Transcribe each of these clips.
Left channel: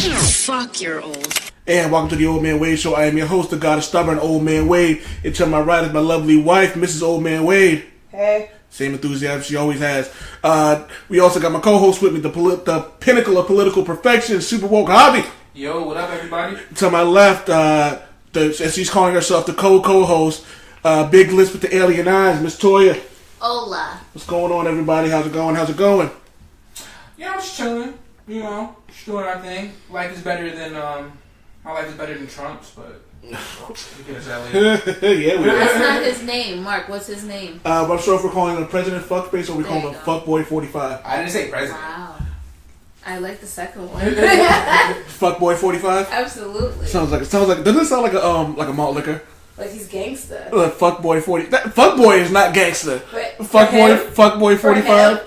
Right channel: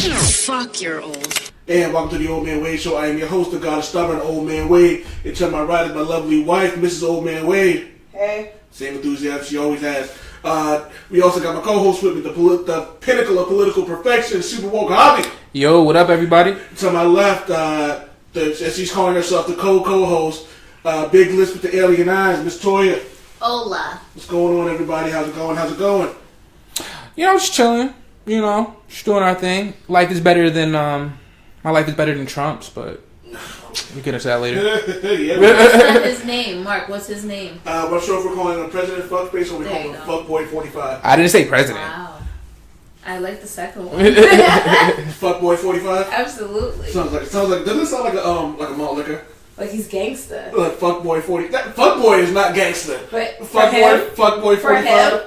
Fuck, you're old. And welcome to the Old Man Wade Show. I am your host, the God of Stubborn, Old Man Wade. And to my right is my lovely wife, Mrs. Old Man Wade. Hey. Same enthusiasm she always has. We also got my co-host with me, the pinnacle of political perfection, Supa Wokes Hobby. Yo, what up, everybody? To my left, as she's calling herself, the co-host, big list with the alien eyes, Miss Toya. Hola. What's going on, everybody? How's it going? You know, just chilling. You know, just doing our thing. Life is better than my life is better than Trump's, but we'll get into that later. Yeah. What's not his name? Mark, what's his name? I'm not sure if we're calling him President Fuckspace or we call him Fuckboy 45. I didn't say president. Wow. I like the second one. Fuckboy 45? Absolutely. Sounds like doesn't it sound like a malt liquor? Like he's gangster. Like Fuckboy 40. Fuckboy is not gangster. But Fuckboy 45.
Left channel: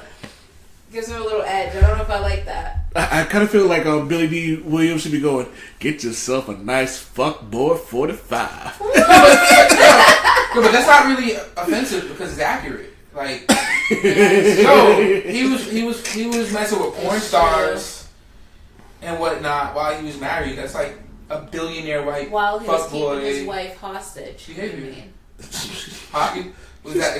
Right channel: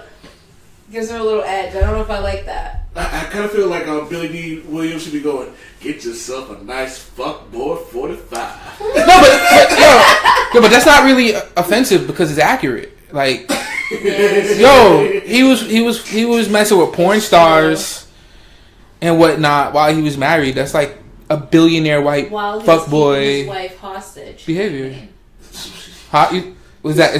Gives him a little edge. I don't know if I like that. I kind of feel like Billy D. Williams should be going, get yourself a nice fuckboy 45. But that's not really offensive because it's accurate. Like, yo, he was messing with porn stars and whatnot while he was married. That's like a billionaire white fuckboy. Keeping his wife hostage behavior. Is that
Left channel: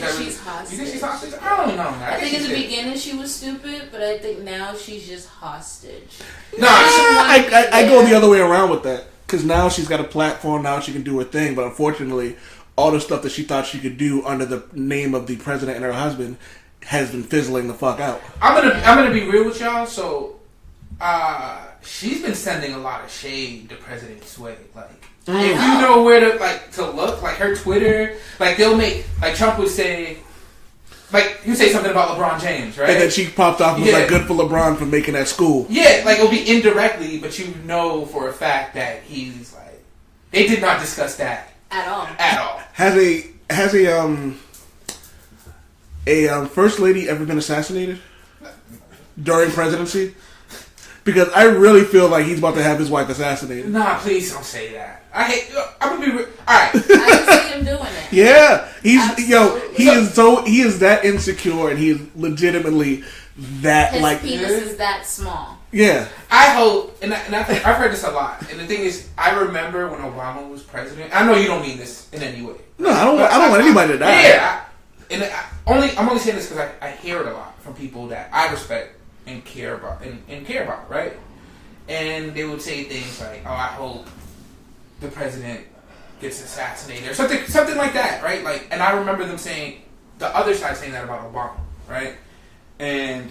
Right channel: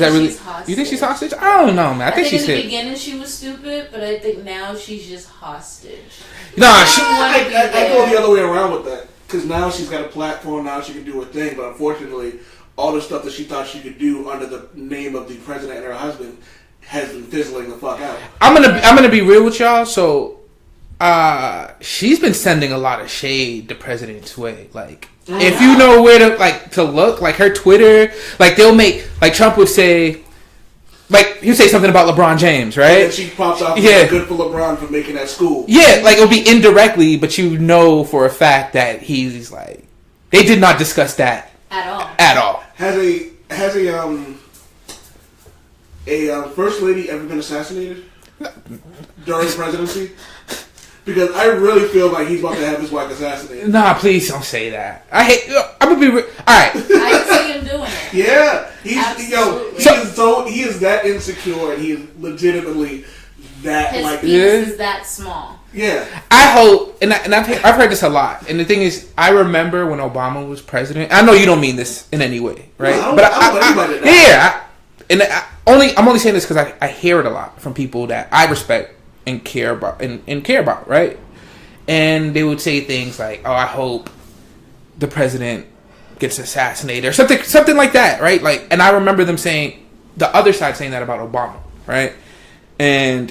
really? You think she's hostage? I don't know, man. I think she's in the beginning she was stupid, but I think now she's just hostage. I go the other way around with that because now she's got a platform. Now she can do her thing, but unfortunately, all the stuff that she thought she could do under the name of the president and her husband has been fizzling the fuck out. I'm gonna be real with y'all. So, she's been sending a lot of shade the president's way, like. If you know where to look, like her Twitter, like they'll make, like Trump would say, like he'd say something about LeBron James, right? And then she pops off, like, good for LeBron for making that school. Yeah, like it'll be indirectly, but you know for a fact that he's like, they did not discuss that at all. Has a first lady ever been assassinated during presidency? Because I really feel like he's about to have his wife assassinated. Nah, please don't say that. I'm gonna be all right. I can see him doing it. Yeah, he is that insecure, and he is legitimately that his penis is that small. Yeah, I hope, and I've heard this a lot. And the thing is, I remember when Obama was president. I know you don't mean this in any way, right? No, I don't want anybody to die. Yeah, I'm only saying this because I hear it a lot from people that I respect and care about, right? And they would say things like, "Oh, I hope the president gets assassinated," or something like that, right? Like, and I remember them saying, the other side saying that about Obama, right? And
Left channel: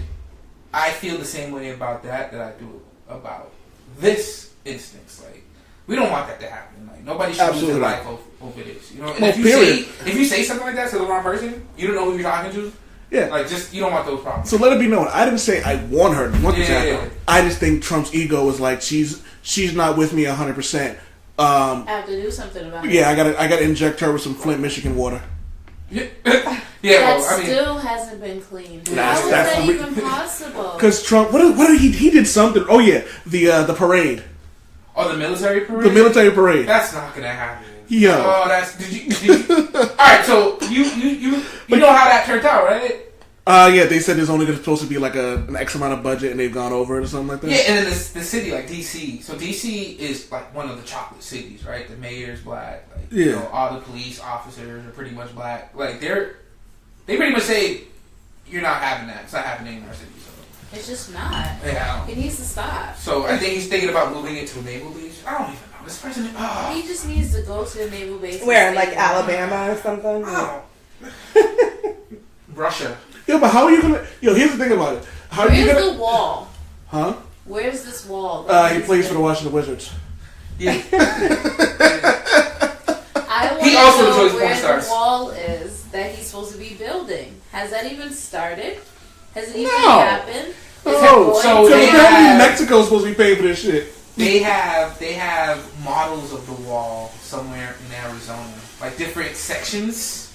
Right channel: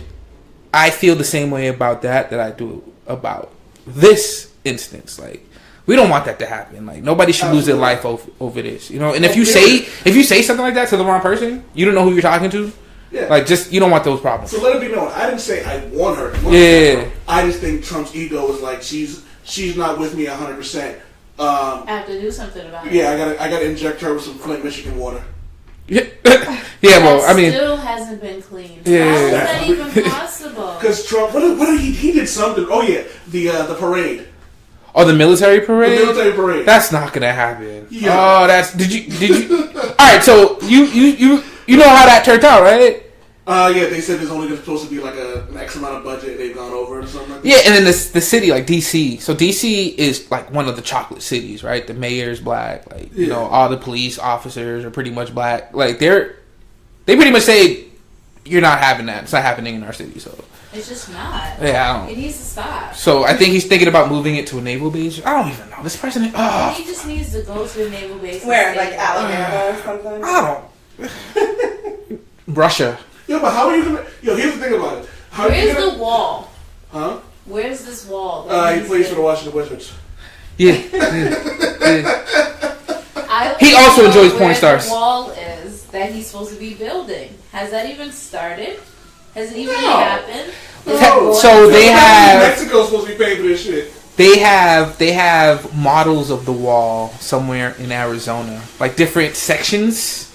I feel the same way about that I do about this instance. Like, we don't want that to happen. Like, nobody should lose their life over this, you know. And if you say something like that to the wrong person, you don't know who you're talking to. Yeah. Like, just, you don't want those problems. So let it be known, I didn't say I want her. I just think Trump's ego is like, she's not with me 100%. I have to do something about it. Yeah, I gotta inject her with some Flint, Michigan water. Yeah, well, I mean, still hasn't been cleaned. Yeah, how is that even possible? Because Trump, what did he did something? Oh yeah, the parade. Oh, the military parade. The military parade. That's not gonna happen. Yeah. Oh, did you? All right, so you know how that turned out, right? Yeah, they said there's only supposed to be like an X amount of budget, and they've gone over it or something like that. Yeah, and then the city, like DC. So DC is like one of the chocolate cities, right? The mayor's black, like you know, all the police officers are pretty much black. Like they pretty much say you're not having that. It's not happening in our city. So it's just not. Yeah, it needs to stop. So I think he's thinking about moving it to a naval base. I don't even know. This president. Oh. He just needs to go to a naval base. Where, like Alabama or something? I don't. Russia. Yeah, but how are you gonna? Here's the thing about it. Where's the wall? Huh? Where's this wall? He plays for the Washington Wizards. Yeah. He also enjoys porn stars. The wall is that he's supposed to be building. Has that even started? Has it even happened? So they have Mexico's supposed to be paying for this shit. They have models of the wall somewhere in Arizona, like different sections.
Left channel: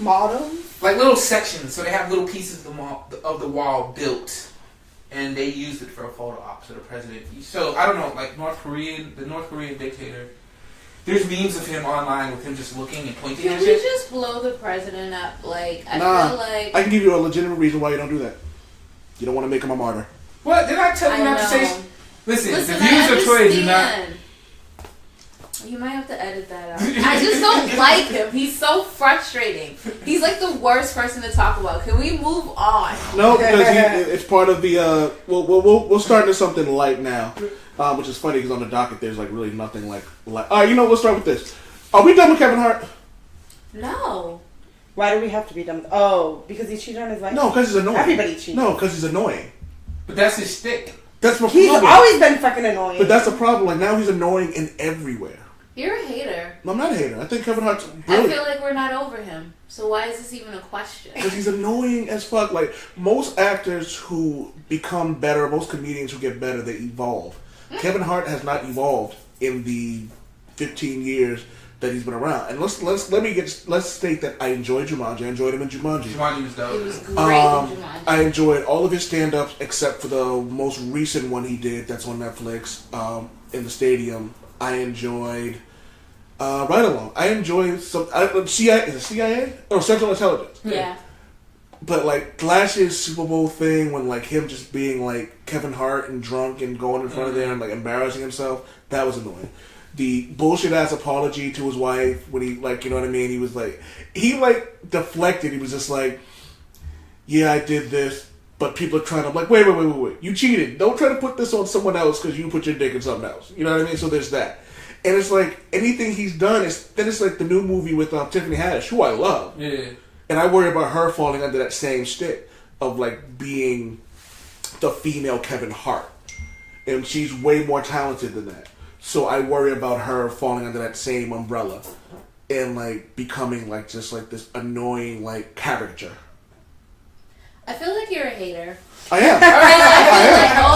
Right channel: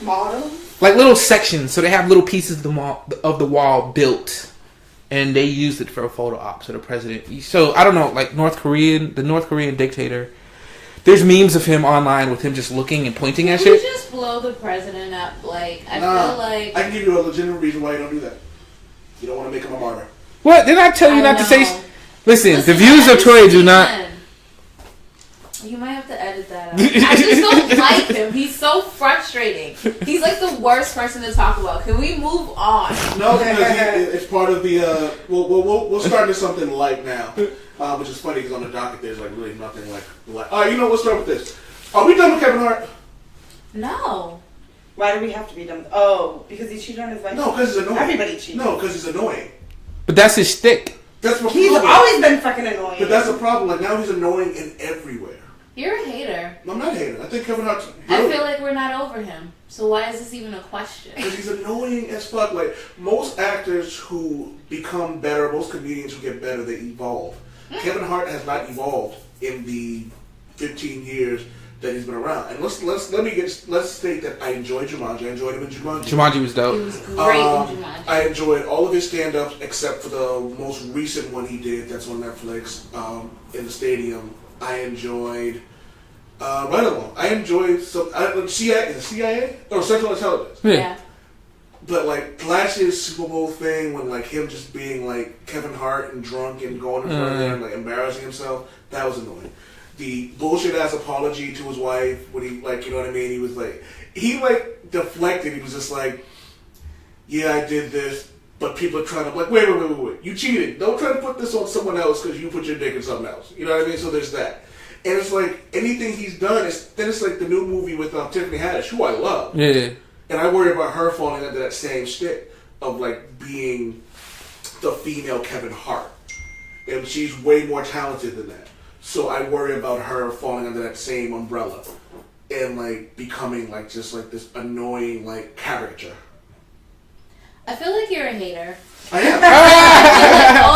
Models? Like little sections, so they have little pieces of the wall built, and they used it for a photo op to the president. So I don't know, like the North Korean dictator. There's memes of him online with him just looking and pointing at shit. Can we just blow the president up? Like I feel like I can give you a legitimate reason why you don't do that. You don't want to make him a martyr. What? Did I tell you not to say? Listen, the views of Troy do not. You might have to edit that out. I just don't like him. He's so frustrating. He's like the worst person to talk about. Can we move on? No, because it's part of the. We'll start into something light now, which is funny because on the docket there's like really nothing like. All right, we'll start with this. Are we done with Kevin Hart? No. Why do we have to be done with? Oh, because he cheated on his wife. No, because he's annoying. Everybody cheats. No, because he's annoying. But that's his shtick. That's what He's always been fucking annoying. But that's the problem. Like now he's annoying in everywhere. You're a hater. No, I'm not a hater. I think Kevin Hart's brilliant. I feel like we're not over him. So why is this even a question? Because he's annoying as fuck. Like, most actors who become better, most comedians who get better, they evolve. Kevin Hart has not evolved in the 15 years that he's been around. And let's state that I enjoyed Jumanji. I enjoyed him in Jumanji. Jumanji was dope. He was great in Jumanji. I enjoyed all of his stand-ups except for the most recent one he did that's on Netflix, in the stadium. I enjoyed Right Along. I enjoyed CIA or Central Intelligence. Yeah. But like last year's Super Bowl thing, when like him just being like Kevin Hart and drunk and going in front of them, like embarrassing himself, that was annoying. The bullshit ass apology to his wife when he like, you know what I mean? He was like, he like deflected. He was just like, yeah, I did this, but people are trying to, I'm like, wait. You cheated. Don't try to put this on someone else because you put your dick in something else. You know what I mean? So there's that. And it's like anything he's done it's like the new movie with Tiffany Haddish, who I love. Yeah. And I worry about her falling under that same shtick of like being the female Kevin Hart. And she's way more talented than that. So I worry about her falling under that same umbrella and like becoming like just like this annoying like caricature. I feel like you're a hater. I am.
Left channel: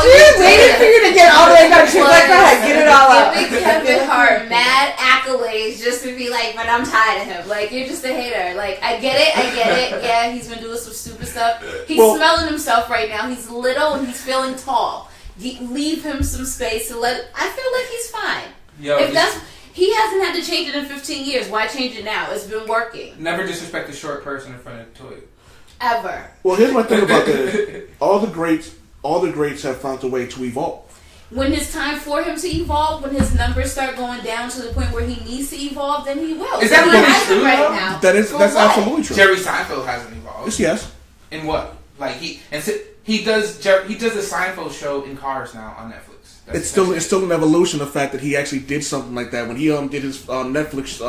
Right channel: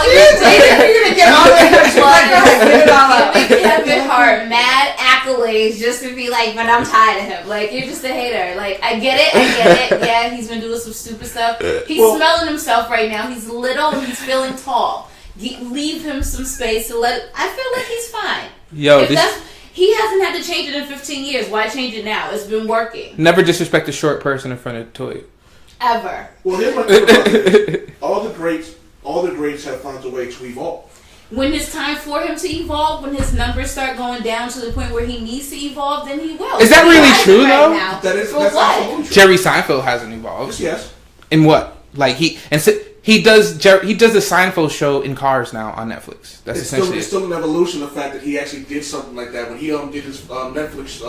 She's waiting for you to get all the way up. She's like, go ahead, get it all up. Giving Kevin Hart mad accolades just to be like, but I'm tired of him. Like, you're just a hater. Like, I get it. Yeah, he's been doing some stupid stuff. He's smelling himself right now. He's little and he's feeling tall. Leave him some space to let. I feel like he's fine. He hasn't had to change it in 15 years. Why change it now? It's been working. Never disrespect a short person in front of Toy. Ever. Well, here's my thing about this. All the greats have found a way to evolve. When it's time for him to evolve, when his numbers start going down to the point where he needs to evolve, then he will. Is that really true, though? That's absolutely true. Jerry Seinfeld hasn't evolved. Yes. In what? Like he does the Seinfeld show in cars now on Netflix. It's still an evolution. The fact that he actually did something like that when he did his Netflix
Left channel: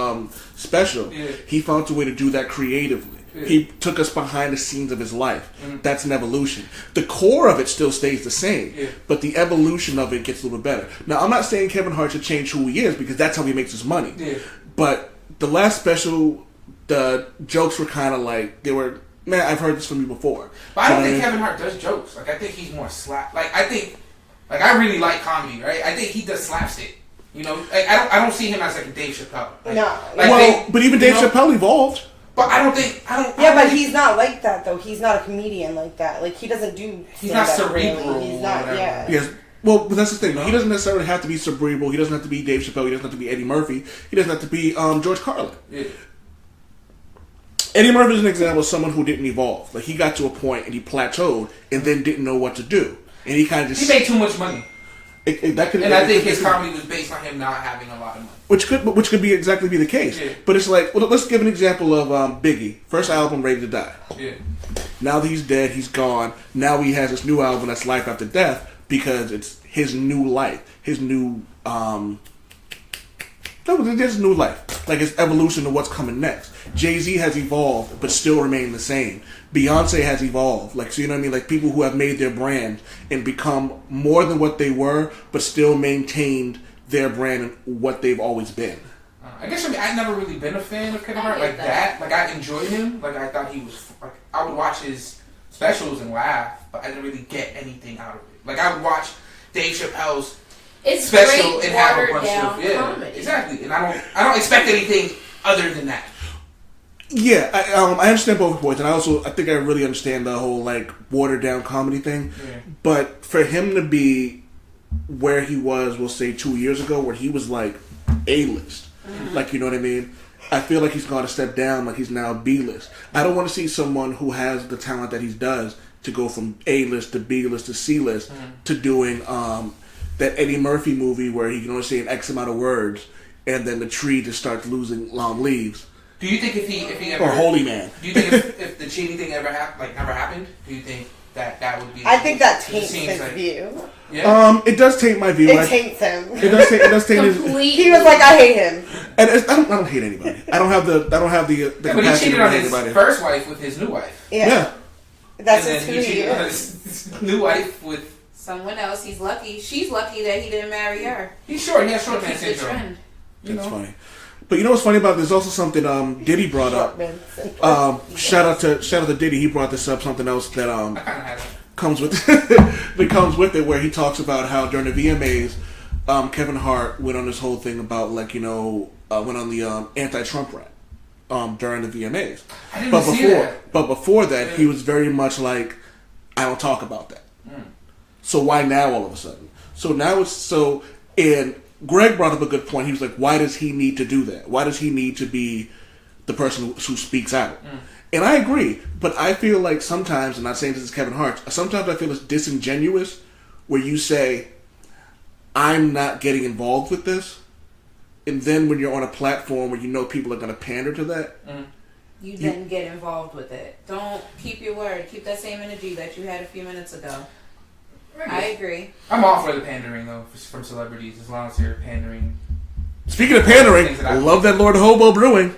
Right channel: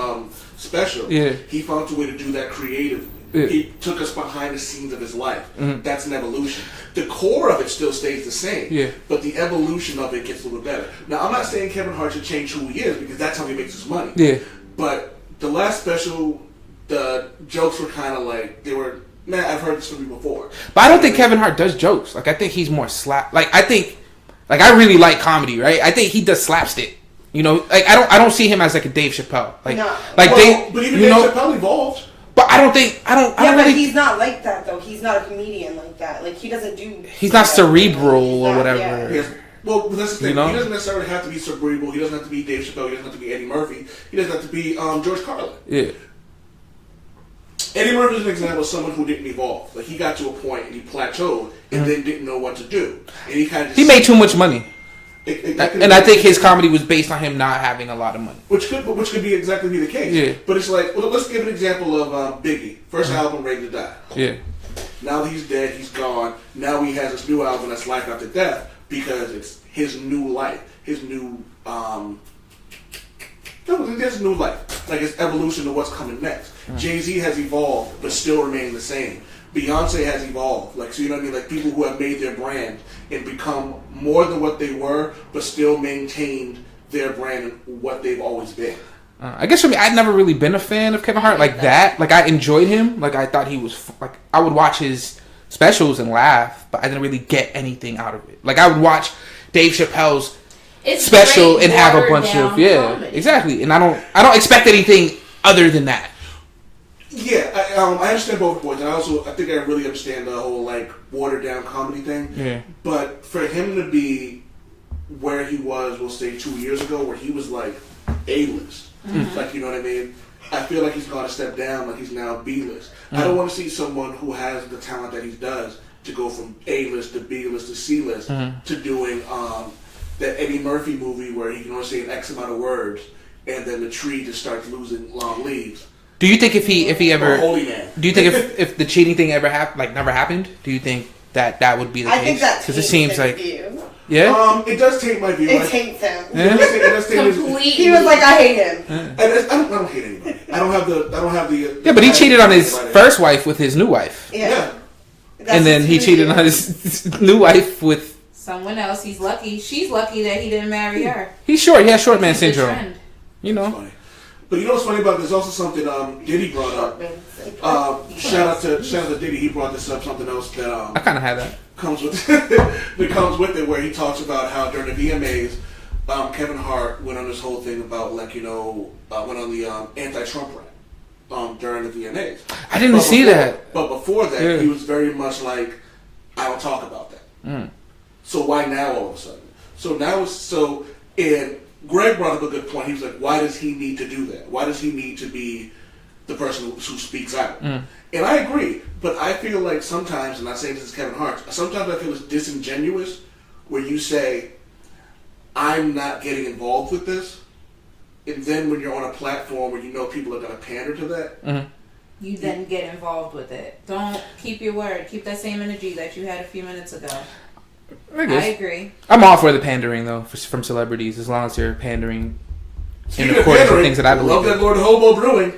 special. Yeah. He found a way to do that creatively. Yeah. He took us behind the scenes of his life. Mm-hmm. That's an evolution. The core of it still stays the same, but the evolution of it gets a little better. Now, I'm not saying Kevin Hart should change who he is because that's how he makes his money. Yeah. But the last special, the jokes were kind of like, they were, man, I've heard this from you before. But I don't think Kevin Hart does jokes. Like, I think he's more I really like comedy, right? I think he does slapstick. You know, like I don't see him as like a Dave Chappelle. Like, no. But even Dave Chappelle evolved. But I don't think. But he's not like that though. He's not a comedian like that. Like he doesn't do. He's not cerebral or whatever. Yeah. Yes. Well, that's the thing. You know? He doesn't necessarily have to be cerebral. He doesn't have to be Dave Chappelle. He doesn't have to be Eddie Murphy. He doesn't have to be George Carlin. Yeah. Eddie Murphy is an example of someone who didn't evolve. Like he got to a point and he plateaued and then didn't know what to do. And he kind of just made too much money. And I think his comedy was based on him not having a lot of money, which could be exactly the case. Yeah. But it's like, well, let's give an example of Biggie, first album, Ready to Die. Yeah. Now that he's dead, he's gone. Now he has this new album that's Life After Death because it's his new life, his new there's new life, like his evolution to what's coming next. Mm-hmm. Jay-Z has evolved, but still remained the same. Beyonce has evolved, like, so you know what I mean? Like people who have made their brand and become more than what they were, but still maintained their brand and what they've always been. I guess for me, I'd never really been a fan of Kevin Hart like that. Like I enjoyed him. Like I thought he was like I would watch his specials and laugh, but I didn't really get anything out of it. Like I would watch Dave Chappelle's special and have a bunch of comedy. Exactly. And I don't expect anything other than that. Yeah, I understand both points, and I think I really understand the whole like watered down comedy thing. Yeah. But for him to be where he was, we'll say 2 years ago, where he was like A-list, like you know what I mean. I feel like he's gone a step down, like he's now B-list. I don't want to see someone who has the talent that he does to go from A-list to B-list to C-list to doing that Eddie Murphy movie where he can only say an X amount of words, and then the tree just starts losing long leaves. Do you think if he ever or Holy Man? Do you think if the cheating thing ever never happened? Do you think that would be the I case? think that taints it seems his like view. Yeah. It does taint my view. It taints him. It does taint his. Completely. He was like, I hate him. And I don't hate anybody. I don't have the Yeah, but he cheated on his first wife with his new wife. Yeah. And then he cheated on his new wife with someone else. He's lucky. She's lucky that he didn't marry her. He's short. He has short man He's the syndrome. trend. You know. Funny. But you know what's funny about it? There's also something Diddy brought up. Shout out to Diddy. He brought this up. Something else that I kind of had that comes with that comes with it, where he talks about how during the VMAs, Kevin Hart went on this whole thing about went on the anti-Trump rap during the VMAs. I didn't see that. But before that, he was very much like, I don't talk about that. So why now all of a sudden? So now and Greg brought up a good point. He was like, why does he need to do that? Why does he need to be the person who speaks out? And I agree, but I feel like sometimes, and I'm not saying this is Kevin Hart, sometimes I feel it's disingenuous where you say, I'm not getting involved with this, and then when you're on a platform where you know people are going to pander to that, you then get involved with it. Don't keep your word. Keep that same energy that you had a few minutes ago. I agree. I'm all for the pandering though from celebrities, as long as they're pandering. Speaking of pandering, things that I love that Lord Hobo Brewing.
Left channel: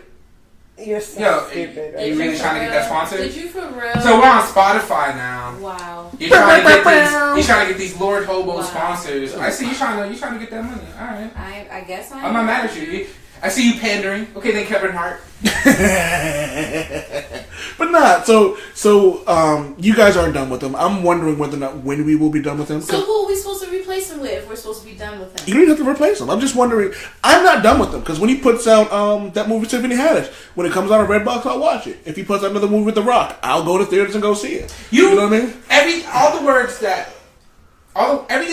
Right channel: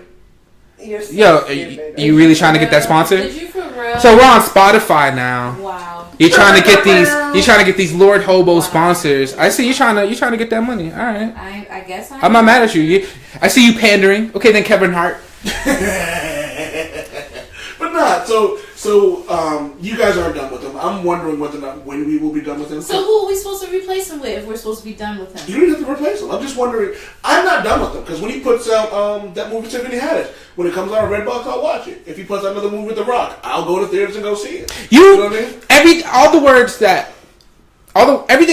You're so stupid. You really trying to get that sponsor? Did you for real? So we're on Spotify now. Wow. You're trying to get these. You're trying to get these Lord Hobo sponsors. I see you trying to get that money. All right. I guess I'm not mad at you. I see you pandering. Okay, then Kevin Hart. But not so. You guys aren't done with him. I'm wondering whether or not when we will be done with him. So who are we supposed to replace him with if we're supposed to be done with him? You don't even have to replace him. I'm just wondering. I'm not done with him because when he puts out that movie Tiffany Haddish, when it comes out on Redbox, I'll watch it. If he puts out another movie with The Rock, I'll go to theaters and go see it. You know what I mean? Everything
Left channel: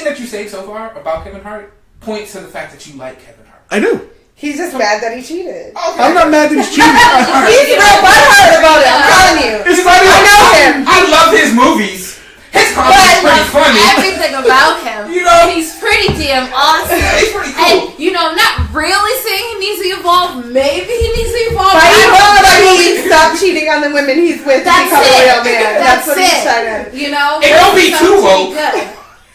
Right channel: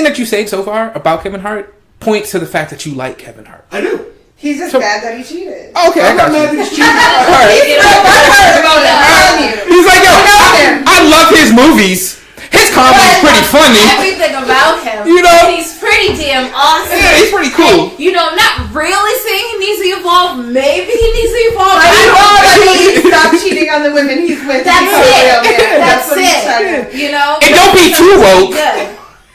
that you say so far about Kevin Hart points to the fact that you like Kevin Hart. I do. He's just mad that he cheated. Okay, I'm not mad that he's cheating. He's real butthurt about it. I'm telling you. He's like, I love his movies. His comedy's pretty funny. Everything about him. You know? He's pretty damn awesome. Yeah, he's pretty cool. And, I'm not really saying he needs to evolve. Maybe he needs to evolve. But you know what I mean? Stop cheating on the women he's with. That's it. That's what he's trying to. And don't be too woke.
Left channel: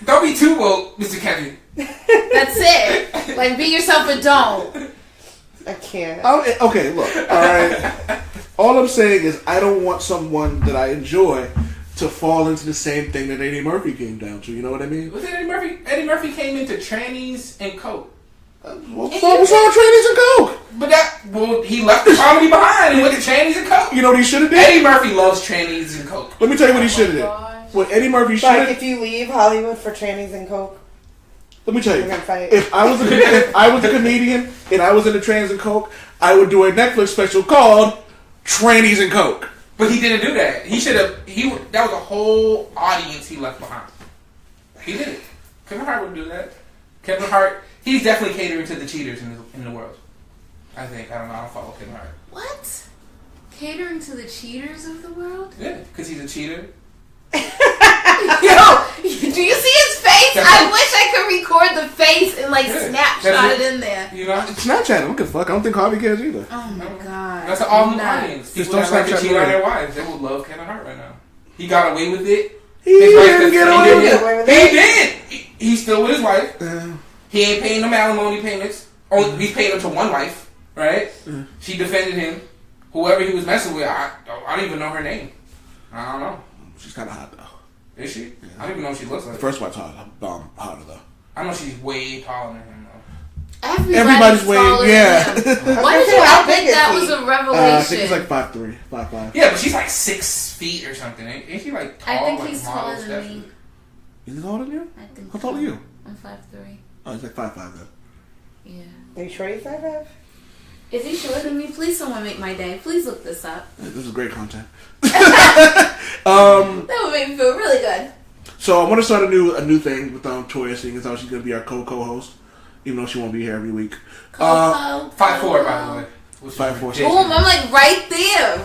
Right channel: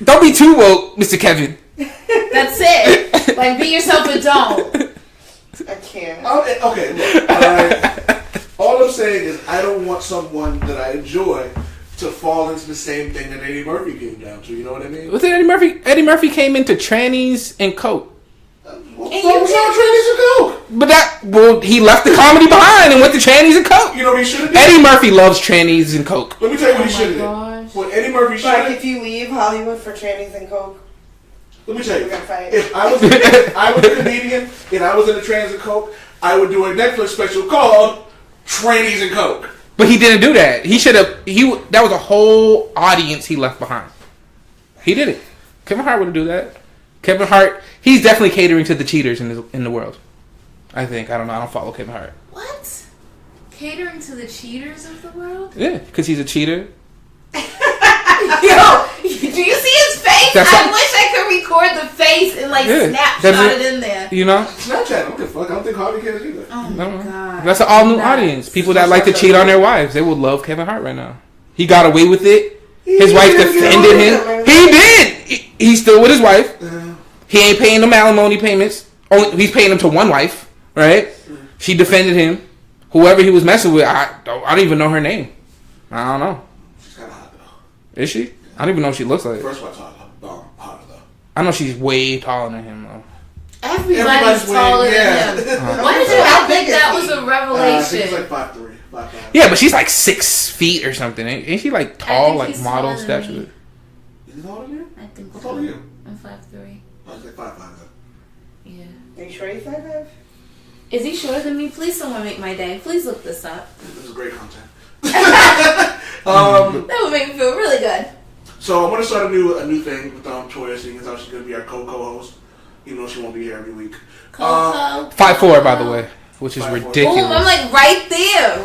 Don't be too woke, Mr. Kevin. That's it. Like, be yourself, but don't. I can't. Okay, look. All right. All I'm saying is I don't want someone that I enjoy to fall into the same thing that Eddie Murphy came down to. You know what I mean? What's Eddie Murphy? Eddie Murphy came into trannies and coke. What's wrong with trannies and coke? But he left the comedy behind and went to trannies and coke. You know what he should have done? Eddie Murphy loves trannies and coke. Let me tell you what he should have done. What Eddie Murphy should have. Like if you leave Hollywood for trannies and coke. Let me tell you, if I was a comedian and I was in a trans and coke, I would do a Netflix special called Trannies and Coke. But he didn't do that. He should have. That was a whole audience he left behind. He did it. Kevin Hart wouldn't do that. Kevin Hart, he's definitely catering to the cheaters in the world. I think. I don't know. I don't follow Kevin Hart. What? Catering to the cheaters of the world? Yeah, because he's a cheater. Yo, do you see his face? I wish I could record the face and snapshot it in there. You know? Snapchat, I don't give a fuck. I don't think Harvey cares either. Oh my god. That's an all new audience. People that like to cheat on their wives. They would love Kevin Hart right now. He got away with it. His wife defended him. He did. He's still with his wife. He ain't paying them alimony payments. He's paying them to one wife, right? She defended him. Whoever he was messing with, I don't even know her name. I don't know. She's kind of hot though. Is she? I don't even know what she looks like. First wife's hotter though. I know she's way taller than him though. Everybody's taller than him. Why did I think that was a revelation? I think he's like 5'3", 5'5". Yeah, but she's like 6 feet or something. Ain't she like tall, like model stature? Is he taller than you? I think. How tall are you? I'm 5'3". Oh, he's like 5'5". Yeah. Are you sure he's 5'5"? Is he shorter than me? Please, someone make my day. Please look this up. This is great content. That would make me feel really good. So I want to start a new thing with Toya, seeing as how she's going to be our co-host, even though she won't be here every week. 5'4", by the way, which is 5'4". ridiculous. Boom, I'm like right there.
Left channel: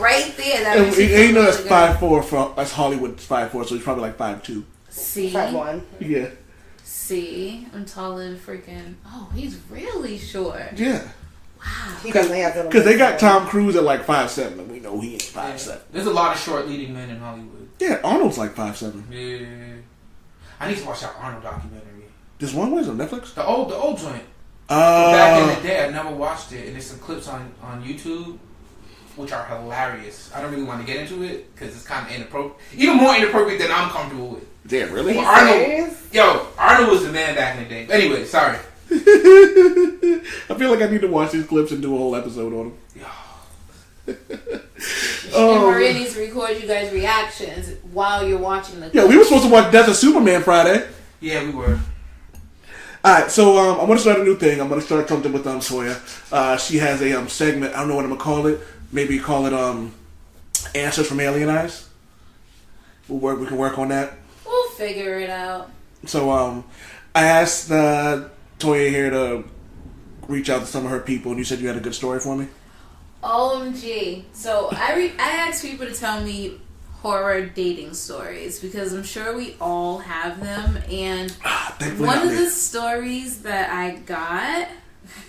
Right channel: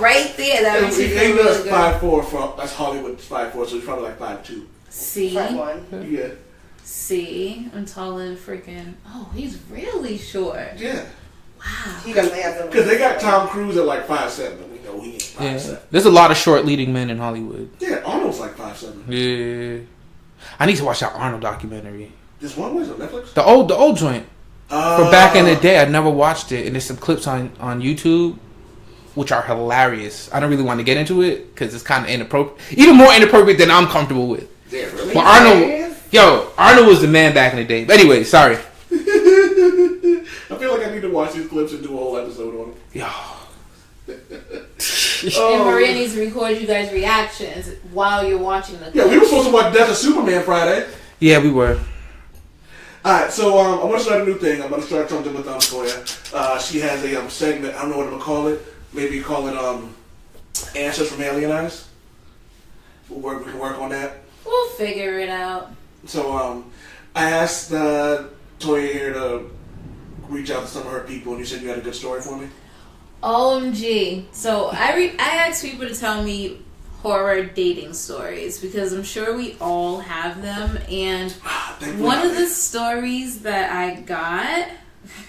That makes me feel really good. 5'4" that's Hollywood's 5'4", so he's probably like 5'2". See? 5'1". Yeah. See, I'm taller than freaking. Oh, he's really short. Yeah. Wow. He doesn't have to. Because they got Tom Cruise at like 5'7", and we know he ain't 5'7". Yeah. There's a lot of short leading men in Hollywood. Yeah, Arnold's like 5'7". Yeah. I need to watch that Arnold documentary. This one was on Netflix? The old joint. From back in the day. I never watched it, and there's some clips on YouTube which are hilarious. I don't really want to get into it because it's kind of inappropriate. Even more inappropriate than I'm comfortable with. Yeah, really? Well, Arnold was the man back in the day. But anyway, sorry. I feel like I need to watch these clips and do a whole episode on them. Yo. And Maria needs to record you guys' reactions while you're watching the clip. Yeah, we were supposed to watch Death of Superman Friday. Yeah, we were. Alright, so I'm going to start a new thing. I'm going to start something with Toya. She has a segment. I don't know what I'm going to call it. Maybe call it Answers from Alien Eyes. We can work on that. We'll figure it out. So I asked Toya here to reach out to some of her people, and you said you had a good story for me? OMG. So I asked people to tell me horror dating stories because I'm sure we all have them. And one of the stories that I got...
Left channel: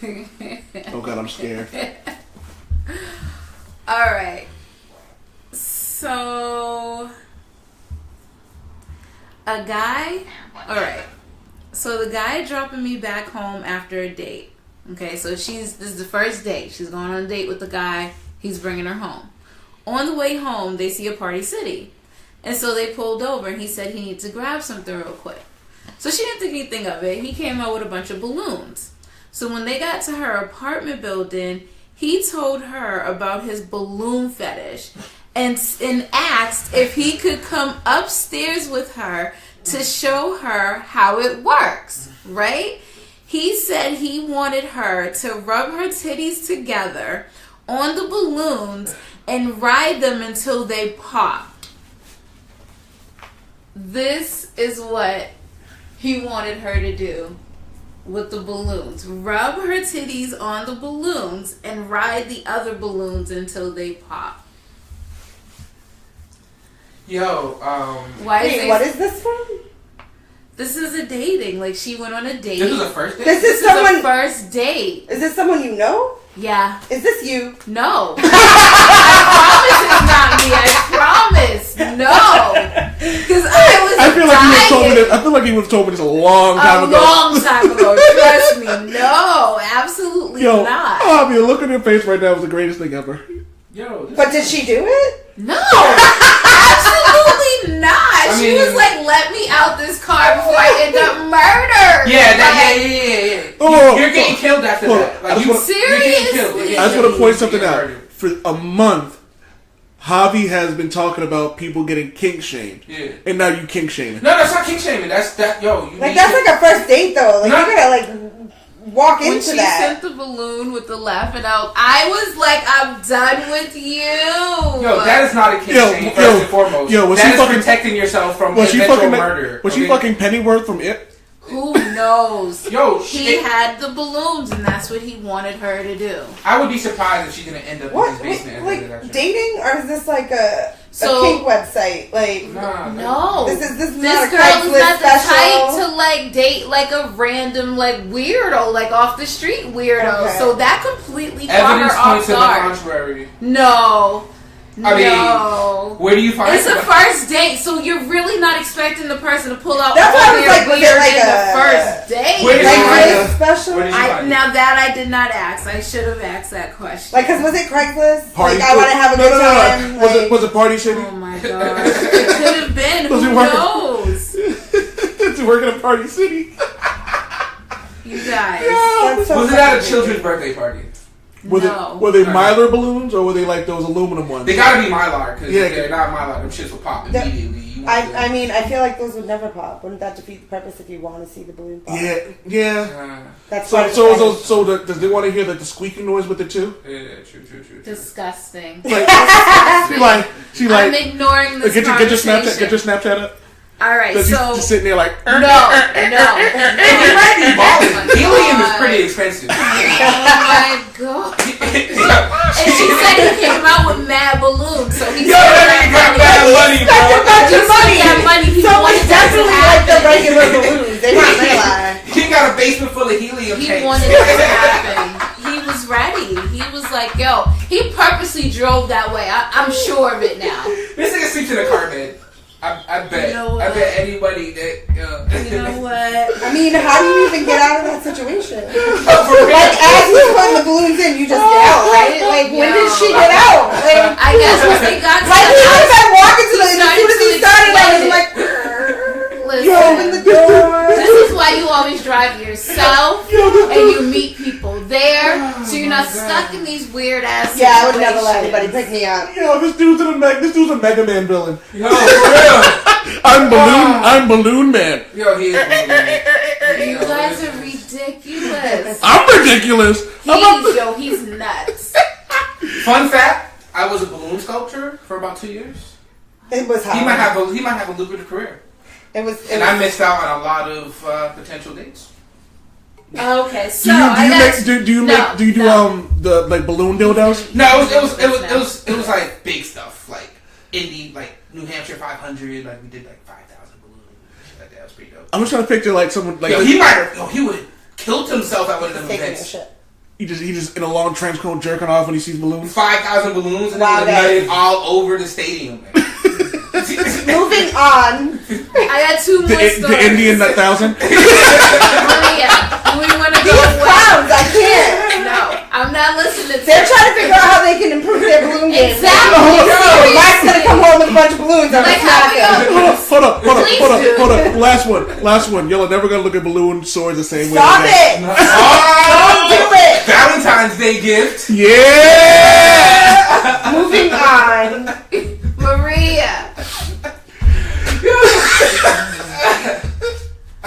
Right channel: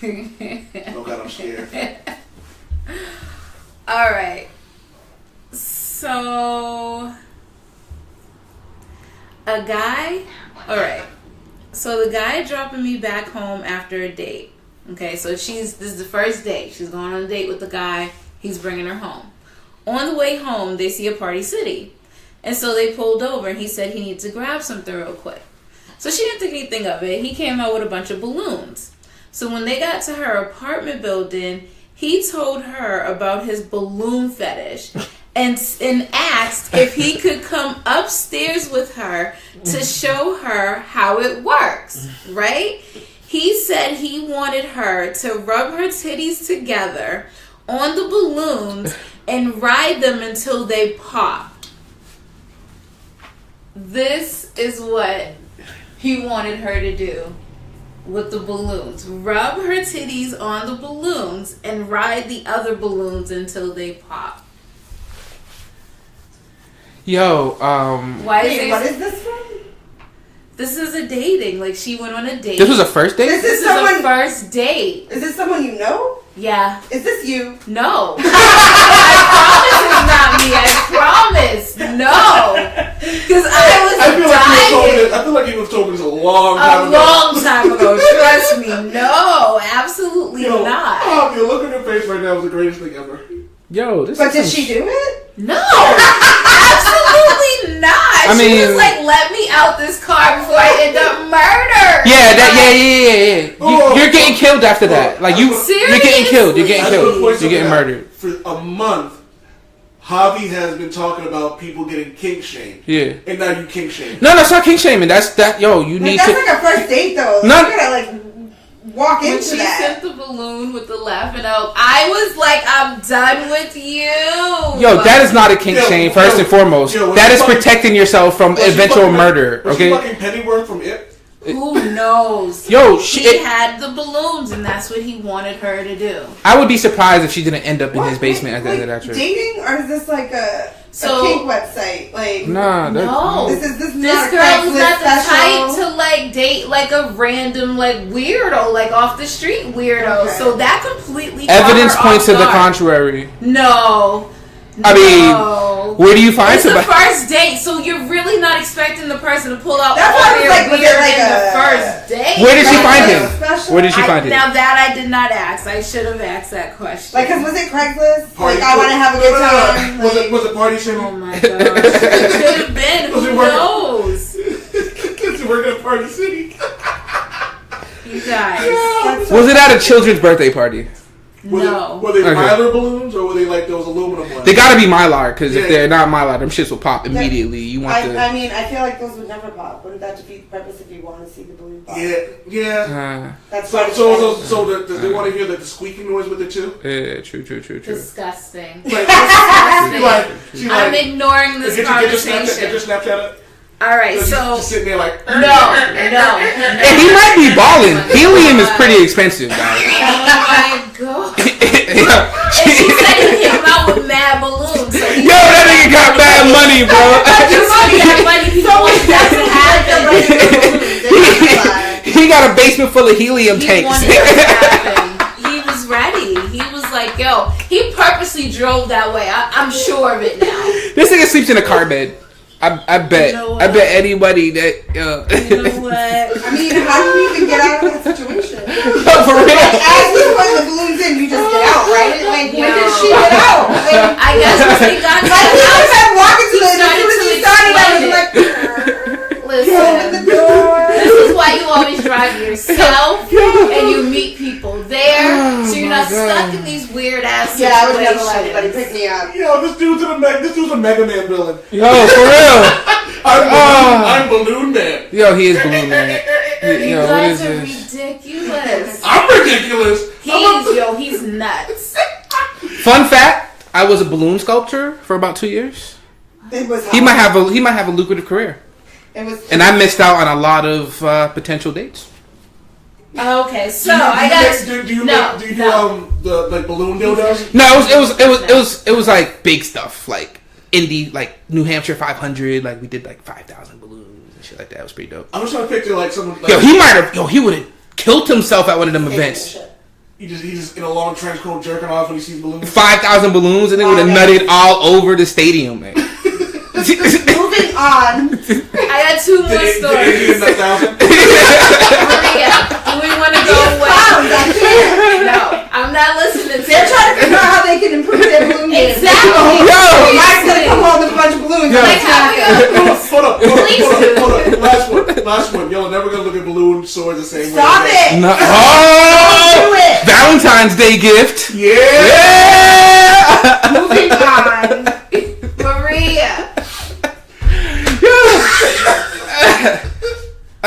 Oh God, I'm scared. Alright. So... So the guy dropping me back home after a date. Okay, so this is the first date. She's going on a date with the guy. He's bringing her home. On the way home, they see a Party City. And so they pulled over and he said he needs to grab something real quick. So she didn't think anything of it. He came out with a bunch of balloons. So when they got to her apartment building, he told her about his balloon fetish and asked if he could come upstairs with her to show her how it works, right? He said he wanted her to rub her titties together on the balloons and ride them until they pop. This is what he wanted her to do with the balloons. Rub her titties on the balloons and ride the other balloons until they pop. Yo, what is this from? This is a dating. Like, she went on a date. This was a first date? This is a first date. Is this someone you know? Yeah. Is this you? No. I promise it's not me. I promise. No. Because I feel like he was told me this a long time ago. A long time ago. Trust me. No. Absolutely not. Oh, the look on your face right now was the greatest thing ever. Yo, But did she do it? No. Absolutely not. She was like, let me out this car before I end up murdered. Yeah. You're getting killed after that. Like, you're getting killed. You're getting killed. You're getting murdered. For a month, Javi has been talking about people getting kink shamed. Yeah. And now you kink shaming. No, it's not kink shaming. That's that. Yo, you need. That's like a first date though. Like, you gotta walk when into she that. sent the balloon with the laughing out, I was like, I'm done with you. Yo, that is not a kink shame, first and foremost. That is protecting yourself from eventual murder. Was she fucking Pennyworth from It? Who knows? Yo, she had the balloons, and that's what he wanted her to do. I would be surprised if she didn't end up in his basement at the end of that trip. Dating, or is this like a kink website? Like, no, this girl is not the type to like date like a random like weirdo, like off the street weirdo. Okay. So that completely evidence points to the contrary. No. I mean, where do you find it's the first date, so you're really not expecting the person to pull out all their weird in the first date. Where did she find it? Where did she find it? Now that I did not ask, I should have asked that question. Like, cause was it Craigslist? Like, I want to have a good time. Like, was it Party City? Oh my god, it could have been. Who knows? Did you work at Party City? You guys. Was it at a children's birthday party? Were they Mylar balloons or were they like those aluminum ones? They gotta be Mylar because if they're not Mylar, them shits will pop immediately. I mean, I feel like those would never pop. Wouldn't that defeat the purpose if you want to see the balloon pop? Yeah. That's so does they want to hear the squeaking noise with it too? Yeah, true. Disgusting. I'm ignoring this conversation. Get your Snapchat up. Alright, so... Just sitting there like... No. And he might be balling. Helium is pretty expensive. Oh my god. And she said he came out with mad balloons. So that nigga got mad money, bro. That money, he doesn't have the regular balloons. fill the helium He tanks. wanted it to happen. He was ready. He was like, yo, he purposely drove that way. I'm sure of it now. This nigga sleeps in a car bed. I bet. You know I bet anybody that. You know what? I mean, how do you even get out of that situation? For real. Like, as you put the balloons in, you just get out, right? Like, when did she get out? Like, I guess when he got to like the he would house, have been walking to the, as started soon as to he started, I was explain like, listen, open the door. this is why you always drive yourself and you meet people there, so you're not stuck in these weird ass situations. Yeah, I would never let anybody pick me up. Yo, this dude's a Mega Man villain. Yo, for real. I'm Balloon Man. Yo, he is Balloon Man. You Yo, guys what are is this? ridiculous. I'm ridiculous. He's nuts. Fun fact: I was a balloon sculptor for about 2 years. It was hot. He might have a lucrative career, and I missed out on a lot of potential dates. Okay, so Do I got. you do the like balloon dildos? No, it was like big stuff, like indie, like New Hampshire 500. Like we did like 5,000 balloons and shit like that. It was pretty dope. I'm just trying to picture like someone like He would have killed himself at one of them events. he just in a long trench coat jerking off when he sees balloons. 5,000 balloons, and they would have nutted all over the stadium, man. Moving on. I got two more stories. The Indian 1,000. Maria, do we want to go These away? clowns, I can't. No, I'm not listening to They're trying to figure out how they can improve their balloon game. Exactly. Oh, Mike's gonna come home with a bunch of balloons. Like, how we gonna Hold up. Last one. Y'all are never gonna look at balloon swords the same way. Stop it! No. Don't do it! Valentine's Day gift. Yeah. Moving on. Maria.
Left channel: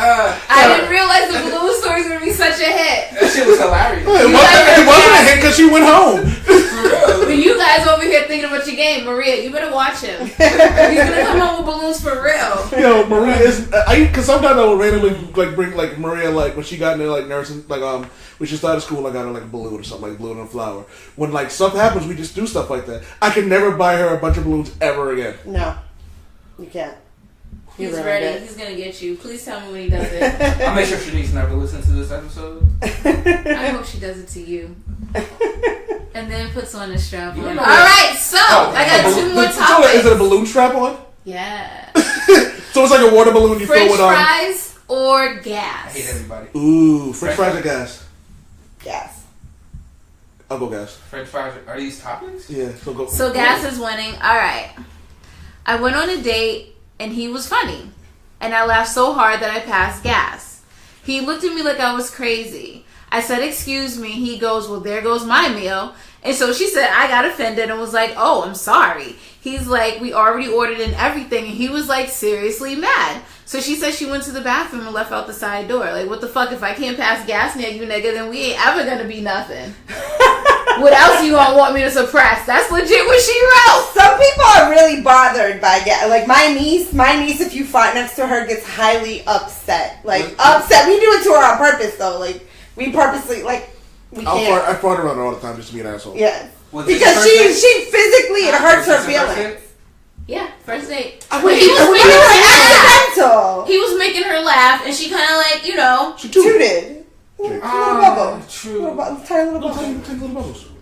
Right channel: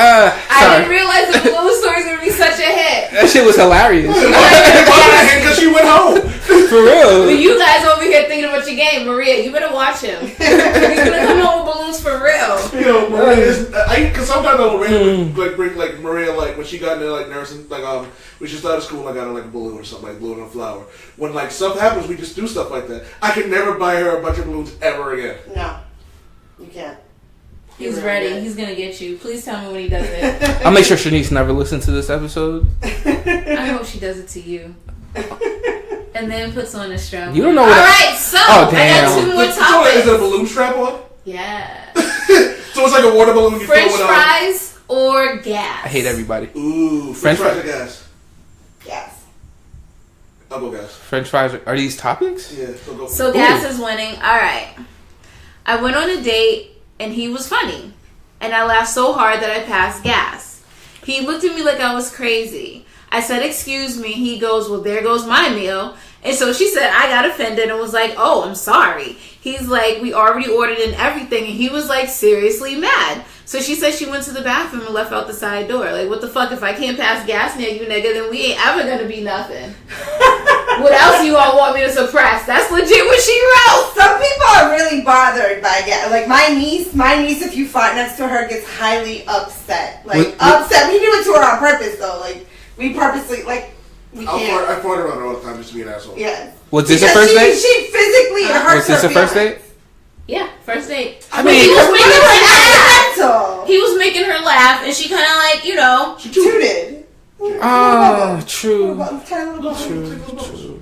I didn't realize the balloon stories would be such a hit. That shit was hilarious. It wasn't a hit because she went home. For real. But you guys over here thinking about your game, Maria. You better watch him. He's gonna come home with balloons for real. Yo, Maria is because sometimes I will randomly like bring like Maria like when she got into like nursing like when she started school I got her like a balloon or something like balloon and flower. When like stuff happens we just do stuff like that. I can never buy her a bunch of balloons ever again. No, you can't. He's ready. He's gonna get you. Please tell me when he does it. I'll make sure Shanice never listens to this episode. I hope she does it to you. And then puts on a strap. You don't know. Alright, so I got two more Is topics. it a balloon strap on? Yeah. So it's like a water balloon you French fill with fries or gas? I hate everybody. Ooh, French fries fries. or gas? Yes. I'll go gas. French fries are these topics? Yeah, go. So gas is winning. Alright. I went on a date and he was funny. And I laughed so hard that I passed gas. He looked at me like I was crazy. I said, excuse me. He goes, well, there goes my meal. And so she said, I got offended and was like, oh, I'm sorry. He's like, we already ordered and everything. And he was like, seriously mad. So she said she went to the bathroom and left out the side door. Like, what the fuck? If I can't pass gas near you, nigga, then we ain't ever gonna be nothing. What else you all want me to suppress? That's legit what she wrote. Some people are really bothered by gas. Like my niece, if you fart next to her, gets highly upset. Like upset. We do it to her on purpose though. Like we purposely we can't. I fart around her all the time just to be an asshole. Yeah. Was this because a first date? she physically it hurts Was this her a first feelings. date? Yeah, first date. I But mean, he was making her laugh. accidental. He was making her laugh, and she kind of like, you know. She tooted. Oh, true. Tiny little bubble.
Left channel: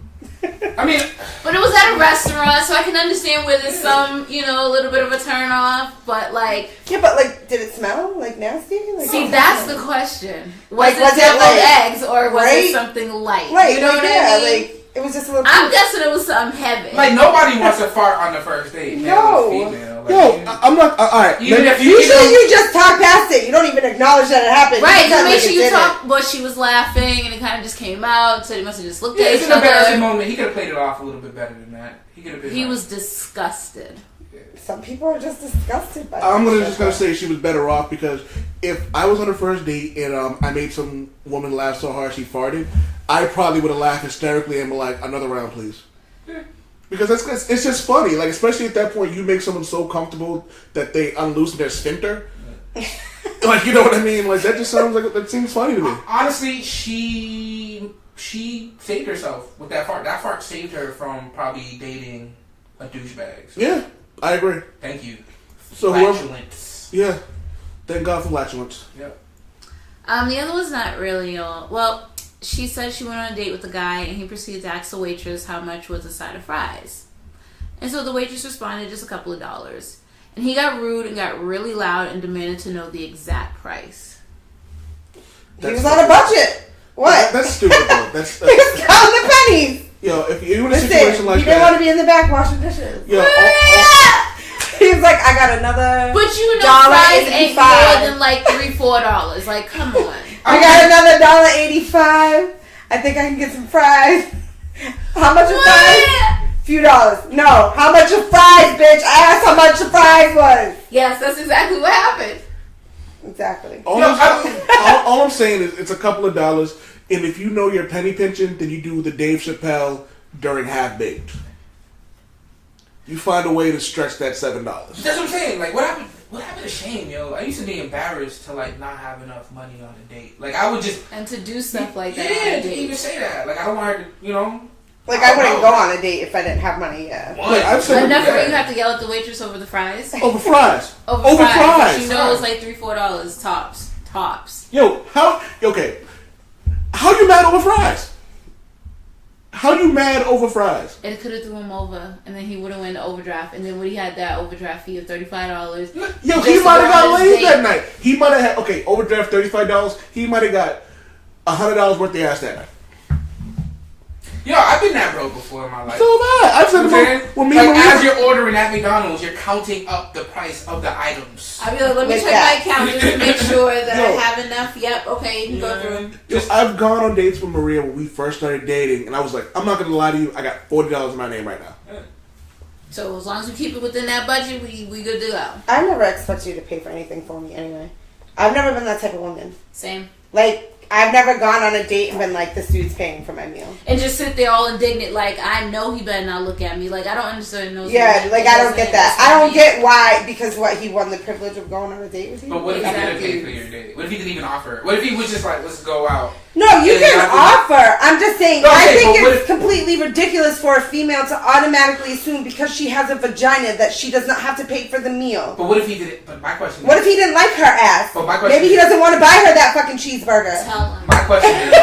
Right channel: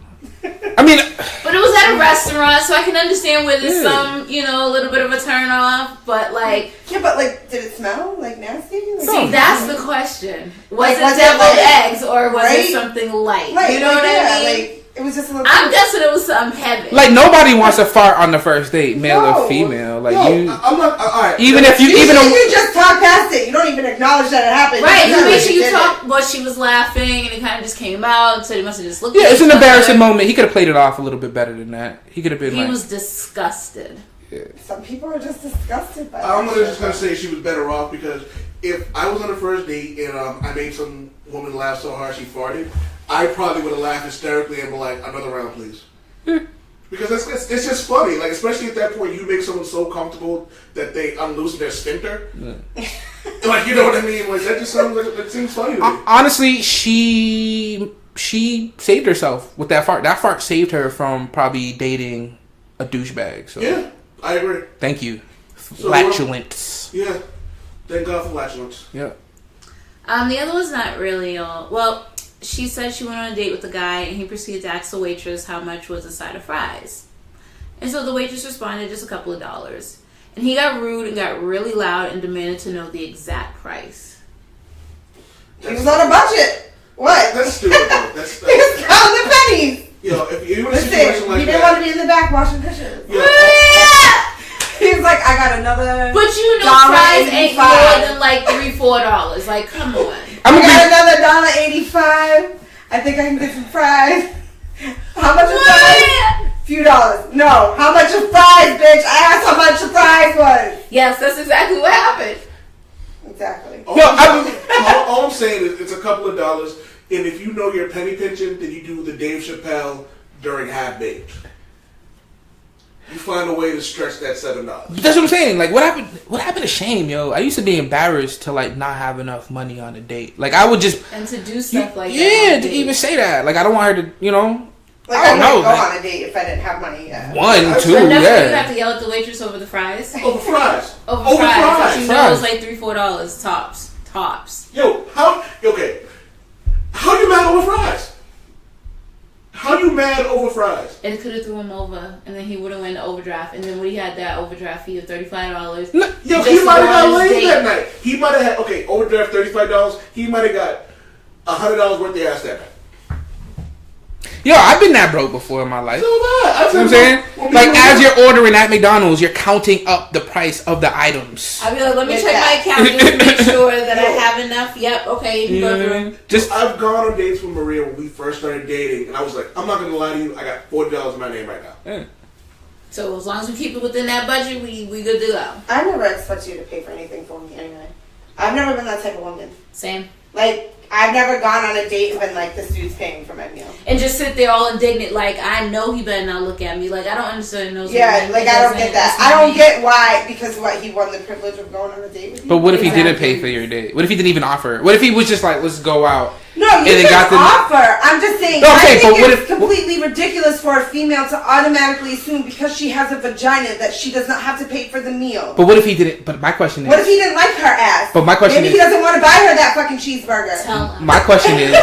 I mean, But it was at a restaurant, so I can understand where there's some, you know, a little bit of a turn off. But like, Yeah, but like, did it smell like nasty? Like, see, that's the question. Was Like, it was it deviled like- eggs or was right? it something light? Right, You know like, what yeah, I mean? like it was just a little. I'm guessing it was something heavy. like nobody wants to fart on the first date, male No. or female. Like No, you, I'm not. All right. even if you Usually even you just talk past it. You don't even acknowledge that it happened. right, just you tell make me sure you you did talk, but she was laughing and it kind of just came out, so they must have just looked yeah, at it's each an embarrassing other. moment. He could have played it off a little bit better than that. He could have been. He like, was disgusted. it. Some people are just disgusted by I'm that just shit. gonna say she was better off because if I was on a first date and I made some woman laugh so hard she farted, I probably would have laughed hysterically and be like, "Another round, please." Because it's just funny, like especially at that point, you make someone so comfortable that they unloosen their sphincter. Like you know what I mean? Like that just sounds like that seems funny to me. honestly, she saved herself with that fart. That fart saved her from probably dating a douchebag. So Yeah, I agree. thank you. So, Flatulence. Yeah, thank God for flatulence. Yeah. The other was not really all. Well, she said she went on a date with a guy, and he proceeded to ask the waitress how much was a side of fries. And so the waitress responded, just a couple of dollars. And he got rude and got really loud and demanded to know the exact price. He was on a budget. What? That's stupid, though. That's He was counting the pennies. Yo, if you were in a situation like he didn't that, want to be in the back washing dishes. Yo, He was like, I got another. But you know, fries ain't more than like $3-4. Like, come on. I got another $1.85. I think I can get some fries. How much of fries? Few dollars. No. How much of fries, bitch? I asked how much the fries was. Yes, that's exactly what happened. Exactly. All I'm saying is it's a couple of dollars, and if you know your penny pinching, then you do the Dave Chappelle during Half Baked. You find a way to stretch that $7. That's what I'm saying. Like, what happened to shame, yo? I used to be embarrassed to like not have enough money on a date. Like, I would just to do stuff like that. Yeah, to even say that. Like, I don't want her to, you know. Like, I wouldn't go on a date if I didn't have money. Yeah. 1, 2, enough yeah. you have to yell at the waitress over the fries. Over fries. Over fries. You know, it's like $3-4 tops. Yo, how you mad over fries? How you mad over fries? And it could have threw him over, and then he would have went to overdraft, and then when he had that overdraft fee of $35, Yo, he might have got laid that night. He might have had overdraft $35. He might have got $100 worth of ass that night. Yo, I've been that broke before in my life. So bad. You know what I'm saying? Like, as you're ordering at McDonald's, you're counting up the price of the items. I mean, let me check my account just to make sure that I have enough. Yep, okay, you can go through. I've gone on dates with Maria when we first started dating, and I was like, I'm not going to lie to you, I got $40 in my name right now. Yeah. So as long as we keep it within that budget, we good to go. I never expect you to pay for anything for me anyway. I've never been that type of woman. Same. Like, I've never gone on a date and been like, this dude's paying for my meal. And just sit there all indignant, like, I know he better not look at me. Like, I don't understand those. Yeah, like, I don't get that. I don't get why, because he won the privilege of going on a date with you. But what if he didn't pay for your date? What if he didn't even offer? What if he was just like, let's go out? No, you can offer. I'm just saying, Okay, I think it's completely ridiculous for a female to automatically assume because she has a vagina that she does not have to pay for the meal. But what if he didn't? But my question is... What if he didn't like her ass? But my question Maybe he doesn't want to buy her that fucking cheeseburger. My question is...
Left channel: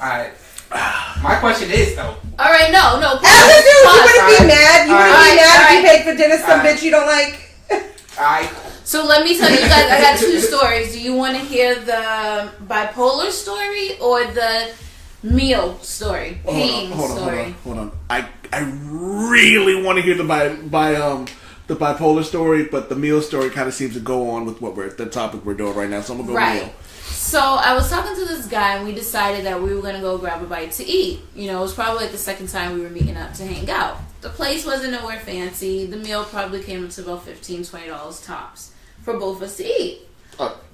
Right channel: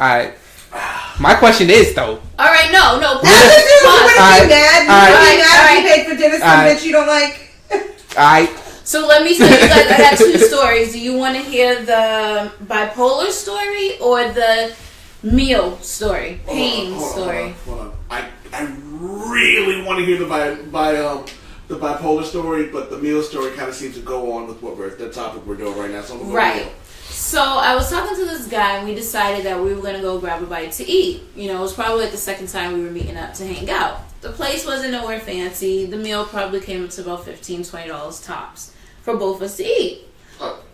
Alright. My question is, though... Alright, no. As a dude, you wouldn't be mad. You wouldn't be mad if you paid for dinner some bitch you don't like. Alright. So let me tell you guys, I got 2 stories. Do you want to hear the bipolar story or the meal story? Pain story. Hold on. I really want to hear the bipolar story, but the meal story kind of seems to go on with the topic we're doing right now. So I'm gonna go right. So I was talking to this guy, and we decided that we were gonna go grab a bite to eat. You know, it was probably like the second time we were meeting up to hang out. The place wasn't nowhere fancy. The meal probably came up to about $15-20 tops for both of us to eat.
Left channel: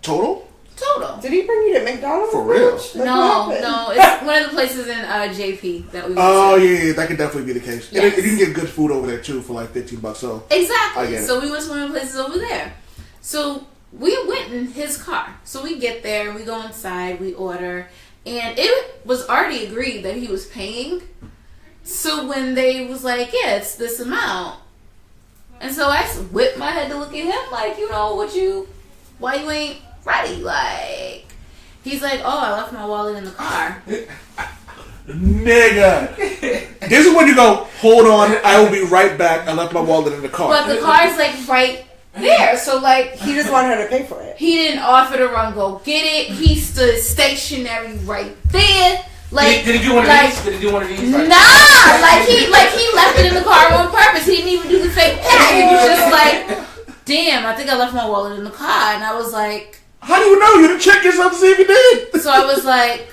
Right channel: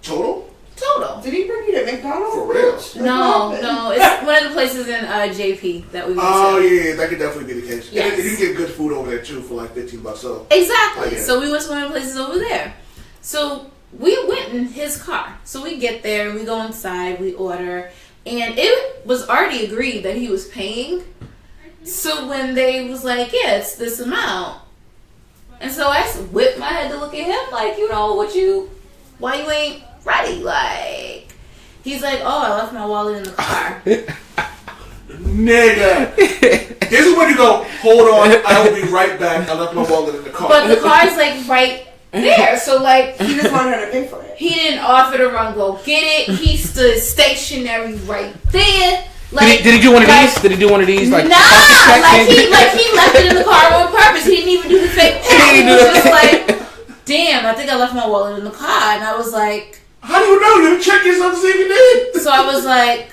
Total? Total. Did he bring you to McDonald's? For real? Like, no. It's one of the places in JP that we went to. Oh, yeah, that could definitely be the case. Yes. And you can get good food over there, too, for like $15. So exactly. So we went to one of the places over there. So we went in his car. So we get there, we go inside, we order, and it was already agreed that he was paying. So when they was like, yeah, it's this amount. And so I whipped my head to look at him like, you know, why you ain't ready? Like, he's like, oh, I left my wallet in the car. Nigga. This is when you go, hold on, I will be right back. I left my wallet in the car. But the car's like right there. So like, he just wanted her to pay for it. He didn't offer to run go get it. He stood stationary right there. Like, did he do one of these? Did he do one of these? Like, nah, like he left it in the car on purpose. He didn't even do the fake thing. He was just like, damn, I think I left my wallet in the car. And I was like, how do you know? You didn't check yourself to see if you did. So I was like,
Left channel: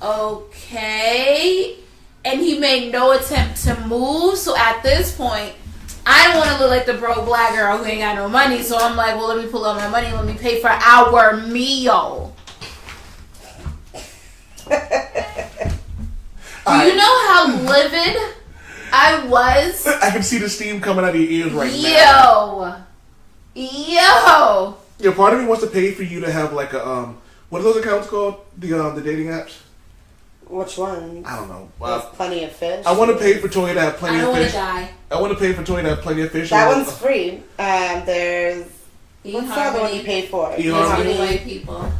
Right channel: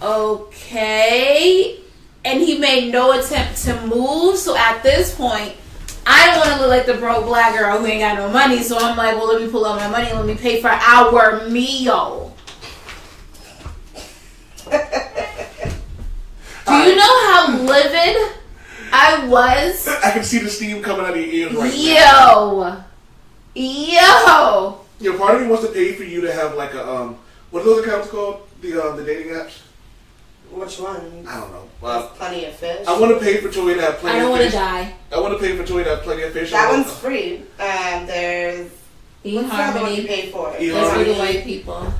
okay. And he made no attempt to move. So at this point, I don't want to look like the broke black girl who ain't got no money. So I'm like, well, let me pull out my money. Let me pay for our meal. Do you know how livid I was? I can see the steam coming out of your ears right now. Yo. Yeah, part of me wants to pay for you to have like a what are those accounts called? The dating apps. Which one? I don't know. Plenty of Fish. I want to pay for Toy to have Plenty of Fish. I don't want to die. I want to pay for Toy to have Plenty of Fish. That one's free. There's What's the other one you pay for? That's for the white people.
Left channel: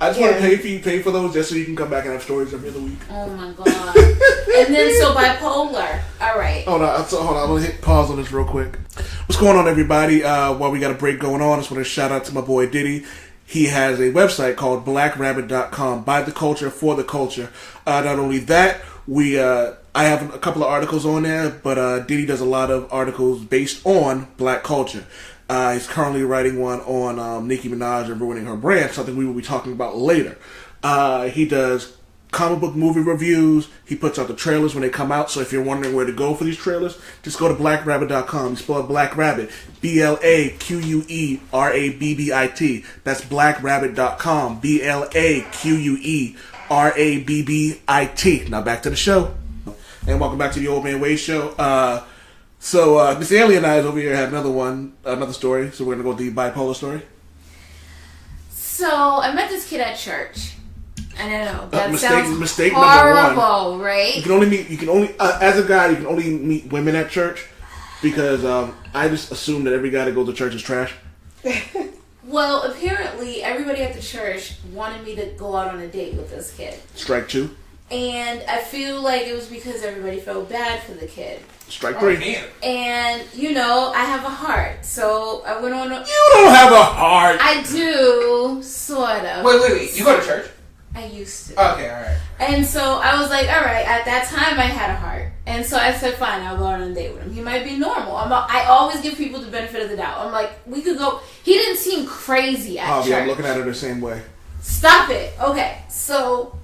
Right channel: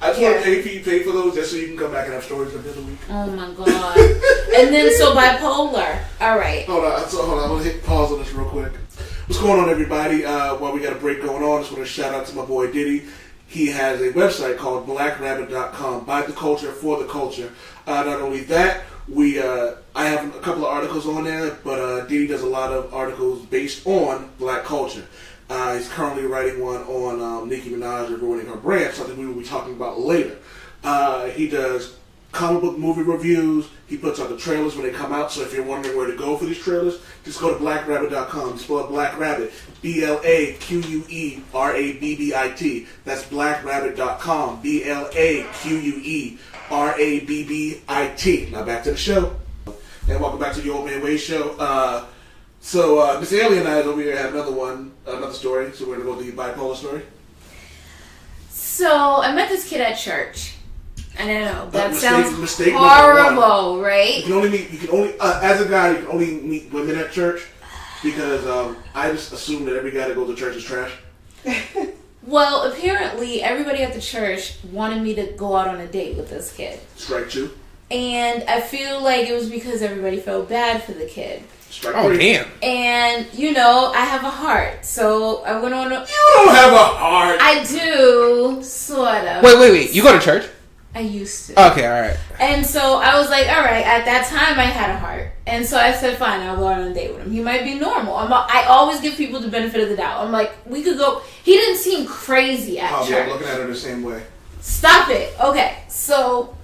I just want to pay for those just so you can come back and have stories every other week. Oh my god. And then so bipolar. All right. Hold on. I'm gonna hit pause on this real quick. What's going on, everybody? While we got a break going on, I just want to shout out to my boy Diddy. He has a website called blackrabbit.com. By the culture, for the culture. Not only that, I have a couple of articles on there, but Diddy does a lot of articles based on black culture. He's currently writing one on Nicki Minaj and ruining her brand, something we will be talking about later. He does comic book movie reviews. He puts out the trailers when they come out, so if you're wondering where to go for these trailers, just go to blackrabbit.com. You spell Black Rabbit, BLAQUERABBIT. That's blackrabbit.com, BLAQUERABBIT. Now back to the show. And welcome back to the Old Man Wade Show. So Miss Alien and I over here have another story. So we're gonna go with the bipolar story. So I met this kid at church. I don't know. That sounds mistake horrible, right? You can only as a guy, you can only meet women at church because I just assume that every guy that goes to church is trash. Well, apparently everybody at the church wanted me to go out on a date with this kid. Strike two. And I feel like it was because everybody felt bad for the kid. Strike three. Damn. And, I have a heart. So I went on a... You don't have a heart. I do, sort of. Wait. You go to church? I used to. Okay, alright. And so I was like, alright, at that time I had a heart. And so I said, fine, I'll go out on a date with him. He might be normal. I always give people the benefit of the doubt. I'm like, we could go... He didn't seem crazy at church. Yeah, I'm looking at her the same way. Stop it. Okay, so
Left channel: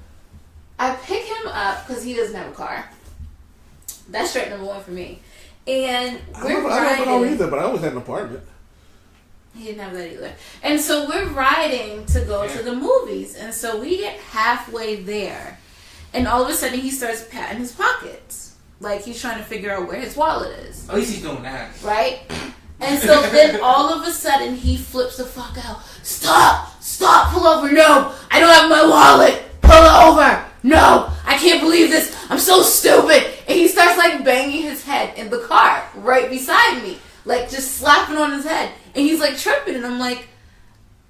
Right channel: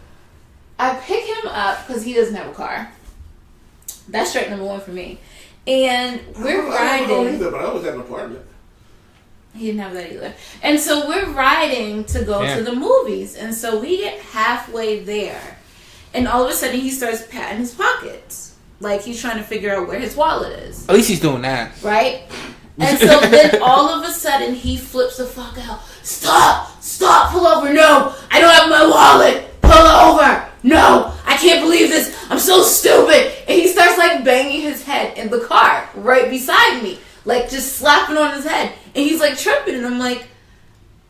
I pick him up because he doesn't have a car. That's straight number one for me. And we're riding. I don't know either, but I always had an apartment. He didn't have that either. And so we're riding to go to the movies. And so we get halfway there. And all of a sudden he starts patting his pockets. Like he's trying to figure out where his wallet is. At least he's doing that. Right? And so then all of a sudden he flips the fuck out. Stop, pull over. No, I don't have my wallet. Pull over. No, I can't believe this. I'm so stupid. And he starts like banging his head in the car right beside me. Like just slapping on his head. And he's like tripping. And I'm like,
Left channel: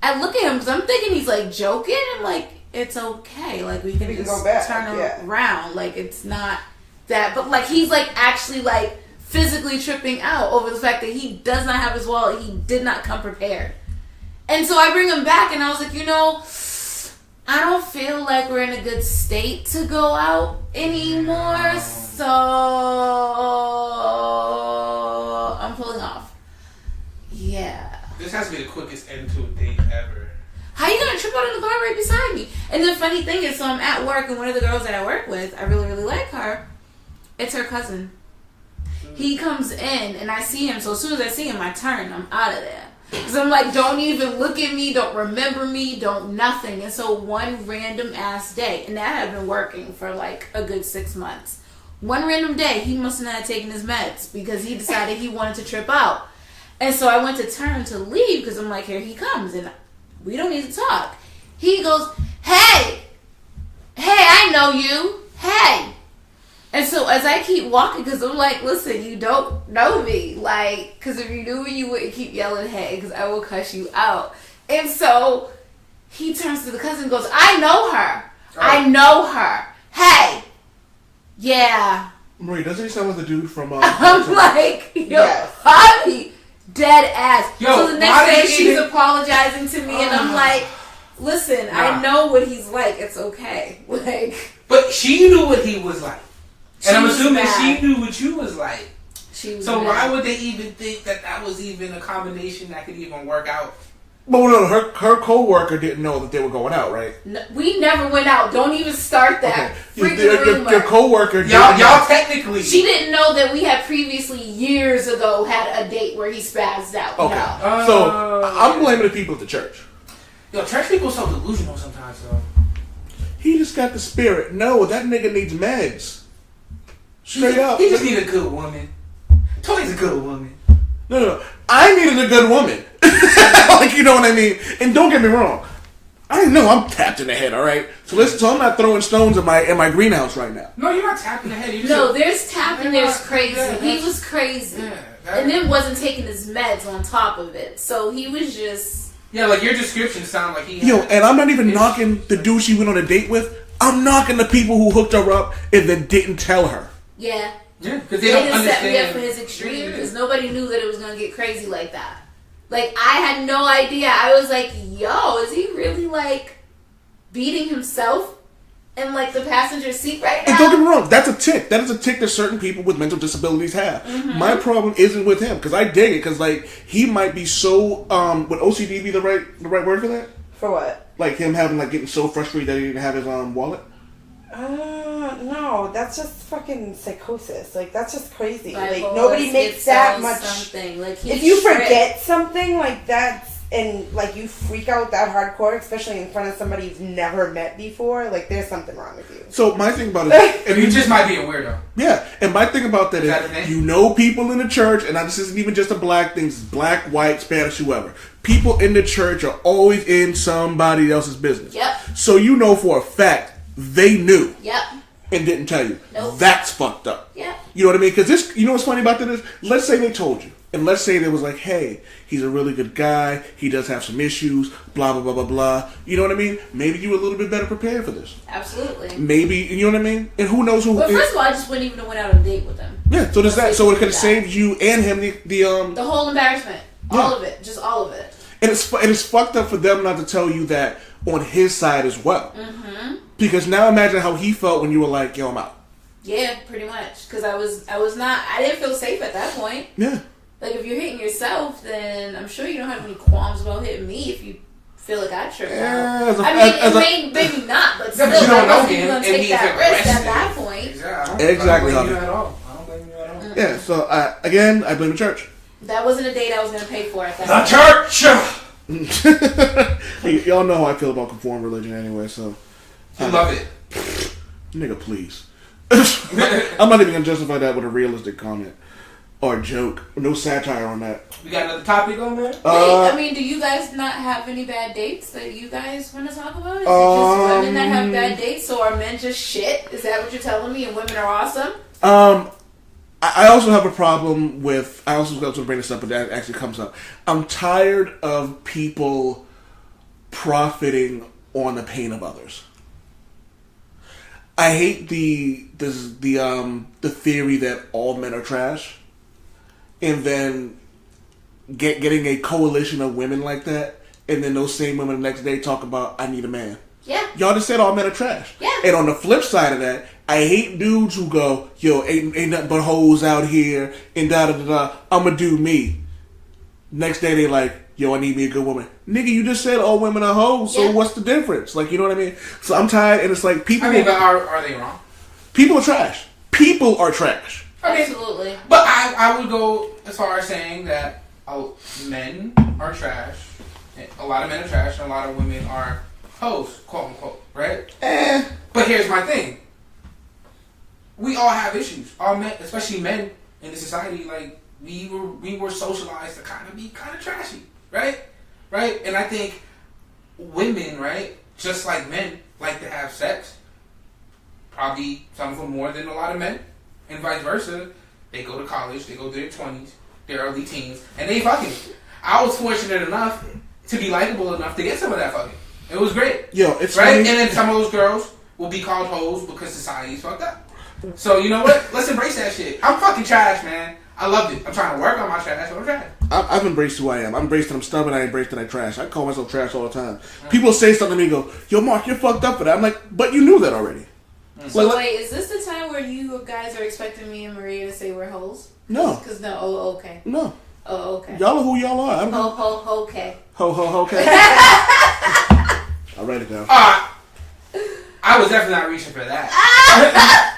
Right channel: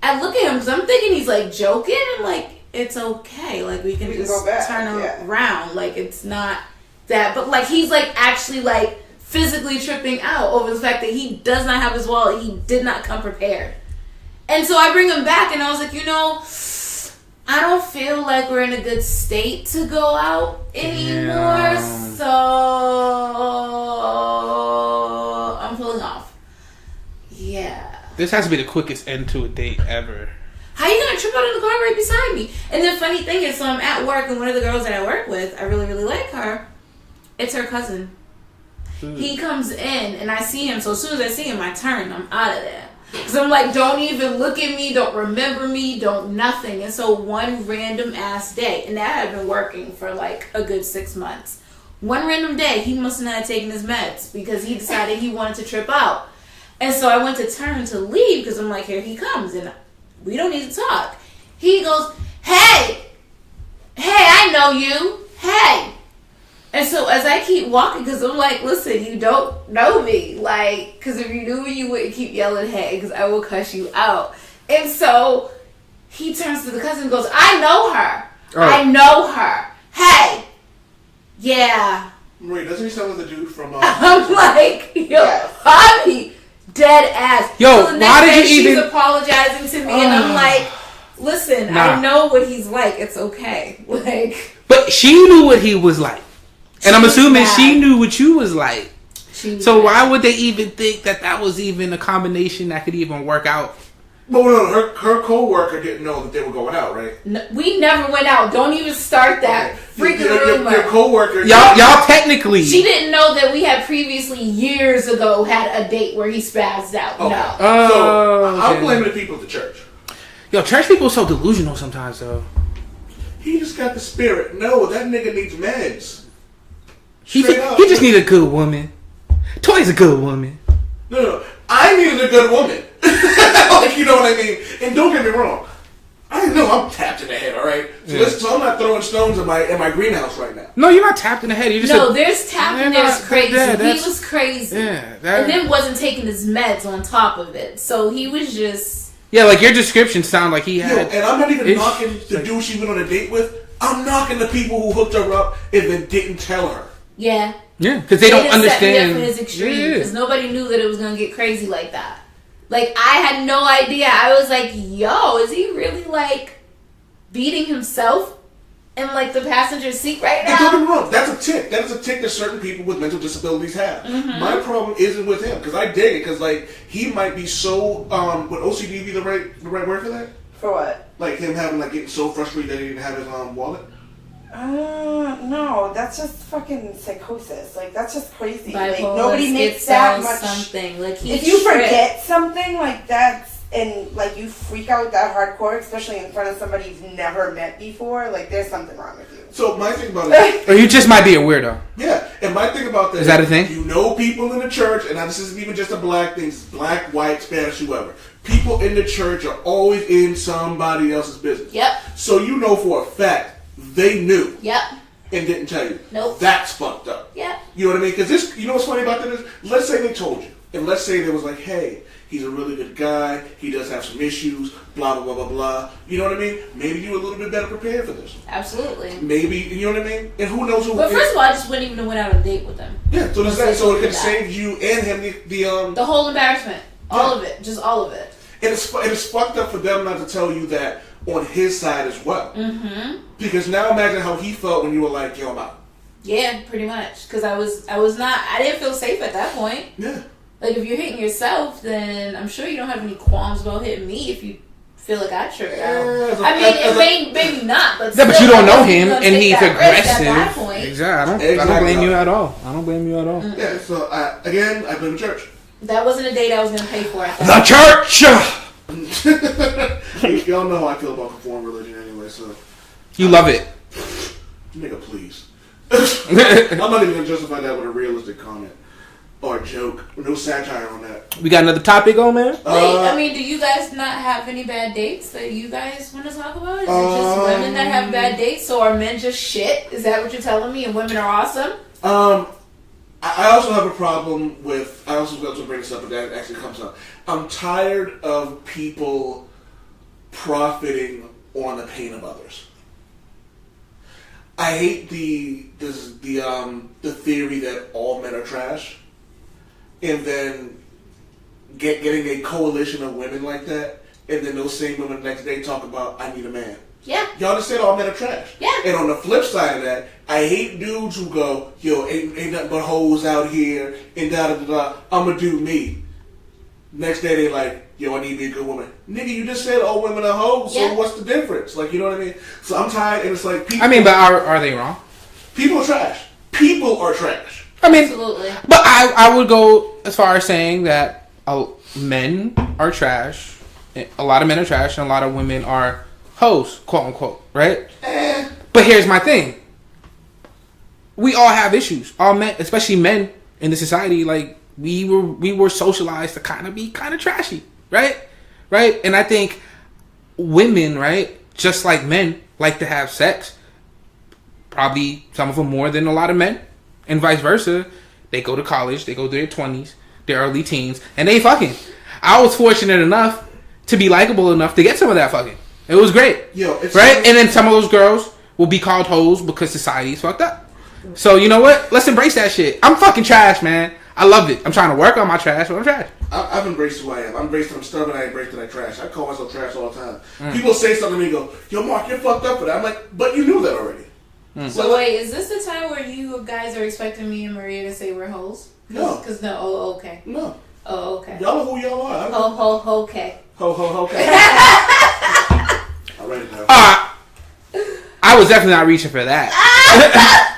I look at him because I'm thinking he's like joking. I'm like, it's okay. Like we can just turn around. Like it's not that. But like he's like actually like physically tripping out over the fact that he does not have his wallet. He did not come prepared. And so I bring him back and I was like, I don't feel like we're in a good state to go out anymore, so I'm pulling off. Yeah. This has to be the quickest end to a date ever. How you gonna trip out in the car right beside me? And the funny thing is, so I'm at work and one of the girls that I work with, I really, really like her. It's her cousin. He comes in and I see him, so as soon as I see him, I turn. I'm out of there. Because I'm like, don't even look at me, don't remember me, don't nothing. And so one random ass day, and that had been working for like a good 6 months. One random day, he must have not taken his meds because he decided he wanted to trip out. And so I went to turn to leave because I'm like, here he comes and we don't need to talk. He goes, hey, I know you. Hey. And so as I keep walking, because I'm like, listen, you don't know me. Like, because if you knew me, you wouldn't keep yelling, hey, because I will cuss you out. And so he turns to the cousin and goes, I know her. Oh. I know her. Hey. Yeah. Marie, doesn't he sound like the dude from... I'm like, Bobby, dead ass. Yo, so the next day she's apologizing to me, and I'm like, listen, I know what he's like. It's okay. Like, but she knew what he was like. And I'm assuming she knew what you was like. So why would they even think that was even a combination that could even work out? Well, no, her co-worker didn't know that they were going out, right? No, we never went out. Don't even start that freaking rumor. Your co-worker... Y'all technically... She didn't know that we had previously, years ago, had a date where he spazzed out. Okay. No. So, I'm blaming the people at the church. Yo, church people are so delusional sometimes, though. He just got the spirit. No, that nigga needs meds. He just need a good woman. Toy's a good woman. No. I needed a good woman. Like, you know what I mean? And don't get me wrong. I know I'm tapped in the head, alright? So I'm not throwing stones at my greenhouse right now. No, you're not tapped in the head. There's tapped and there's crazy. He was crazy. Yeah, and then wasn't taking his meds on top of it. So he was just... Yeah, like your description sound like he had. Yo, and I'm not even knocking the like, dude she went on a date with. I'm knocking the people who hooked her up and then didn't tell her. Yeah. Yeah, because they don't didn't set me understand. up for his extreme because nobody knew that it was gonna get crazy like that. Like I had no idea. I was like, "Yo, is he really like beating himself in like the passenger seat right now?" And don't get me wrong, that's a tick. That is a tick that certain people with mental disabilities have. Mm-hmm. My problem isn't with him because I dig it because like he might be so would OCD be the right word for that? For what? Like him having like getting so frustrated that he didn't have his wallet. No, that's just fucking psychosis. Like that's just crazy. Bipolar, like nobody makes that much. Something like if you forget something like that's and like you freak out that hardcore, especially in front of somebody you've never met before, like there's something wrong with you. So my thing about it, Or you just might be a weirdo. yeah, and my thing about that is that a thing? You know, people in the church, and this isn't even just a black thing. It's black, white, Spanish, whoever. People in the church are always in somebody else's business. Yep. So you know for a fact they knew. Yep. And didn't tell you. Nope. That's fucked up. Yep. You know what I mean? Because this, you know what's funny about that is, let's say they told you, and let's say they was like, hey, he's a really good guy. He does have some issues. Blah blah blah blah blah. You know what I mean? Maybe you were a little bit better prepared for this. Absolutely. Maybe you know what I mean? And who knows who? But first of all, I just wouldn't even have went out on a date with them. Yeah. So does that? So it could save you and him the whole embarrassment, all of it, just all of it. And it's fucked up for them not to tell you that on his side as well. Mm-hmm. Because now imagine how he felt when you were like, yo, I'm out. Yeah, pretty much. Because I didn't feel safe at that point. Yeah. Like, if you're hitting yourself, then I'm sure you don't have any qualms about hitting me if you feel like I tripped out. Maybe not, but still, but you don't know him, you're gonna and take he's that risk aggressive. at that point. Exactly. I don't blame you at all. I don't blame you at all. Mm-hmm. Yeah, so I blame the church. That wasn't a date I was going to pay for at The that church! Y'all know how I feel about conform religion anyway, so. You love it. Nigga, please. I'm not even going to justify that with a realistic comment. Or a joke. No satire on that. We got another topic on there? Wait, I mean, do you guys not have any bad dates that you guys want to talk about? Is it just women that have bad dates? So are men just shit? Is that what you're telling me? And women are awesome? I also have a problem with, I also got to bring this up, but that actually comes up. I'm tired of people profiting on the pain of others. I hate the theory that all men are trash, and then getting a coalition of women like that, and then those same women the next day talk about, I need a man. Yeah. Y'all just said all men are trash. Yeah. And on the flip side of that, I hate dudes who go, yo, ain't nothing but hoes out here, and da-da-da-da, I'ma do me. Next day they like, yo, I need me a good woman. Nigga, you just said all women are hoes, so what's the difference? Like, you know what I mean? So I'm tired, and it's like people... I mean, but are they wrong? People are trash. People are trash. I mean, absolutely. But I would go as far as saying that men are trash. A lot of men are trash, and a lot of women are hoes, quote unquote, right? But here's my thing. We all have issues. All men, especially men in the society, like we were socialized to kind of be kind of trashy, right? Right? And I think women, right, just like men, like to have sex. Probably some of them more than a lot of men, and vice versa. They go to college, they go through their 20s, their early teens, and they fucking. I was fortunate enough to be likable enough to get some of that fucking. It was great. Yo, it's right? funny. And then some of those girls will be called hoes because society is fucked up. So you know what? Let's embrace that shit. I'm fucking trash, man. I love it. I'm trying to work on my trash, but I'm trash. I've embraced who I am. I embraced that I'm stubborn. I embraced that I trash. I call myself trash all the time. People say something to me and go, yo, Mark, you're fucked up for that. I'm like, but you knew that already. So wait, is this the time where you guys are expecting me and Maria to say we're hoes? No. Because no, oh, okay. No. Oh, okay. Y'all are who y'all are. Ho, okay. Ho, okay. I'll write it down. I was definitely not reaching for that.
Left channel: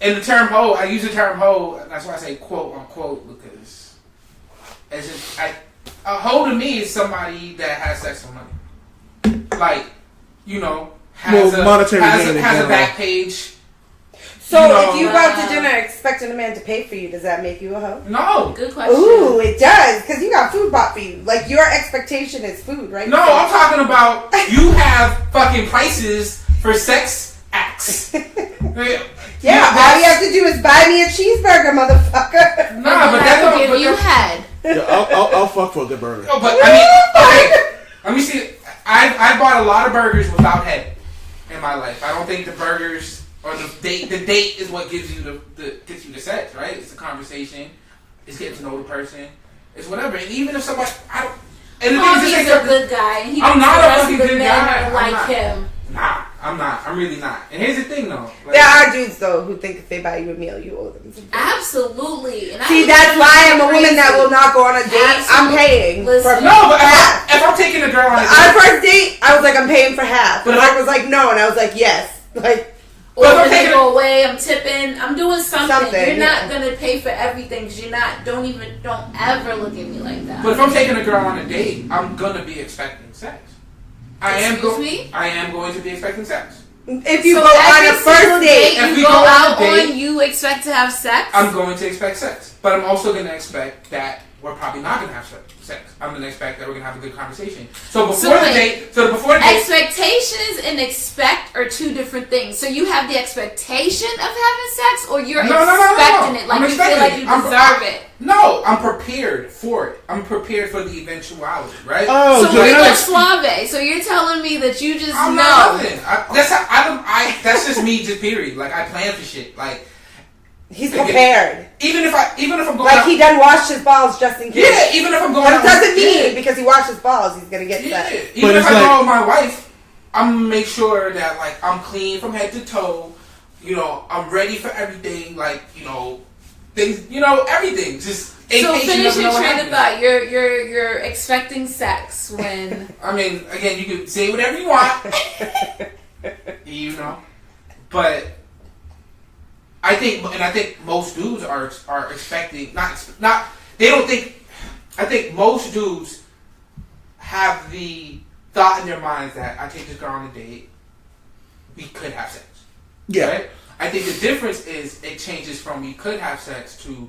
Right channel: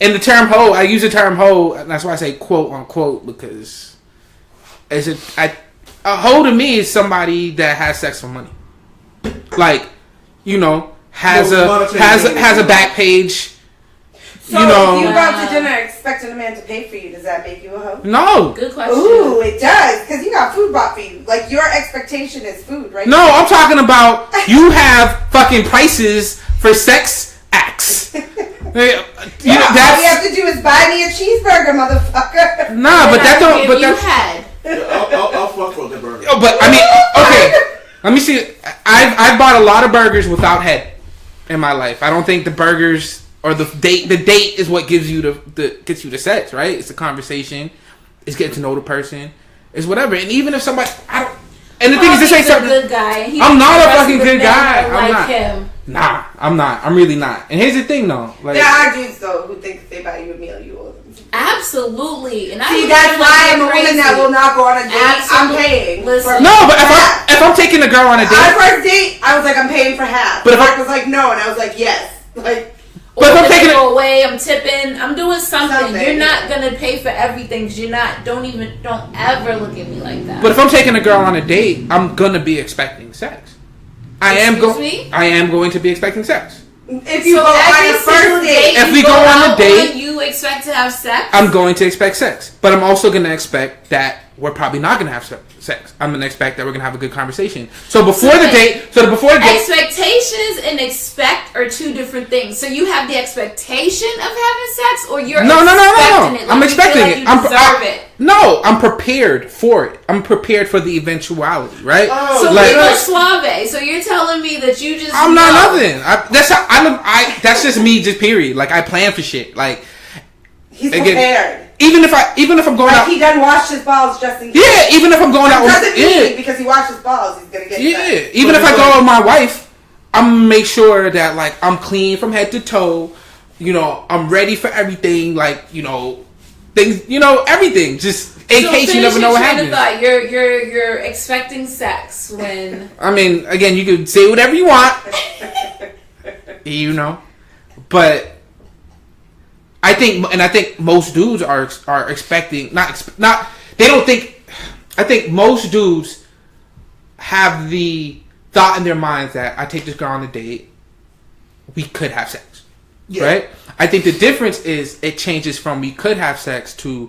And the term hoe, I use the term hoe, and that's why I say quote unquote, because a hoe to me is somebody that has sex for money. Like, you know, has a back page. So you know, if you go out to dinner expecting a man to pay for you, does that make you a hoe? No. Good question. Ooh, it does, because you got food bought for you. Like, your expectation is food, right? No, I'm talking about you have fucking prices for sex acts. All you have to do is buy me a cheeseburger, motherfucker. Nah, but that don't. But you had. Yeah, I'll fuck for the burger. But I mean, Let me see. I've bought a lot of burgers without head in my life. I don't think the burgers or the date is what gives you gets you the sex, right? It's the conversation. It's getting to know the person. It's whatever. And even if somebody, and the thing is, this ain't something. Good guy. I'm not a fucking good guy. I'm not. Him. Nah, I'm not. I'm really not. And here's the thing, though. Like, there are dudes though who think if they buy you a meal, you owe them. Absolutely. And see, that's why I'm a woman that will not go on a date. I'm paying. No, but if I'm taking a girl on a date, our first date, I was like, I'm paying for half. But Mark was like, no, and I was like, yes. Like. But if I'm taking it away, I'm tipping, I'm doing something. You're not gonna pay for everything because you're not. Don't ever look at me like that. But if I'm taking a girl on a date, I'm gonna be expecting sex. I am going to be expecting sex. If you go on a first date, if we go on a date, you expect to have sex. I'm going to expect sex, but I'm also going to expect that we're probably not going to have sex. I'm going to expect that we're going to have a good conversation. So before the date, expectations and expect are two different things. So you have the expectation of having sex, or you're expecting it. Like I'm expecting it. You deserve it. No, I'm prepared for it. I'm prepared for the eventuality, right? Oh, so like, you're suave. So you're telling me that you just I'm not nothing. That's just me. Just period. Like I plan for shit. Like he's prepared. Even if I'm going out, he done washed his balls just in case. Yeah, even if I'm going out, doesn't mean because he washed his balls he's gonna get sex. Even if I go out with my wife, I'm gonna make sure that like I'm clean from head to toe. You know, I'm ready for everything. Like things. Everything. Just in case you never know what happens. You're expecting sex when. I mean, again, you can say whatever you want. But. I think most dudes are expecting they don't think. I think most dudes have the thought in their minds that I take this girl on a date, we could have sex, right? I think the difference is it changes from we could have sex to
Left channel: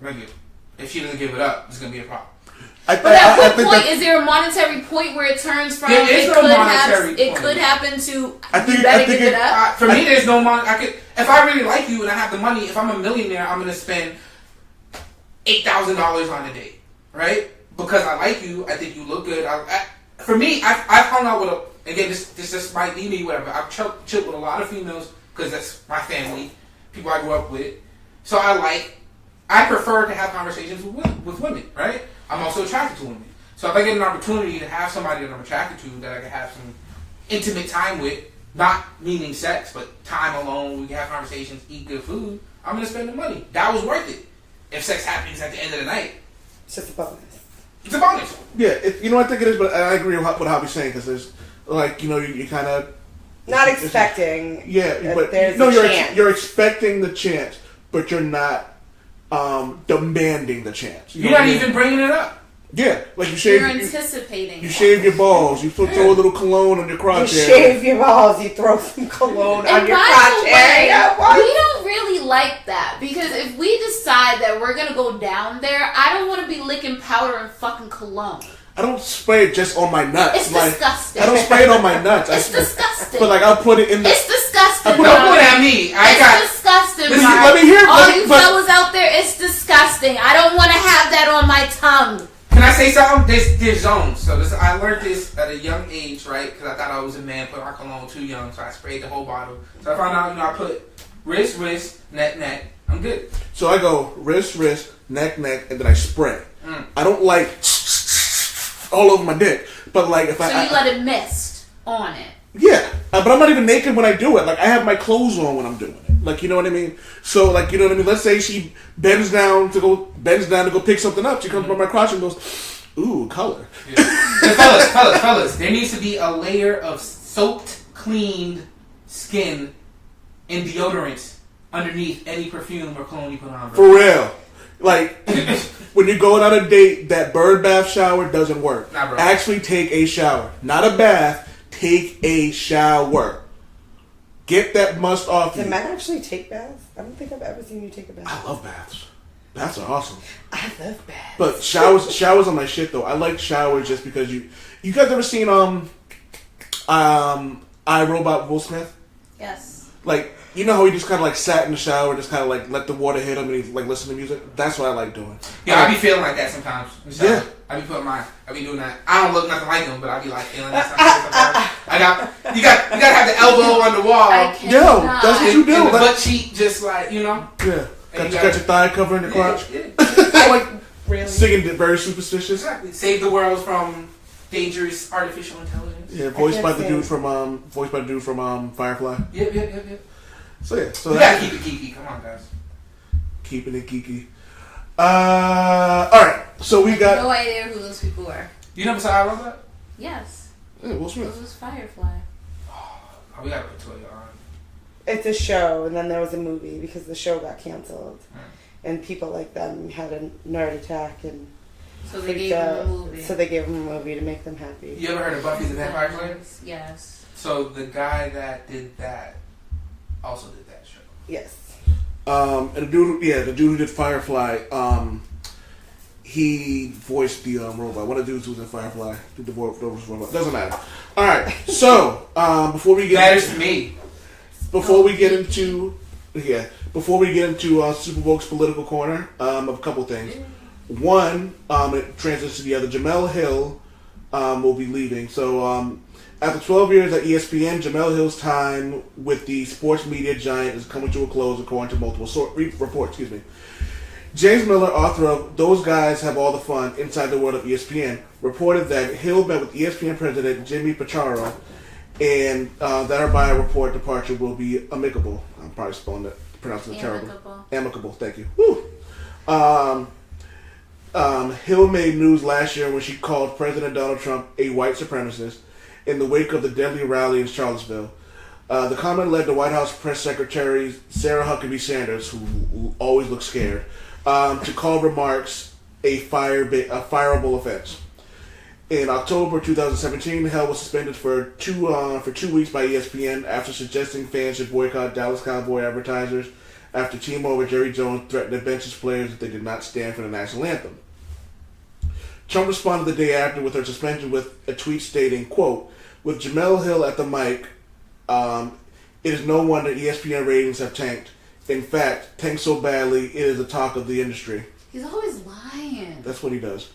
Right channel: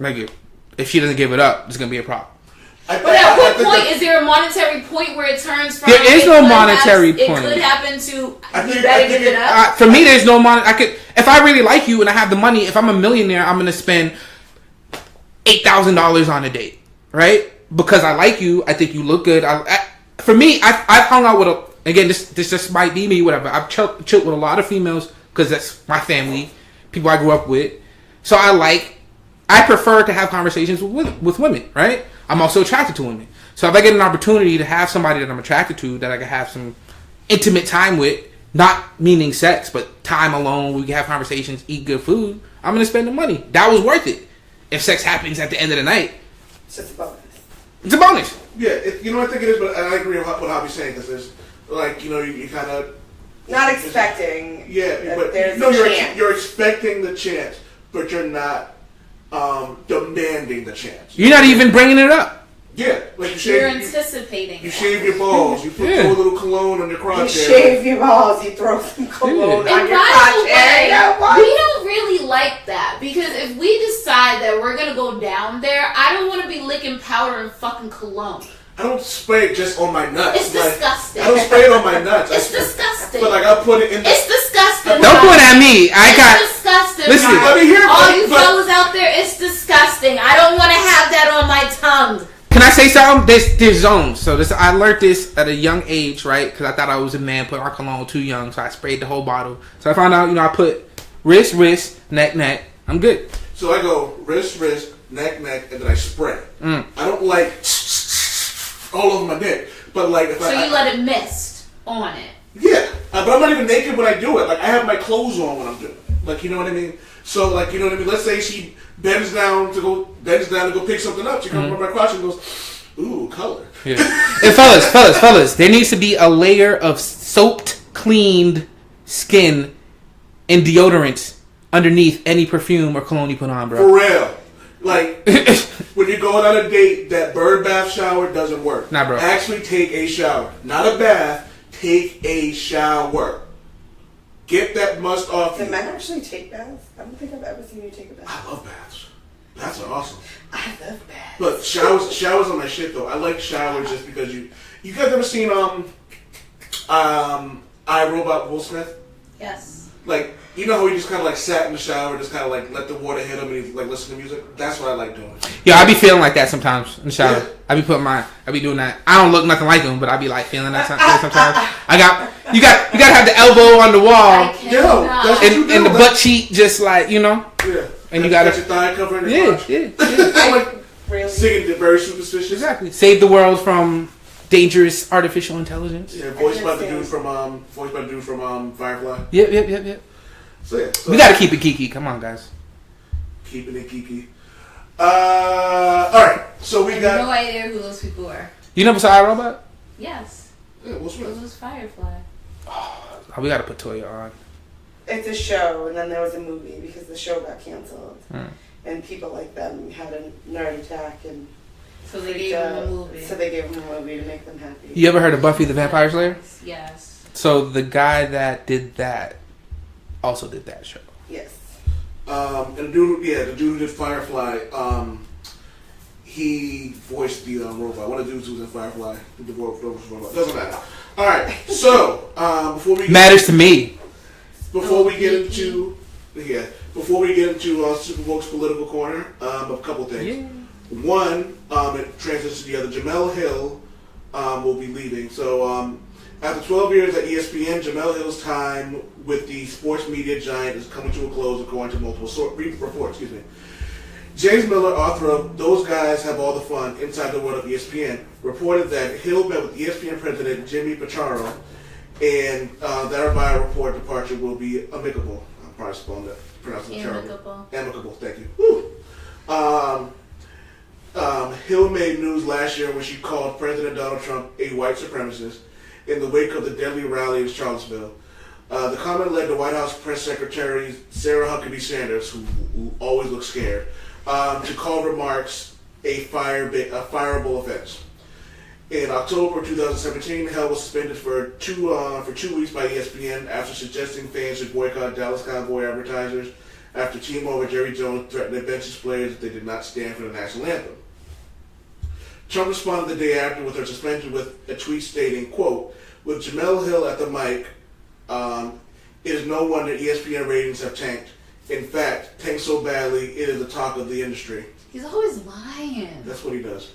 like if she doesn't give it up, there's gonna be a problem. But at what point is there a monetary point where it turns from? There is no monetary point. It could happen to you better give it up. For me, there's no if I really like you and I have the money, if I'm a millionaire, I'm gonna spend $8,000 on a date, right? Because I like you, I think you look good. For me, I've hung out with again. This just might be me, whatever. I've chilled with a lot of females because that's my family, people I grew up with. So I prefer to have conversations with women, right? I'm also attracted to women. So if I get an opportunity to have somebody that I'm attracted to, that I can have some intimate time with, not meaning sex, but time alone, we can have conversations, eat good food, I'm going to spend the money. That was worth it. If sex happens at the end of the night. It's just a bonus. It's a bonus. Yeah, I think it is, but I agree with what Javi's saying, because there's, like, you kind of... Not expecting. Yeah, but there's a chance. You're expecting the chance, but you're not demanding the chance. You're not even bringing it up. Yeah, like you're anticipating. You shave your balls. You throw a little cologne on your crotch. You shave your balls. You throw some cologne on your crotch area. We don't really like that because if we decide that we're gonna go down there, I don't want to be licking powder and fucking cologne. I don't spray it just on my nuts. It's disgusting. I don't spray it on my nuts. It's disgusting. But I'll put it in. It's disgusting. Don't point at me. It's disgusting. Listen, let me hear it. All you fellas out there, it's disgusting. I don't want to have that on my tongue. Can I say something? There's zones. So I learned this at a young age, right? Because I thought I was a man, put on cologne too young, so I sprayed the whole bottle. So I found out, I put wrist, neck. I'm good. So I go wrist, neck, and then I spray. I don't like all over my dick, but like if you let it mist on it. Yeah, but I'm not even naked when I do it. Like I have my clothes on when I'm doing it. Like you know what I mean. So like you know what I mean. Let's say she bends down to go pick something up. She comes from my crotch and goes, "Ooh, color." Yeah. And fellas, there needs to be a layer of soaped, cleaned skin and deodorant underneath any perfume or cologne you put on, bro. For real. Like, when you're going on a date, that bird bath shower doesn't work. Nah, bro. Actually take a shower. Not a bath. Take a shower. Get that must off you. Can men actually take baths? I don't think I've ever seen you take a bath. I love baths. Baths are awesome. I love baths. But showers are my shit, though. I like showers just because you guys ever seen, I, Robot Will Smith? Yes. Like, you know how he just kind of like sat in the shower, just kind of like let the water hit him and he like listen to music? That's what I like doing. Yeah, I be feeling like that sometimes in the shower. Yeah. I be doing that. I don't look nothing like him, but I be like feeling that sometimes. You got to have the elbow on the wall. Yo, that's what you do. And the butt cheek just like, you know. Yeah. And you got your thigh covering the crotch. Yeah. Like really? Singing it very superstitious. Exactly. Save the world from dangerous artificial intelligence. Yeah, voiced by the dude from Firefly. Yep. So yeah, we gotta keep it geeky. Come on, guys. Keeping it geeky. All right. So we got no idea who those people were. You never saw iRobot? Yes. Yeah, Will Smith. It was Firefly. Oh, we gotta put Toya on. It's a show, and then there was a movie because the show got canceled, and people like them had a nerd attack, and so they gave him a movie. So they gave him a movie to make them happy. You ever heard of Buffy the Vampire Slayer? Yes. So the guy that did that also did that show. Yes. And the dude who did Firefly, he voiced the robot. One of the dudes who was in Firefly did the robot. Doesn't matter. All right. So before we matters to me. Before we get into Supa Wokes Political Corner, a couple things. Yeah. One, it transitions to the other. Jemele Hill will be leaving. So after 12 years at ESPN, Jemele Hill's time with the sports media giant is coming to a close, according to multiple reports. James Miller, author of Those Guys Have All the Fun Inside the World of ESPN, reported that Hill met with ESPN president Jimmy Pacharo, and that her bio-report departure will be amicable. I'm probably pronouncing it terrible. Amicable, thank you. Hill made news last year when she called President Donald Trump a white supremacist in the wake of the deadly rally in Charlottesville. The comment led to White House Press Secretary Sarah Huckabee Sanders, who always looks scared, to call remarks a fireable offense. In October 2017, Hill was suspended for 2 weeks by ESPN after suggesting fans should boycott Dallas Cowboy advertisers after team owner Jerry Jones threatened to bench his players if they did not stand for the national anthem. Trump responded the day after with her suspension with a tweet stating, quote, "With Jemele Hill at the mic, it is no wonder ESPN ratings have tanked. In fact, tanked so badly, it is the talk of the industry." He's always lying. That's what he does.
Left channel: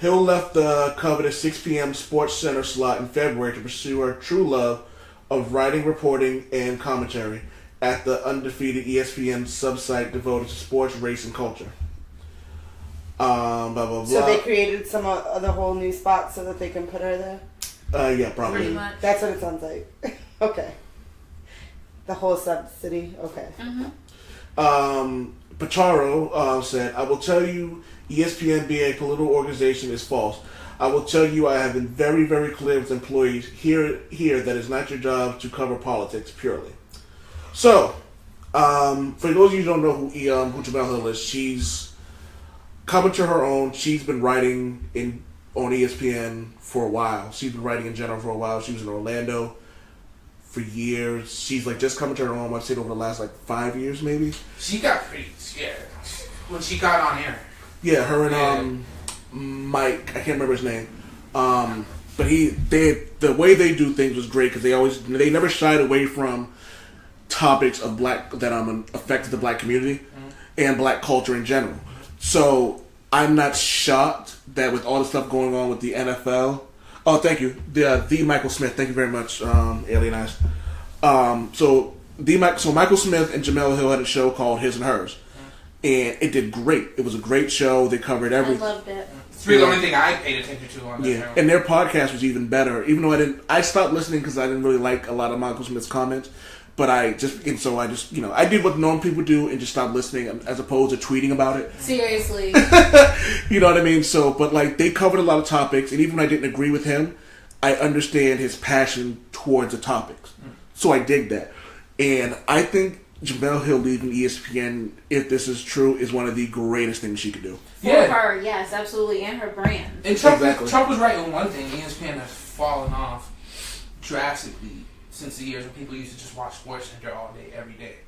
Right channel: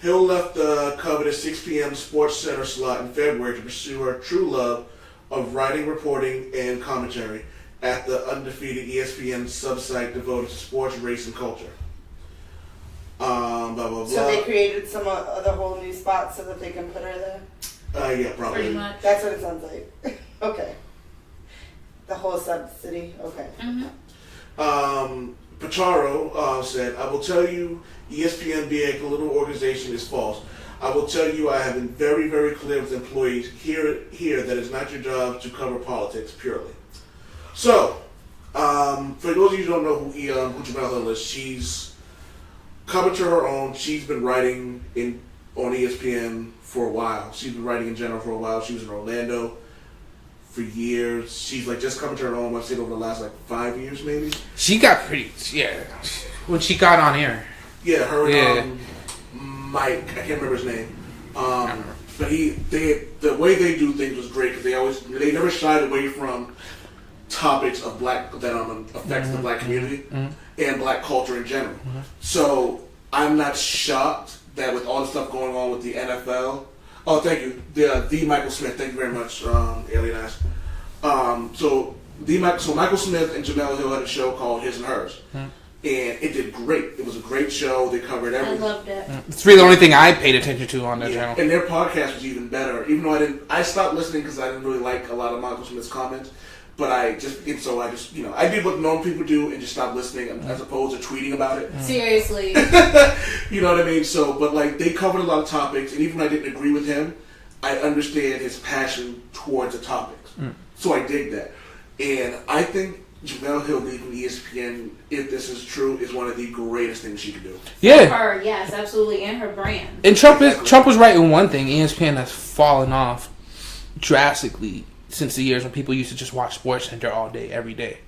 Hill left the coveted 6 p.m. Sports Center slot in February to pursue her true love of writing, reporting, and commentary at the undefeated ESPN sub-site devoted to sports, race, and culture. Blah, blah, blah. So they created some other whole new spot so that they can put her there? Yeah, probably. Pretty much. That's what it sounds like. Okay. The whole sub-city? Okay. Mm-hmm. Pacharo said, "I will tell you, ESPN being a political organization is false. I will tell you I have been very, very clear with employees here that it's not your job to cover politics purely." So, for those of you who don't know who Jemele Hill is, she's coming to her own. She's been writing on ESPN for a while. She's been writing in general for a while. She was in Orlando for years. She's just coming to her own. I've seen over the last 5 years maybe. She got pretty, when she got on air. Yeah, her and Mike, I can't remember his name. But the way they do things was great because they never shied away from topics of that affects the black community and black culture in general. So I'm not shocked that with all the stuff going on with the NFL. Oh, thank you, the Michael Smith. Thank you very much, Alien Eyes. So Michael Smith and Jemele Hill had a show called His and Hers. And it did great. It was a great show. They covered everything. I loved it. It's really the only thing I paid attention to on that channel. And their podcast was even better. Even though I stopped listening because I didn't really like a lot of Michael Smith's comments. But I just I did what normal people do and just stopped listening as opposed to tweeting about it. Seriously. You know what I mean? So, but they covered a lot of topics, and even when I didn't agree with him, I understand his passion towards the topics. So I dig that. And I think Jemele Hill leaving ESPN, if this is true, is one of the greatest things she could do. Yeah. For her, yes, absolutely, and her brand. And Trump was right in one thing. ESPN has fallen off drastically since the years when people used to just watch SportsCenter all day, every day.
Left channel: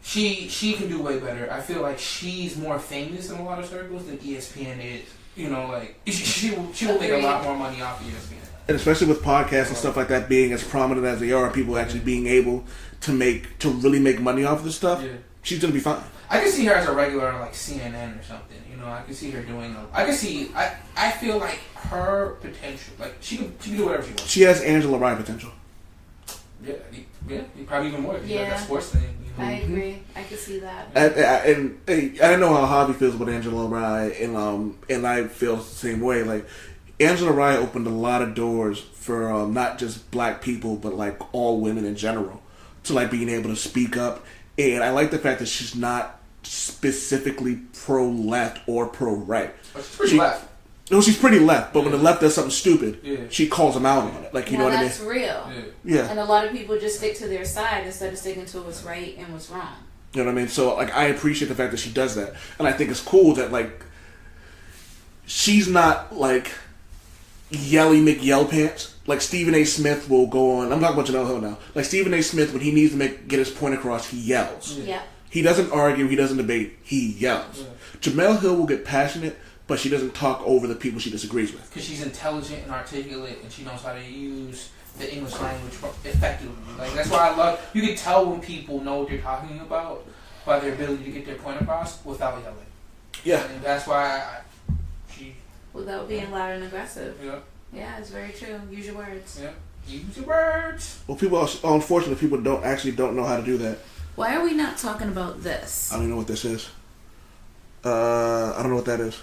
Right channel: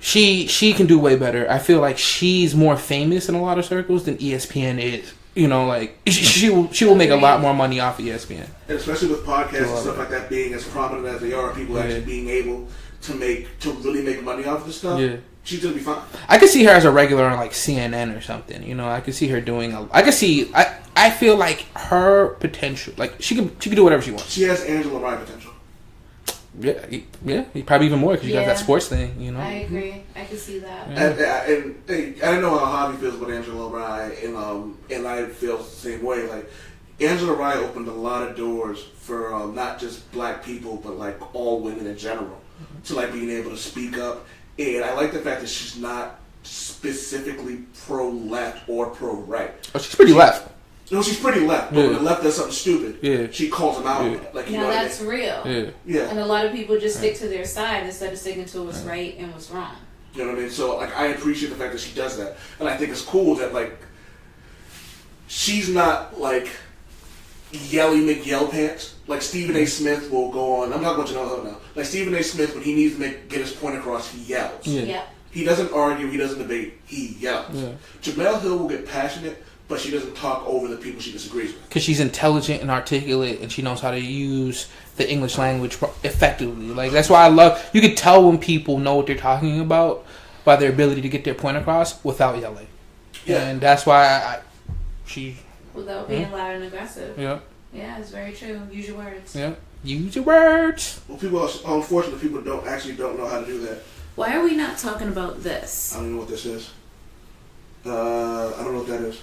She can do way better. I feel like she's more famous in a lot of circles than ESPN is like she will make a lot more money off of ESPN. And especially with podcasts and stuff like that being as prominent as they are, people actually being able to really make money off of this stuff. Yeah. She's gonna be fine. I could see her as a regular on like CNN or something. I could see her doing. I feel like her potential. Like she can do whatever she wants. She has Angela Rye potential. Yeah, probably even more because she does that sports thing. I agree. I can see that. And I don't know how Javi feels about Angela Rye, and I feel the same way. Like Angela Rye opened a lot of doors for not just black people, but like all women in general, to like being able to speak up. And I like the fact that she's not specifically pro-left or pro-right. Oh, she's pretty left. No, she's pretty left. But when the left does something stupid, she calls them out on it. Like, you know what I mean? That's real. Yeah. And a lot of people just stick to their side instead of sticking to what's right and what's wrong. You know what I mean? So, like, I appreciate the fact that she does that. And I think it's cool that, like, she's not, like, yelly McYellpants. Like, Stephen A. Smith will go on. I'm talking about Jemele Hill now. Like, Stephen A. Smith, when he needs to get his point across, he yells. Yeah. He doesn't argue. He doesn't debate. He yells. Yeah. Jemele Hill will get passionate, but she doesn't talk over the people she disagrees with. Because she's intelligent and articulate, and she knows how to use the English language effectively. Like, that's why I love... You can tell when people know what they're talking about by their ability to get their point across without yelling. Yeah. And that's why she... Without being loud and aggressive. Yeah. Yeah, it's very true. Use your words. Yeah. Use your words. Well, unfortunately, people don't know how to do that. Why are we not talking about this? I don't know what this is. I don't know what that is.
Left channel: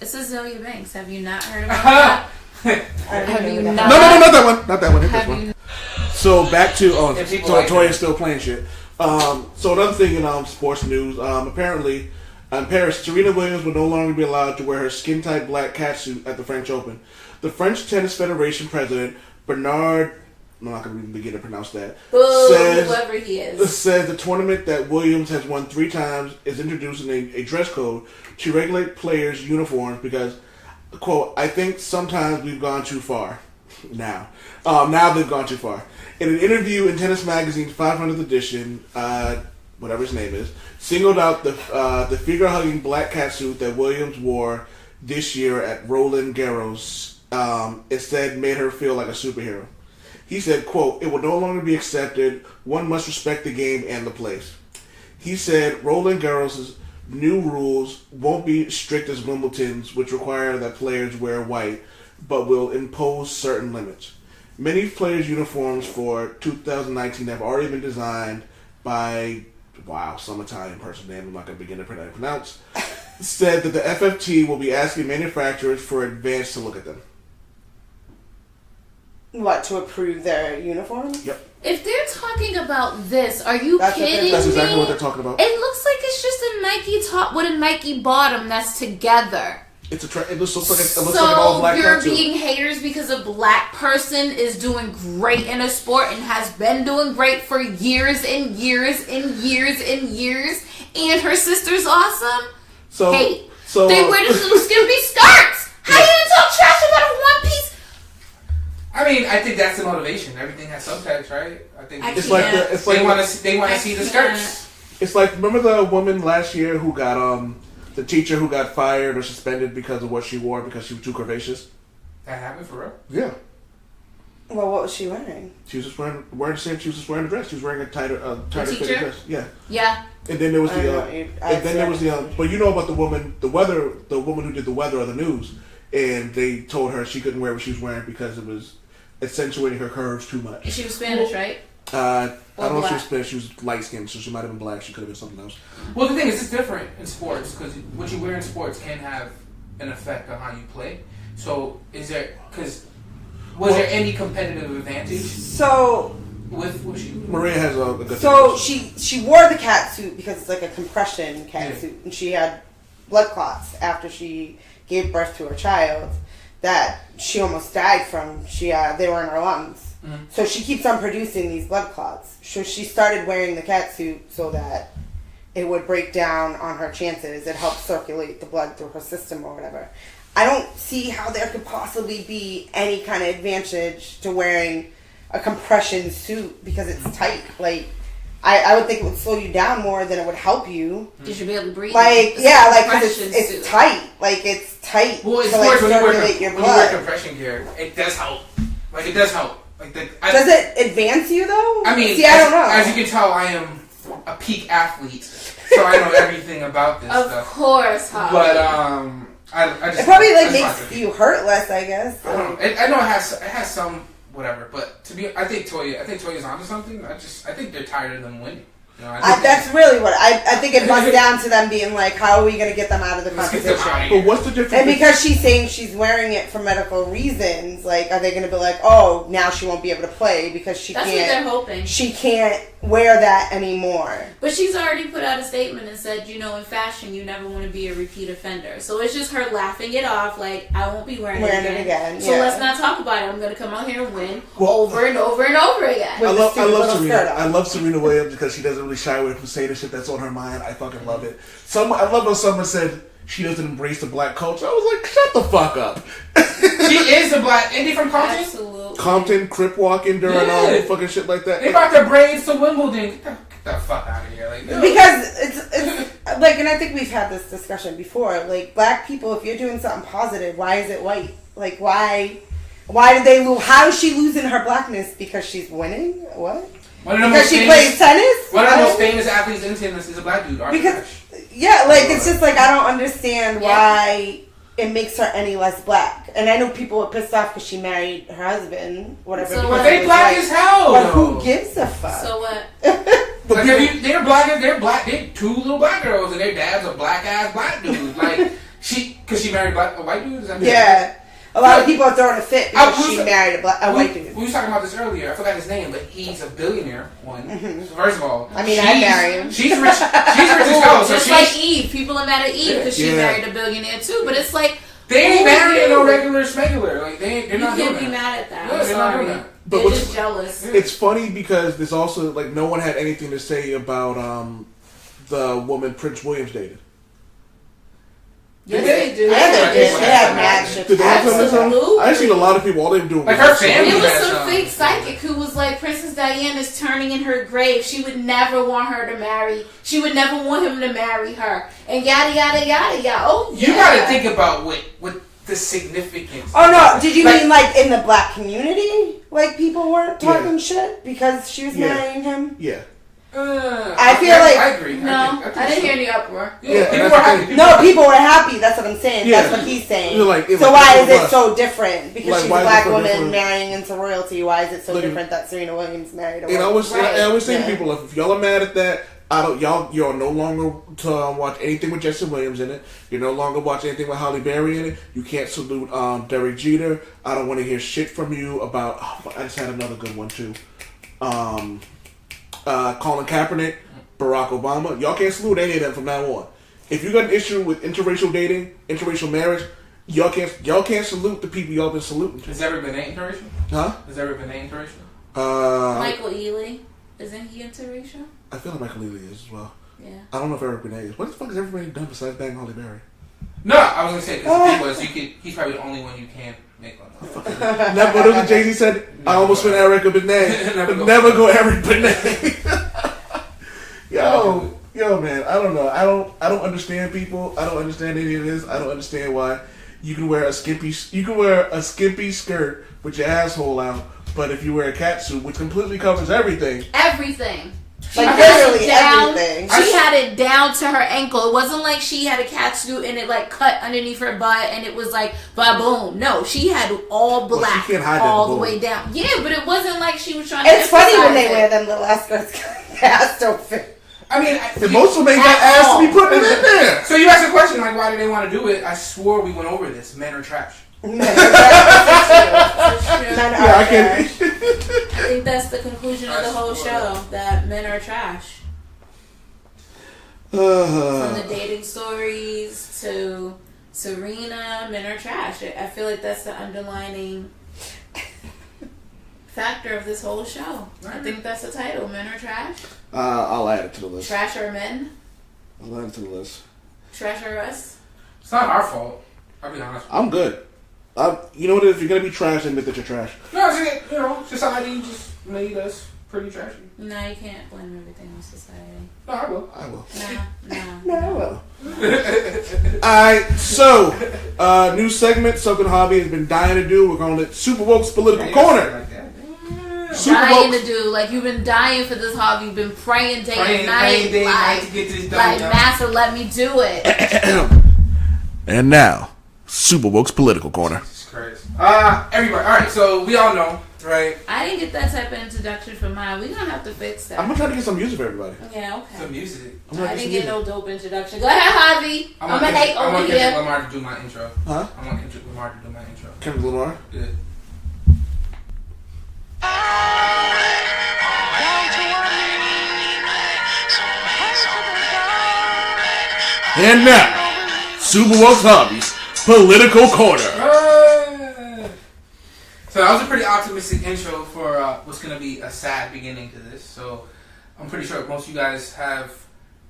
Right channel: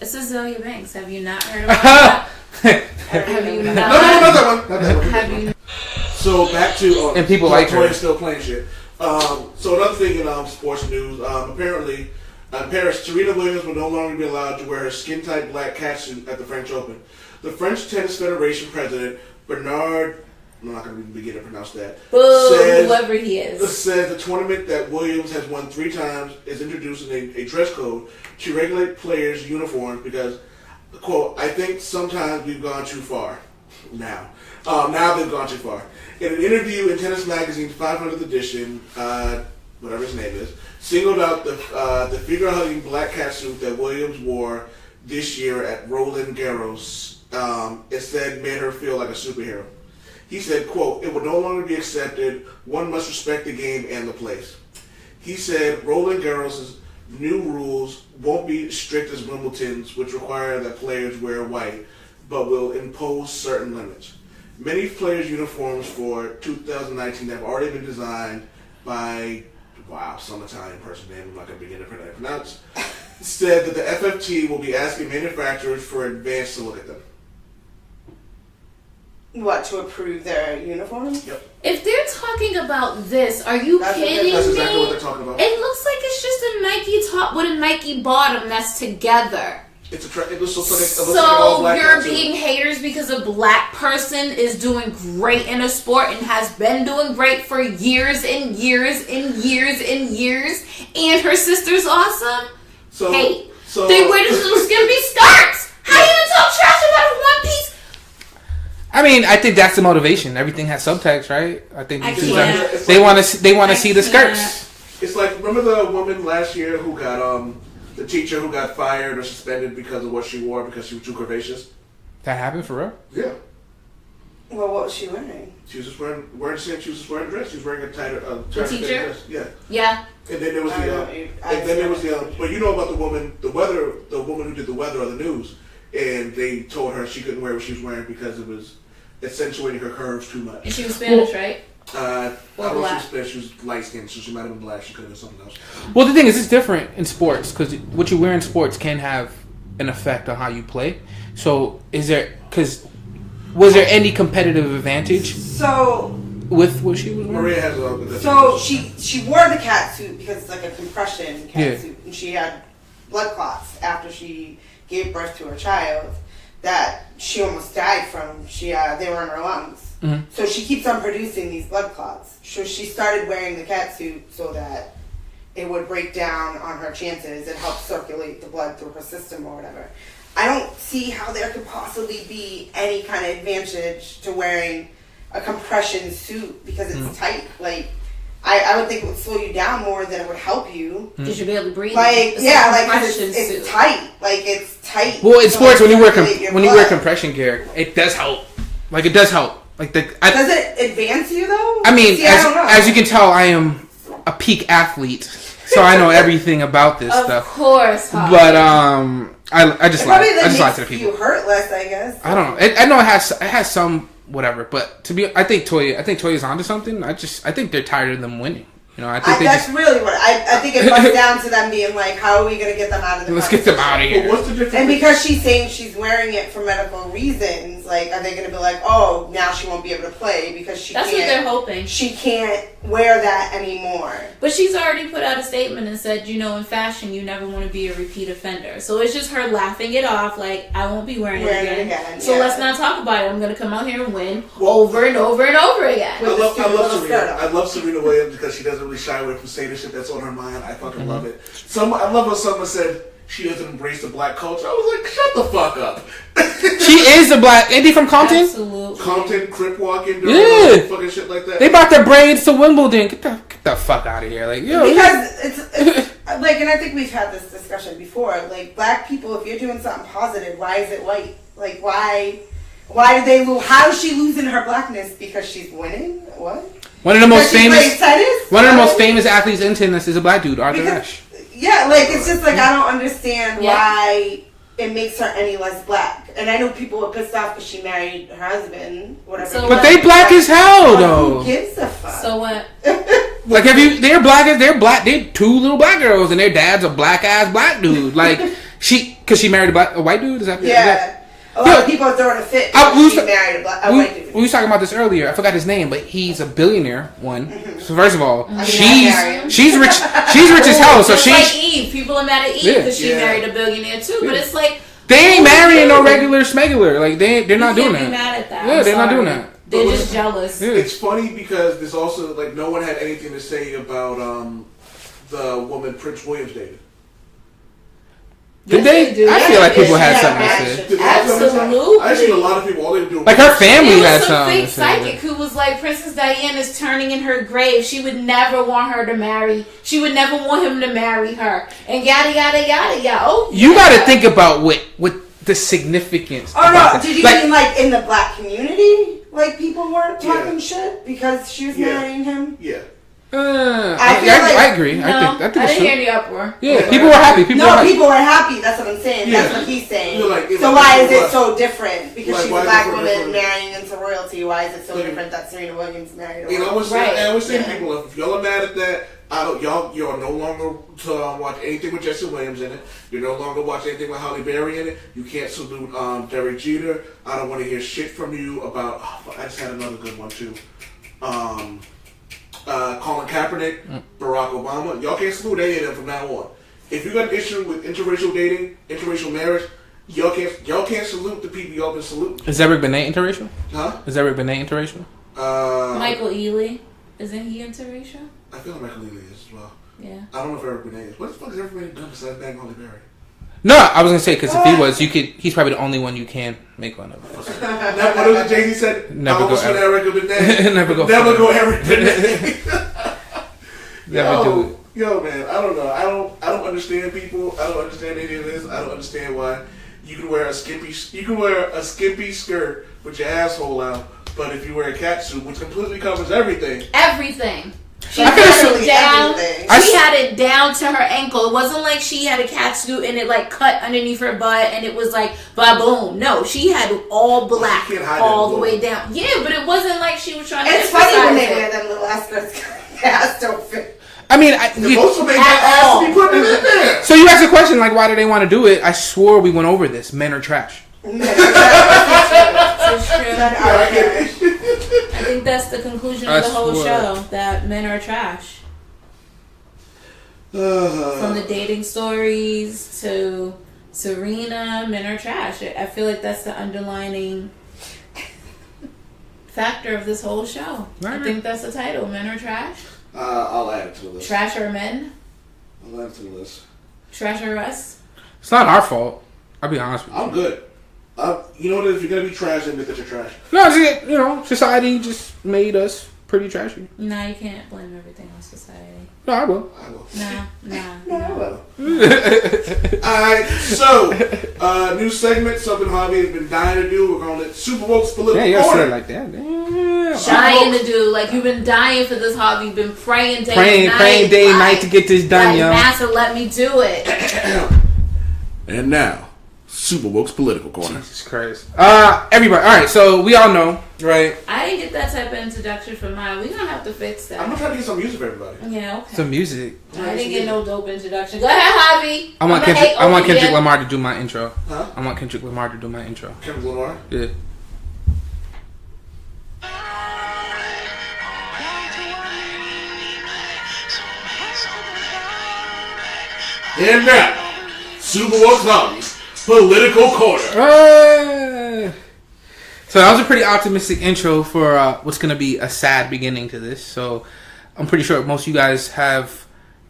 It's Azealia Banks. Have you not heard about that? Have you not? No, not that one. Have you? So back to and people like Toya's still playing shit. So another thing in sports news. Apparently, in Paris, Serena Williams will no longer be allowed to wear her skin-tight black catsuit at the French Open. The French Tennis Federation president, Bernard, I'm not going to begin to pronounce that, whoever he is, says the tournament that Williams has won 3 times is introducing a dress code to regulate players' uniforms because, quote, I think sometimes we've gone too far. Now they've gone too far. In an interview in Tennis Magazine's 500th edition, whatever his name is, singled out the figure-hugging black catsuit that Williams wore this year at Roland Garros. It said made her feel like a superhero. He said, quote, it will no longer be accepted. One must respect the game and the place. He said Roland Garros' new rules won't be strict as Wimbledon's, which require that players wear white, but will impose certain limits. Many players' uniforms for 2019 have already been designed by, some Italian person name I'm not going to begin to pronounce, said that the FFT will be asking manufacturers for advance to look at them. What, to approve their uniforms? Yep. If they're talking about this, are you kidding me? That's exactly what they're talking about. It looks like it's just a Nike top with a Nike bottom that's together. It looks so funny. So you're being haters because a black person is doing great in a sport and has been doing great for years and years and years and years, and her sister's awesome? So they wear these little skimpy skirts. How you gonna talk trash about a one piece? I mean, I think that's the motivation. Everything has subtext, right? I think they want to see the skirts. It's like, remember the woman last year who got the teacher who got fired or suspended because of what she wore because she was too curvaceous? That happened for real? Yeah. Well, what was she wearing? She was just wearing a dress. She was wearing a tighter teacher? dress. Yeah. Yeah. And then there was but you know about the woman who did the weather on the news, and they told her she couldn't wear what she was wearing because it was accentuating her curves too much. And she was Spanish, right? I don't know if she was Spanish. She was light skinned, so she might have been black. She could have been something else. Well, the thing is, it's different in sports because what you wear in sports can have an effect on how you play. So, was there any competitive advantage? So, with what she was wearing? Maria has a good So she wore the catsuit because it's like a compression catsuit, and she had blood clots after she gave birth to her child that she almost died from. They were in her lungs. Mm-hmm. So she keeps on producing these blood clots. So she started wearing the catsuit so that it would break down on her chances. It helps circulate the blood through her system or whatever. I don't see how there could possibly be any kind of advantage to wearing a compression suit because it's tight. Like, I would think it would slow you down more than it would help you. You should be able to breathe. Like, yeah, like, because it's tight. Like, it's tight. Well, in sports, like, when you wear compression gear, it does help. Like, it does help. Like, does it advance you, though? I mean, See, I don't know. as you can tell, I am a peak athlete, so I know everything about this stuff. Of course, but I just it probably makes you hurt less, I guess. I don't know. I know it has some whatever, but I think Toya's onto something. I think they're tired of them winning. You know, that's really what I think it comes down to them being like, how are we going to get them out of the Let's get them out of here. But what's the difference? And because she's saying she's wearing it for medical reasons, like, are they going to be like, oh, now she won't be able to play because That's what they're hoping. She can't wear that anymore. But she's already put out a statement and said, you know, in fashion, you never want to be a repeat offender. So it's just her laughing it off, like, I won't be wearing it again. So let's not talk about it. I'm going to come out here and win over and over and over again. I love Serena Williams because she doesn't really shy away from saying the shit that's on her mind. I fucking love it. I love how someone said she doesn't embrace the black culture. I was like, shut the fuck up. She is a black. Ain't he from Compton? Absolutely. Compton, Crip walking, doing fucking shit like that. They brought their braids to Wimbledon. Get the fuck out of here, like, yo. Because it's like, and I think we've had this discussion before. Like, black people, if you're doing something positive, why is it white? Like, why did they lose? How is she losing her blackness? Because she's winning? What? One of the most famous athletes in tennis is a black dude, Arthur Ashe. Yeah, like, it's just like, I don't understand why it makes her any less black. And I know people are pissed off because she married her husband, whatever. So but they black as hell, though. Who gives a fuck? So what? Like, they're black. They're two little black girls, and their dad's a black ass black dude. Like, because she married a white dude. Is that what a lot of people are throwing a fit because she married a white dude. We was talking about this earlier. I forgot his name, but he's a billionaire. Mm-hmm. So first of all, she's rich. She's rich as hell. So just she's like Eve. People are mad at Eve because she married a billionaire too. But it's like they ain't marrying no regular smuggler. Like they're not doing that. Be mad at that. Yeah, they're not doing that. They're just jealous. It's funny because there's also like no one had anything to say about the woman Prince Williams dated. Did they? I feel like people had something to say. Absolutely. I seen a lot of people. All they were doing like her family had something. It was some fake psychic who was like, Princess Diana is turning in her grave. She would never want her to marry. She would never want him to marry her. And yada yada yada yada. Oh, you got to think about what the significance. Oh no! Did you mean like in the black community? Like people weren't talking shit because she was marrying him? Yeah. I agree. No, I didn't hear the uproar. Yeah, people were happy. People were happy. That's what I'm saying. Yeah. That's what he's saying. So why is it so different? Because she's a black woman marrying into royalty. Why is it so different that Serena Williams married a royalty? I always say to people, if y'all are mad at that, you're no longer to watch anything with Jesse Williams in it. You no longer watch anything with Halle Berry in it. You can't salute Derek Jeter. I don't want to hear shit from you about. I just had another good one too. Colin Kaepernick, Barack Obama. Y'all can't salute any of them from now on. If you got an issue with interracial dating, interracial marriage, y'all can't salute the people y'all been saluting. Is Eric Benet interracial? Huh? Is Eric Benet interracial? Michael Ealy, isn't he interracial? I feel like Michael Ealy is as well. Yeah. I don't know if Eric Benet is. What the fuck has everybody done besides bang Halle Berry? No, I was gonna say because if he was, he's probably the only one you can make fun of. Never. What was Jay-Z said? I almost went Eric Benet. Never go Eric Benet. Yo, man, I don't know. I don't understand people. I don't understand any of this. I don't understand why you can wear a skimpy skirt with your asshole out, but if you wear a catsuit, which completely covers everything. She had it down to her ankle. It wasn't like she had a catsuit and it like cut underneath her butt and it was like ba-boom. No, she had all black all the way down. Yeah, but it wasn't like she was trying to. It's funny when they wear them little skirts. Ass don't fit. I mean, most of them got ass to be putting it in there. So you asked a question like, why do they want to do it? I swore we went over this. Men are trash. I think that's the conclusion of the whole show, that men are trash. From the dating stories to Serena, men are trash. I feel like that's the underlining factor of this whole show. Right. I think that's the title, Men Are Trash. I'll add it to the list. Trash are men? I'll add it to the list. Trash are us? It's not our fault. I'll be honest with you. I'm good. You know what? If you're gonna be trash, admit that you're trash. No, society just made us pretty trashy. No, you can't blame everything on society. No, I will. No. Alright, so, new segment, something Javi has been dying to do. We're calling it Supa Wokes Political Corner. Like that. Dying to do, like you've been dying for this hobby. You've been praying day and night. Praying day and night to get this done, yo. Master, let me do it. And now, Supa Wokes Political Corner. Jesus Christ. Everybody, alright, so we all know, right? I didn't get that type of introduction for mine. We're gonna have to fix that. I'm gonna try to get some music for everybody. Yeah, okay. Some music. I didn't get no dope introduction. Go ahead, Javi. I want Kendrick Lamar to do my intro. Huh? I want Kendrick Lamar to do my intro. Kendrick Lamar? Yeah. And now, Supa Wokes Hobbies Political Corner. So that was a pretty optimistic intro for what's going to be a sad beginning to this. So I'm pretty sure most of you guys have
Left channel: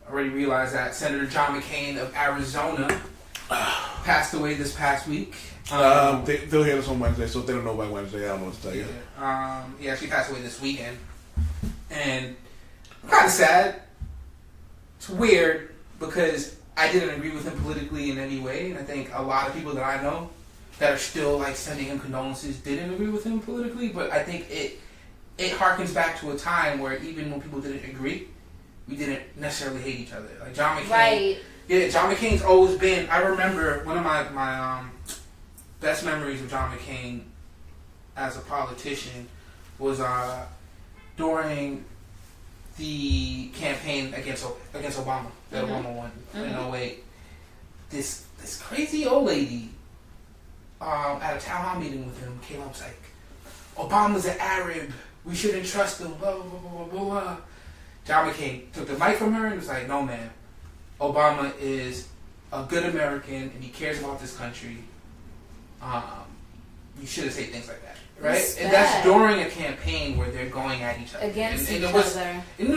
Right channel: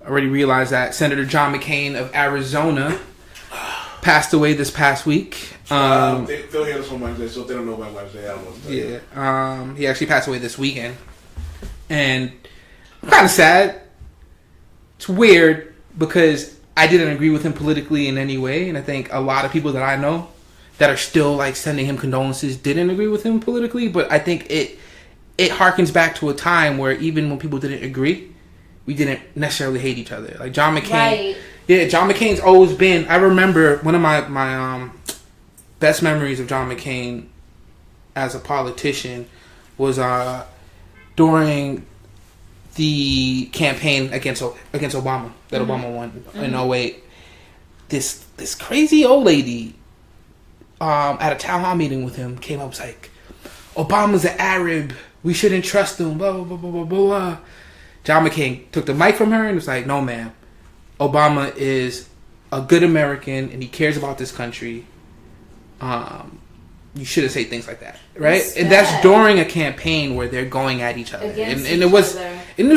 already realized that Senator John McCain of Arizona passed away this past week. They'll hear this on Wednesday, so if they don't know about Wednesday, I don't know what to tell you. He actually passed away this weekend. And I'm kind of sad. It's weird because I didn't agree with him politically in any way, and I think a lot of people that I know that are still like sending him condolences didn't agree with him politically. But I think it harkens back to a time where even when people didn't agree, we didn't necessarily hate each other. Like John McCain, right? Yeah, John McCain's always been. I remember one of my best memories of John McCain as a politician was during the campaign against Obama that Obama won in 2008. This crazy old lady at a town hall meeting with him came up and was like, Obama's an Arab, we shouldn't trust him, blah blah blah blah blah blah. John McCain took the mic from her and was like, no ma'am, Obama is a good American and he cares about this country. You shouldn't say things like that, right? And that's during a campaign where they're going at each other, and it was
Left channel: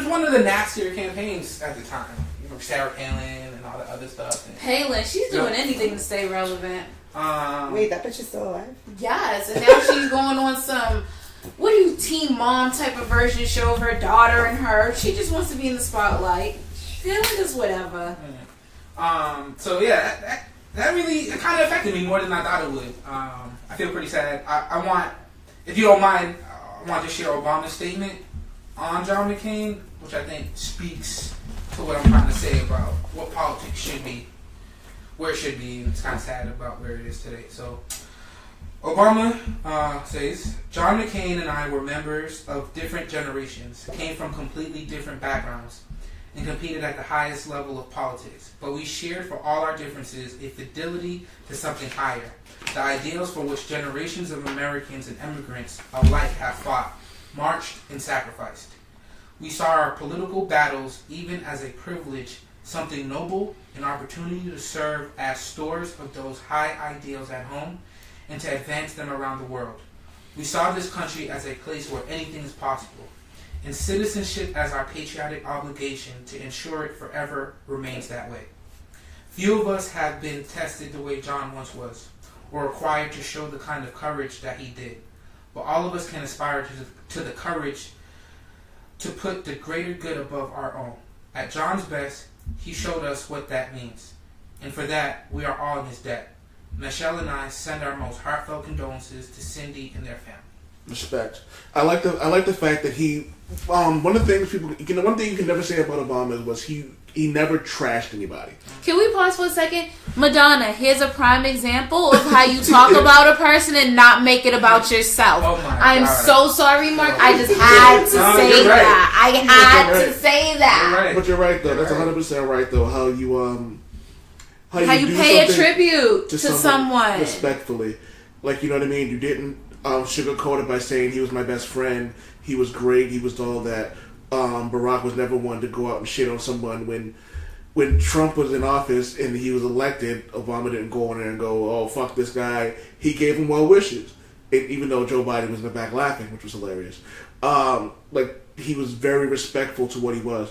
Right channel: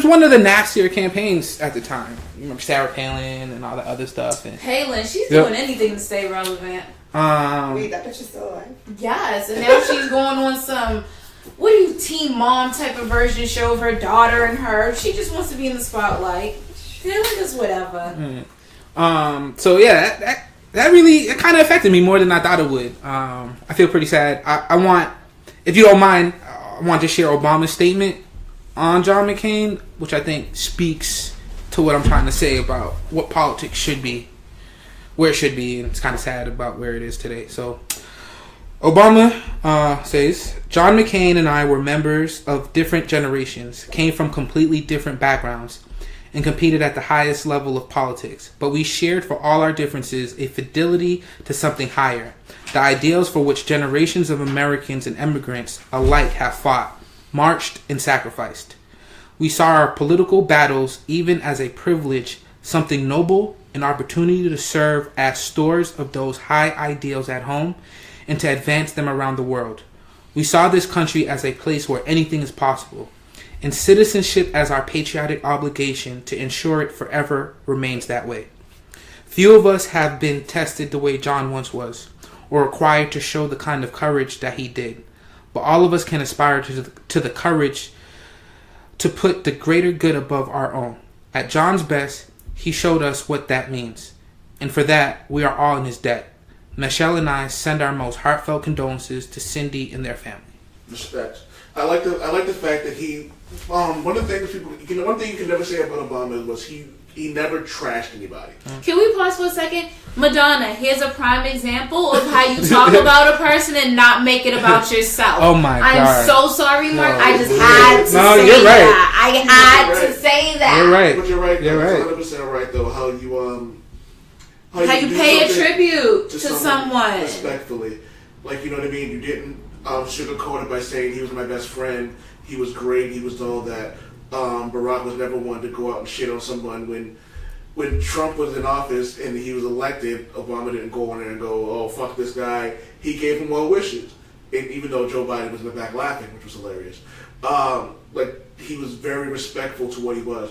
one of the nastier campaigns at the time. You remember Sarah Palin and all that other stuff. And Palin, she's doing anything to stay relevant. Wait, that bitch is still alive? Yes, and now she's going on some Teen Mom type of version show of her daughter and her. She just wants to be in the spotlight. Feeling just whatever. So yeah, that really kind of affected me more than I thought it would. I feel pretty sad. I want, if you don't mind, I want to share Obama's statement on John McCain, which I think speaks to what I'm trying to say about what politics should be, where it should be, and it's kind of sad about where it is today. So Obama says, John McCain and I were members of different generations, came from completely different backgrounds, and competed at the highest level of politics. But we shared for all our differences a fidelity to something higher, the ideals for which generations of Americans and immigrants alike have fought, marched, and sacrificed. We saw our political battles even as a privilege, something noble, an opportunity to serve as stewards of those high ideals at home and to advance them around the world. We saw this country as a place where anything is possible, and citizenship as our patriotic obligation to ensure it forever remains that way. Few of us have been tested the way John once was, or required to show the kind of courage that he did, but all of us can aspire to the courage to put the greater good above our own. At John's best, he showed us what that means, and for that, we are all in his debt. Michelle and I send our most heartfelt condolences to Cindy and their family. Respect. I like the fact that he. One of the things one thing you can never say about Obama was he never trashed anybody. Can we pause for a second? Madonna, here's a prime example of how you talk about a person and not make it about yourself. Oh my God. I'm so sorry, Mark. I just had to say that. I had to say that. You're right. But you're right. You're That's right. 100% right, though. How you pay a tribute to someone. Respectfully. Like, you know what I mean? You didn't sugarcoat it by saying he was my best friend. He was great. He was all that. Barack was never one to go out and shit on someone. When Trump was in office and he was elected, Obama didn't go on there and go, oh, fuck this guy. He gave him well wishes. Even though Joe Biden was in the back laughing, which was hilarious. He was very respectful to what he was.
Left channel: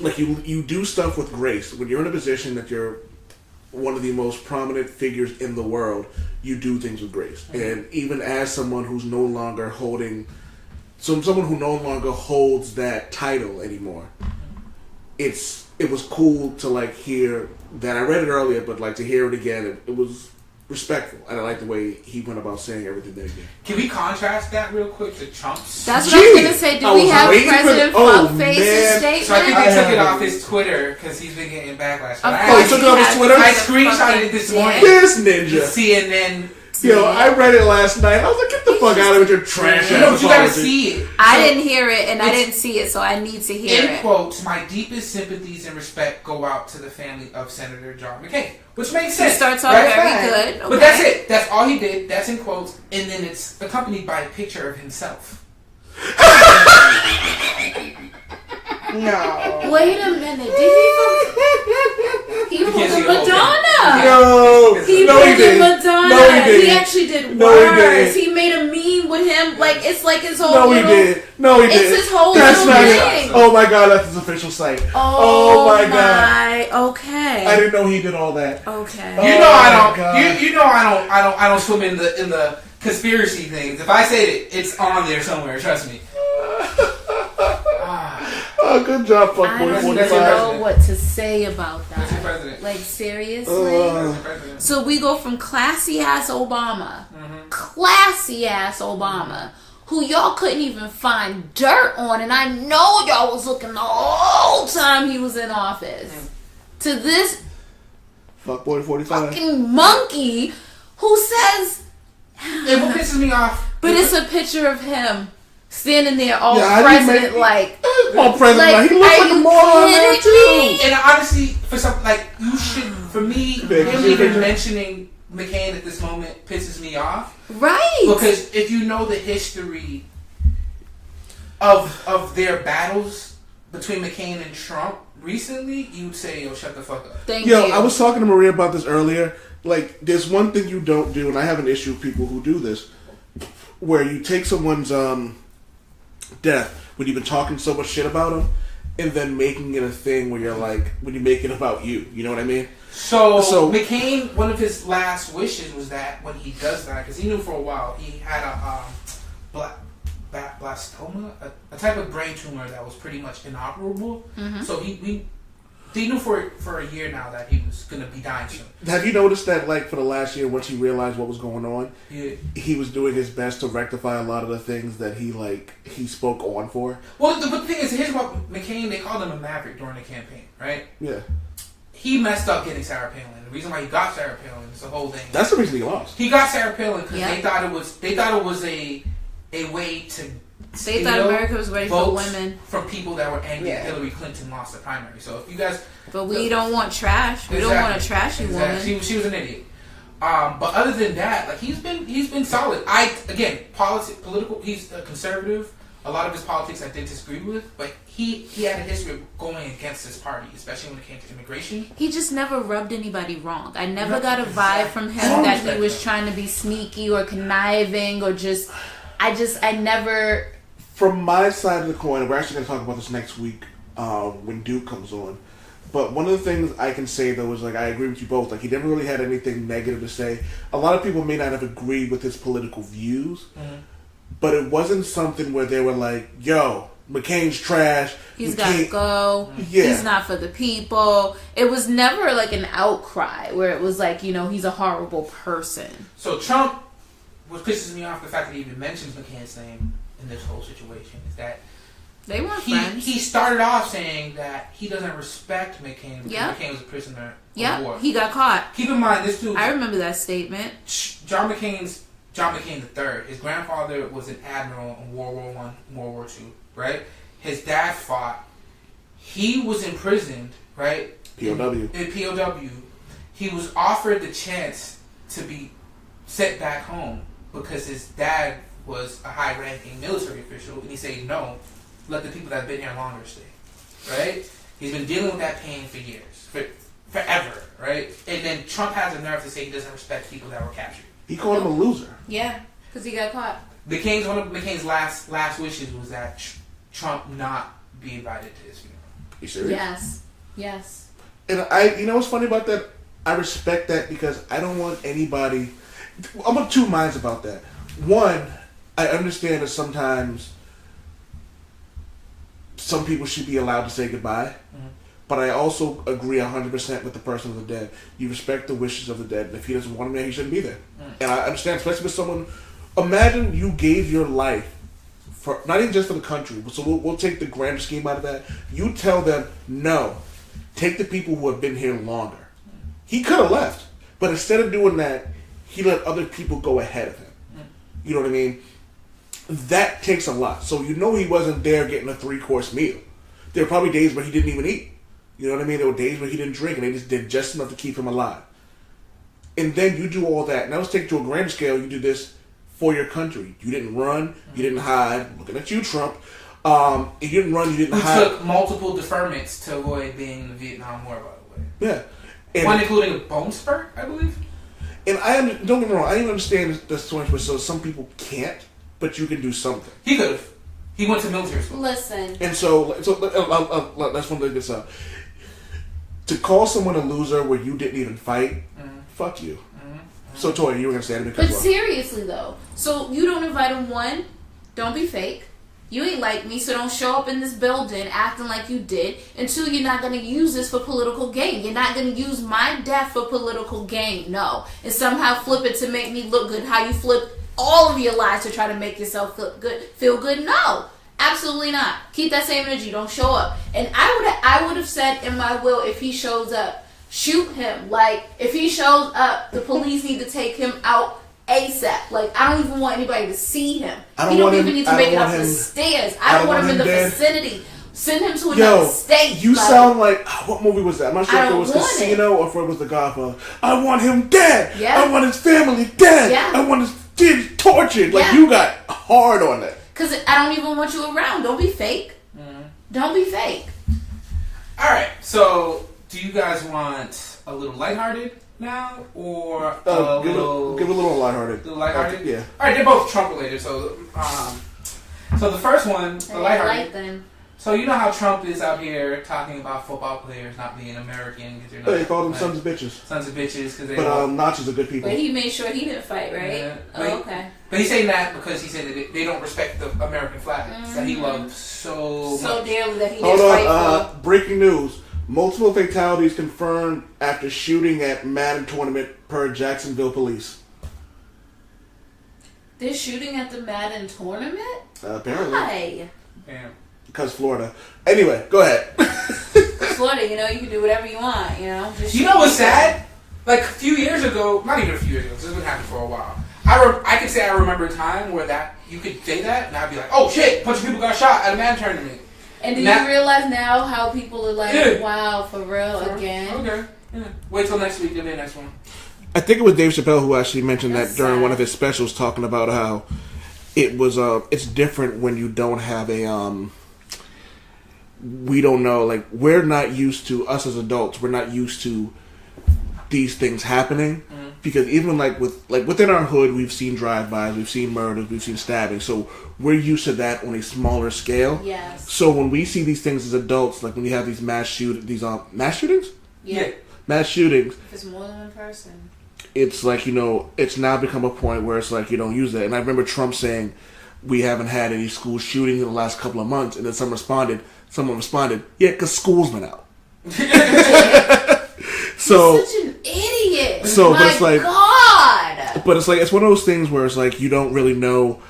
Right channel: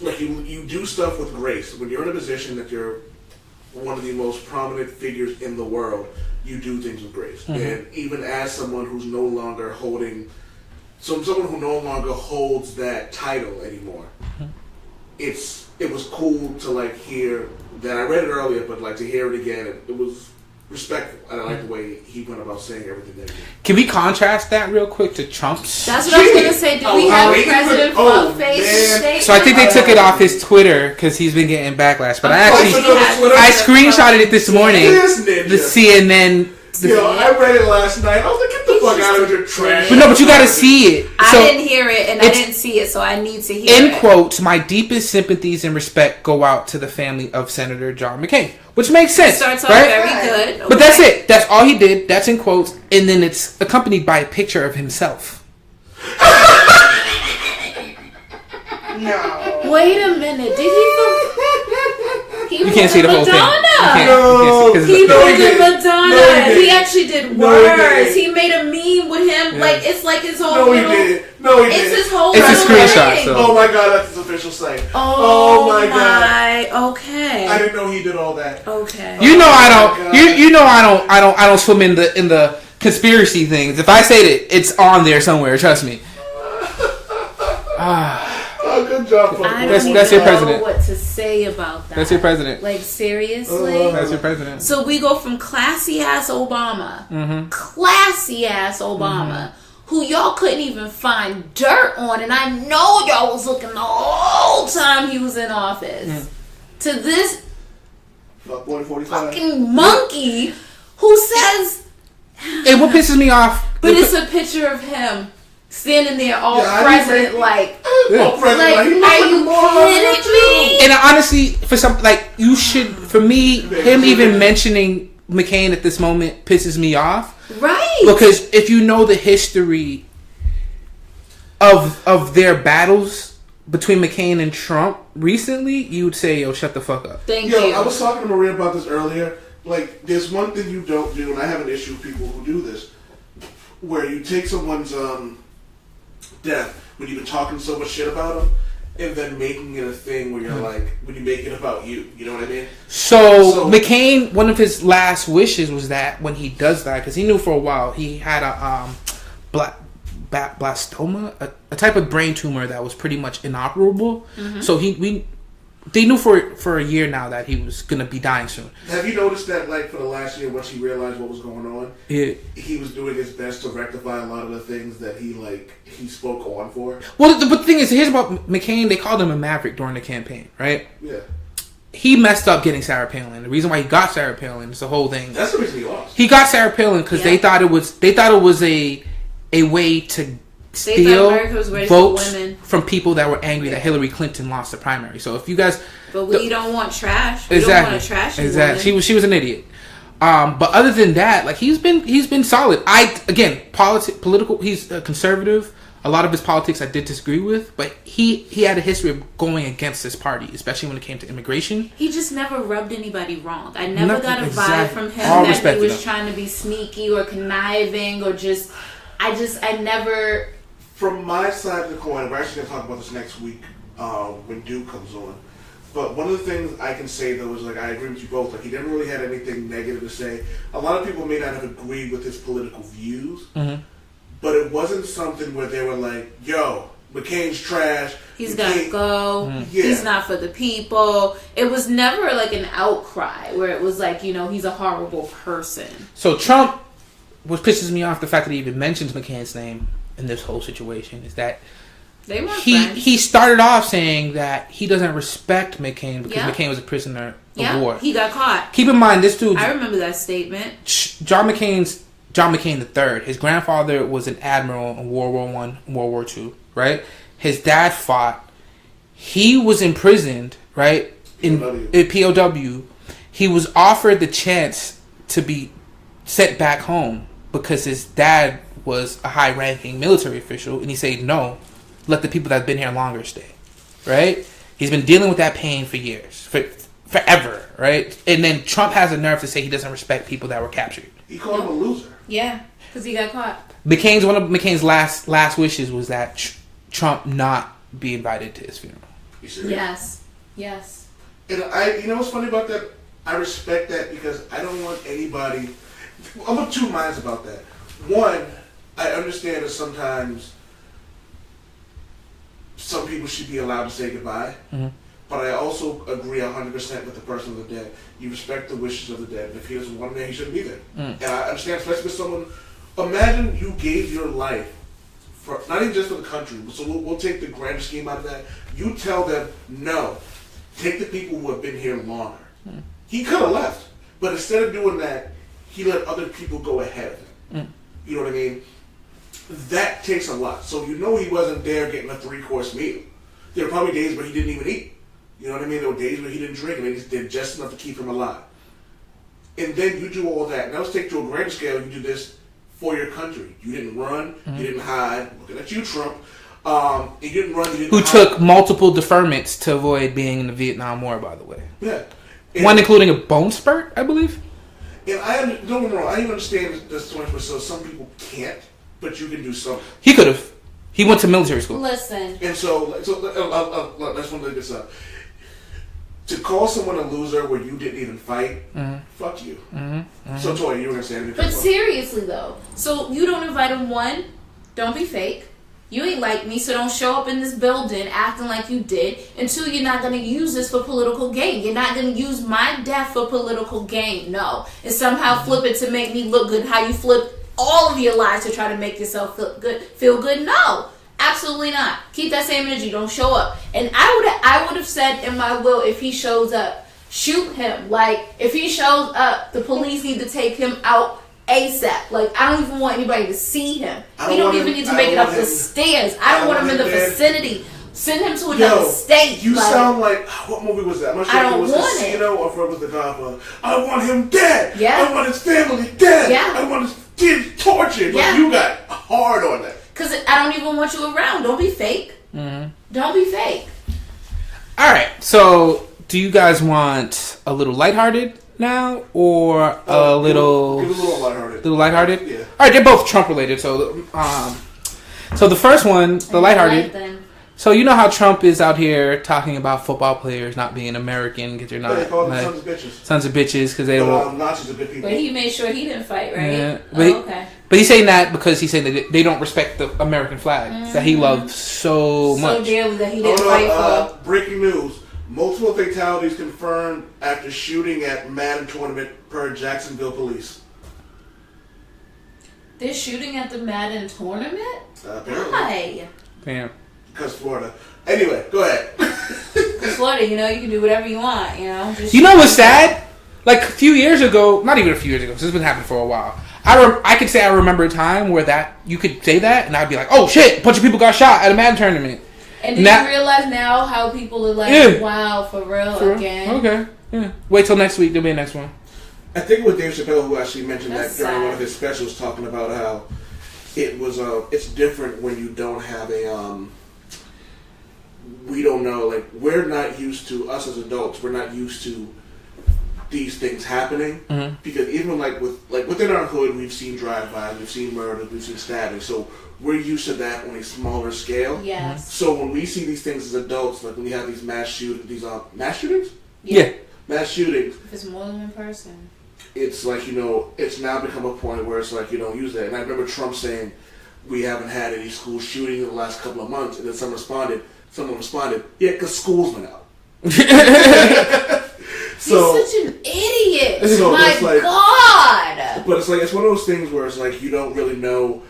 Like, you do stuff with grace. When you're in a position that you're one of the most prominent figures in the world, you do things with grace. Mm-hmm. And even as someone who's no longer holding So I'm someone who no longer holds that title anymore. It was cool to like hear that. I read it earlier, but like to hear it again, it was respectful, and I like the way he went about saying everything that he did. Can we contrast that real quick to Trump's? That's what I was gonna say. Do we have President Fuckface statement? So I think they took it off his Twitter because he's been getting backlash. But I screenshotted it this morning. The CNN. Yo, I read it last night. I was like, get the fuck out of here, trash. No, but you gotta see it. I didn't hear it, and I didn't see it, so I need to hear it. In quotes, my deepest sympathies and respect go out to the family of Senator John McCain. Which makes sense. It starts off right? very good. Okay. But that's it. That's all he did. That's in quotes. And then it's accompanied by a picture of himself. No. Wait a minute. Did he You can't see the whole thing. Madonna. No. He did Madonna. No, he he actually did worse. He made a meme with him. Like, it's like his whole No, he did. No, he did. It's his whole It's a little screenshot, thing. so. Oh my god, that's his official site. Oh my god. Okay. I didn't know he did all that. Okay. You know Oh I don't. You know I don't swim in the conspiracy things. If I say it, it's on there somewhere. Trust me. Oh, good job, fuck. I That's don't your know president. what to say about that. That's your president. Like, seriously? That's your president. So we go from classy ass Obama, Mm-hmm. classy ass Obama, who y'all couldn't even find dirt on, and I know y'all was looking the whole time he was in office, to this Fuck boy 45. fucking monkey who says, And what pisses me off? but it's a picture of him standing there all Yeah, president like. All president, Like, he looks are like a you moron kidding too. me? And honestly, for some, like, you should, for me, him even mentioning McCain at this moment pisses me off. Right. Because if you know the history of their battles between McCain and Trump recently, you would say, yo, shut the fuck up. Thank Yo, you. I was talking to Maria about this earlier. Like, there's one thing you don't do, and I have an issue with people who do this, where you take someone's death when you've been talking so much shit about them, and then making it a thing where you're like, when you make it about you. You know what I mean? So McCain, one of his last wishes was that when he does die, because he knew for a while he had a blastoma, a type of brain tumor that was pretty much inoperable. So they knew for a year now that he was gonna be dying soon. Have you noticed that, like, for the last year, once he realized what was going on, Yeah. he was doing his best to rectify a lot of the things that he spoke on for? Well, but the thing is, here's about McCain. They called him a maverick during the campaign, right? Yeah. He messed up getting Sarah Palin. The reason why he got Sarah Palin is the whole thing. That's the reason he lost. He got Sarah Palin because they thought it was a way to They thought America was ready for votes women. from people that were angry that Hillary Clinton lost the primary. So if you guys, But we don't want trash. We don't want a trashy woman. She was an idiot. But other than that, like he's been solid. Political. He's a conservative. A lot of his politics I did disagree with, but he had a history of going against this party, especially when it came to immigration. He just never rubbed anybody wrong. I never No, got a vibe exactly. from him All that respect he was to them. trying to be sneaky or conniving or just. I never. From my side of the coin, we're actually going to talk about this next week when Duke comes on. But one of the things I can say, though, is, like, I agree with you both. Like, he never really had anything negative to say. A lot of people may not have agreed with his political views, but it wasn't something where they were like, yo, McCain's trash. He's got to go. Yeah. He's not for the people. It was never like an outcry where it was like, he's a horrible person. So Trump, what pisses me off, the fact that he even mentions McCain's name in this whole situation, is that They weren't friends. he started off saying that he doesn't respect McCain because McCain was a prisoner of war. He got caught. Keep in mind, this dude, I remember that statement. John McCain III. His grandfather was an admiral in World War I, World War II, right? His dad fought. He was imprisoned, right? In POW. He was offered the chance to be sent back home because his dad was a high-ranking military official, and he said, no, let the people that have been here longer stay, right? He's been dealing with that pain for years, forever, right? And then Trump has the nerve to say he doesn't respect people that were captured. He called him a loser. Yeah, because he got caught. One of McCain's last wishes was that Trump not be invited to his funeral. You serious? Yes. And you know what's funny about that? I respect that because I don't want anybody. I'm of two minds about that. One, I understand that sometimes some people should be allowed to say goodbye. Mm-hmm. But I also agree 100% with the person of the dead. You respect the wishes of the dead. And if he doesn't want him there, he shouldn't be there. Mm. And I understand, especially with someone. Imagine you gave your life for not even just for the country. So we'll take the grander scheme out of that. You tell them no. Take the people who have been here longer. Mm. He could have left, but instead of doing that, he let other people go ahead of him. Mm. You know what I mean? That takes a lot. So he wasn't there getting a 3-course meal. There were probably days where he didn't even eat. You know what I mean? There were days where he didn't drink, and they just did just enough to keep him alive. And then you do all that. Now let's take it to a grand scale. You do this for your country. You didn't run. Mm-hmm. You didn't hide. Looking at you, Trump. You didn't run. You didn't hide. Who took multiple deferments to avoid being in the Vietnam War, by the way. Yeah. And one including a bone spurt, I believe. And don't get me wrong. I even understand the 20%. So some people can't, but you can do something. He could have. He went to military school. Listen. And so let's one look this up. To call someone a loser where you didn't even fight, fuck you. Mm-hmm. Mm-hmm. So, Toya, you were going to say anything. But seriously, though. So, you don't invite him, one, don't be fake. You ain't like me, so don't show up in this building acting like you did. And two, you're not going to use this for political gain. You're not going to use my death for political gain. No. And somehow flip it to make me look good. How you flip all of your lies to try to make yourself feel good. No. Absolutely not. Keep that same energy. Don't show up. And I would have said in my will, if he shows up, shoot him. Like, if he shows up, the police need to take him out ASAP. Like, I don't even want anybody to see him. He don't even need to make it up the stairs. I don't want him in the vicinity. Send him to another state. You sound like, what movie was that? I'm not sure if it was Casino or if it was The Godfather. I want him dead. Yeah. I want his family dead. Yeah. I want his kids tortured. Like, you got hard on that. Because I don't even want you around. Don't be fake. Mm-hmm. Don't be fake. All right. So, do you guys want a little lighthearted now, or a little? Give a little lighthearted. Little lighthearted. Yeah. All right. They're both Trump related. So, so the first one, the lighthearted. So you know how Trump is out here talking about football players not being American because they're not. They call them sons of bitches. Sons of bitches because they don't. Nazis are good people. But he made sure he didn't fight, right? Yeah. Okay. But he's saying that because he's saying that they don't respect the American flag that he loves so much. So dearly that he didn't fight for. Breaking news. Multiple fatalities confirmed after shooting at Madden tournament per Jacksonville police. They're shooting at the Madden tournament? Apparently. Why? Damn. Because Florida. Anyway, go ahead. Florida, you can do whatever you want, Just you know what's sad? Like a few years ago, not even a few years ago, because it's been happening for a while. I could say I remember a time where you could say that, and I'd be like, oh shit, a bunch of people got shot at a Madden tournament. And do you realize now how people are like, wow, for real, again? Okay, yeah. Wait till next week, there'll be a next one. I think it was Dave Chappelle who actually mentioned that during one of his specials, talking about how it was, it's different when you don't have a, we don't know, like, we're not used to, us as adults, we're not used to these things happening, because even within our hood, we've seen drive-bys, we've seen murders, we've seen stabbing, so we're used to that on a smaller scale. Yes. So when we see these things as adults, like when you have these mass shootings, mass shootings. If it's more than one person, it's like it's now become a point where it's like you don't use that. And I remember Trump saying, "We haven't had any school shooting in the last couple of months," and then someone responded, "Yeah, because school's been out." So you're such an idiot. So my God. But it's one of those things where it's like you don't really know.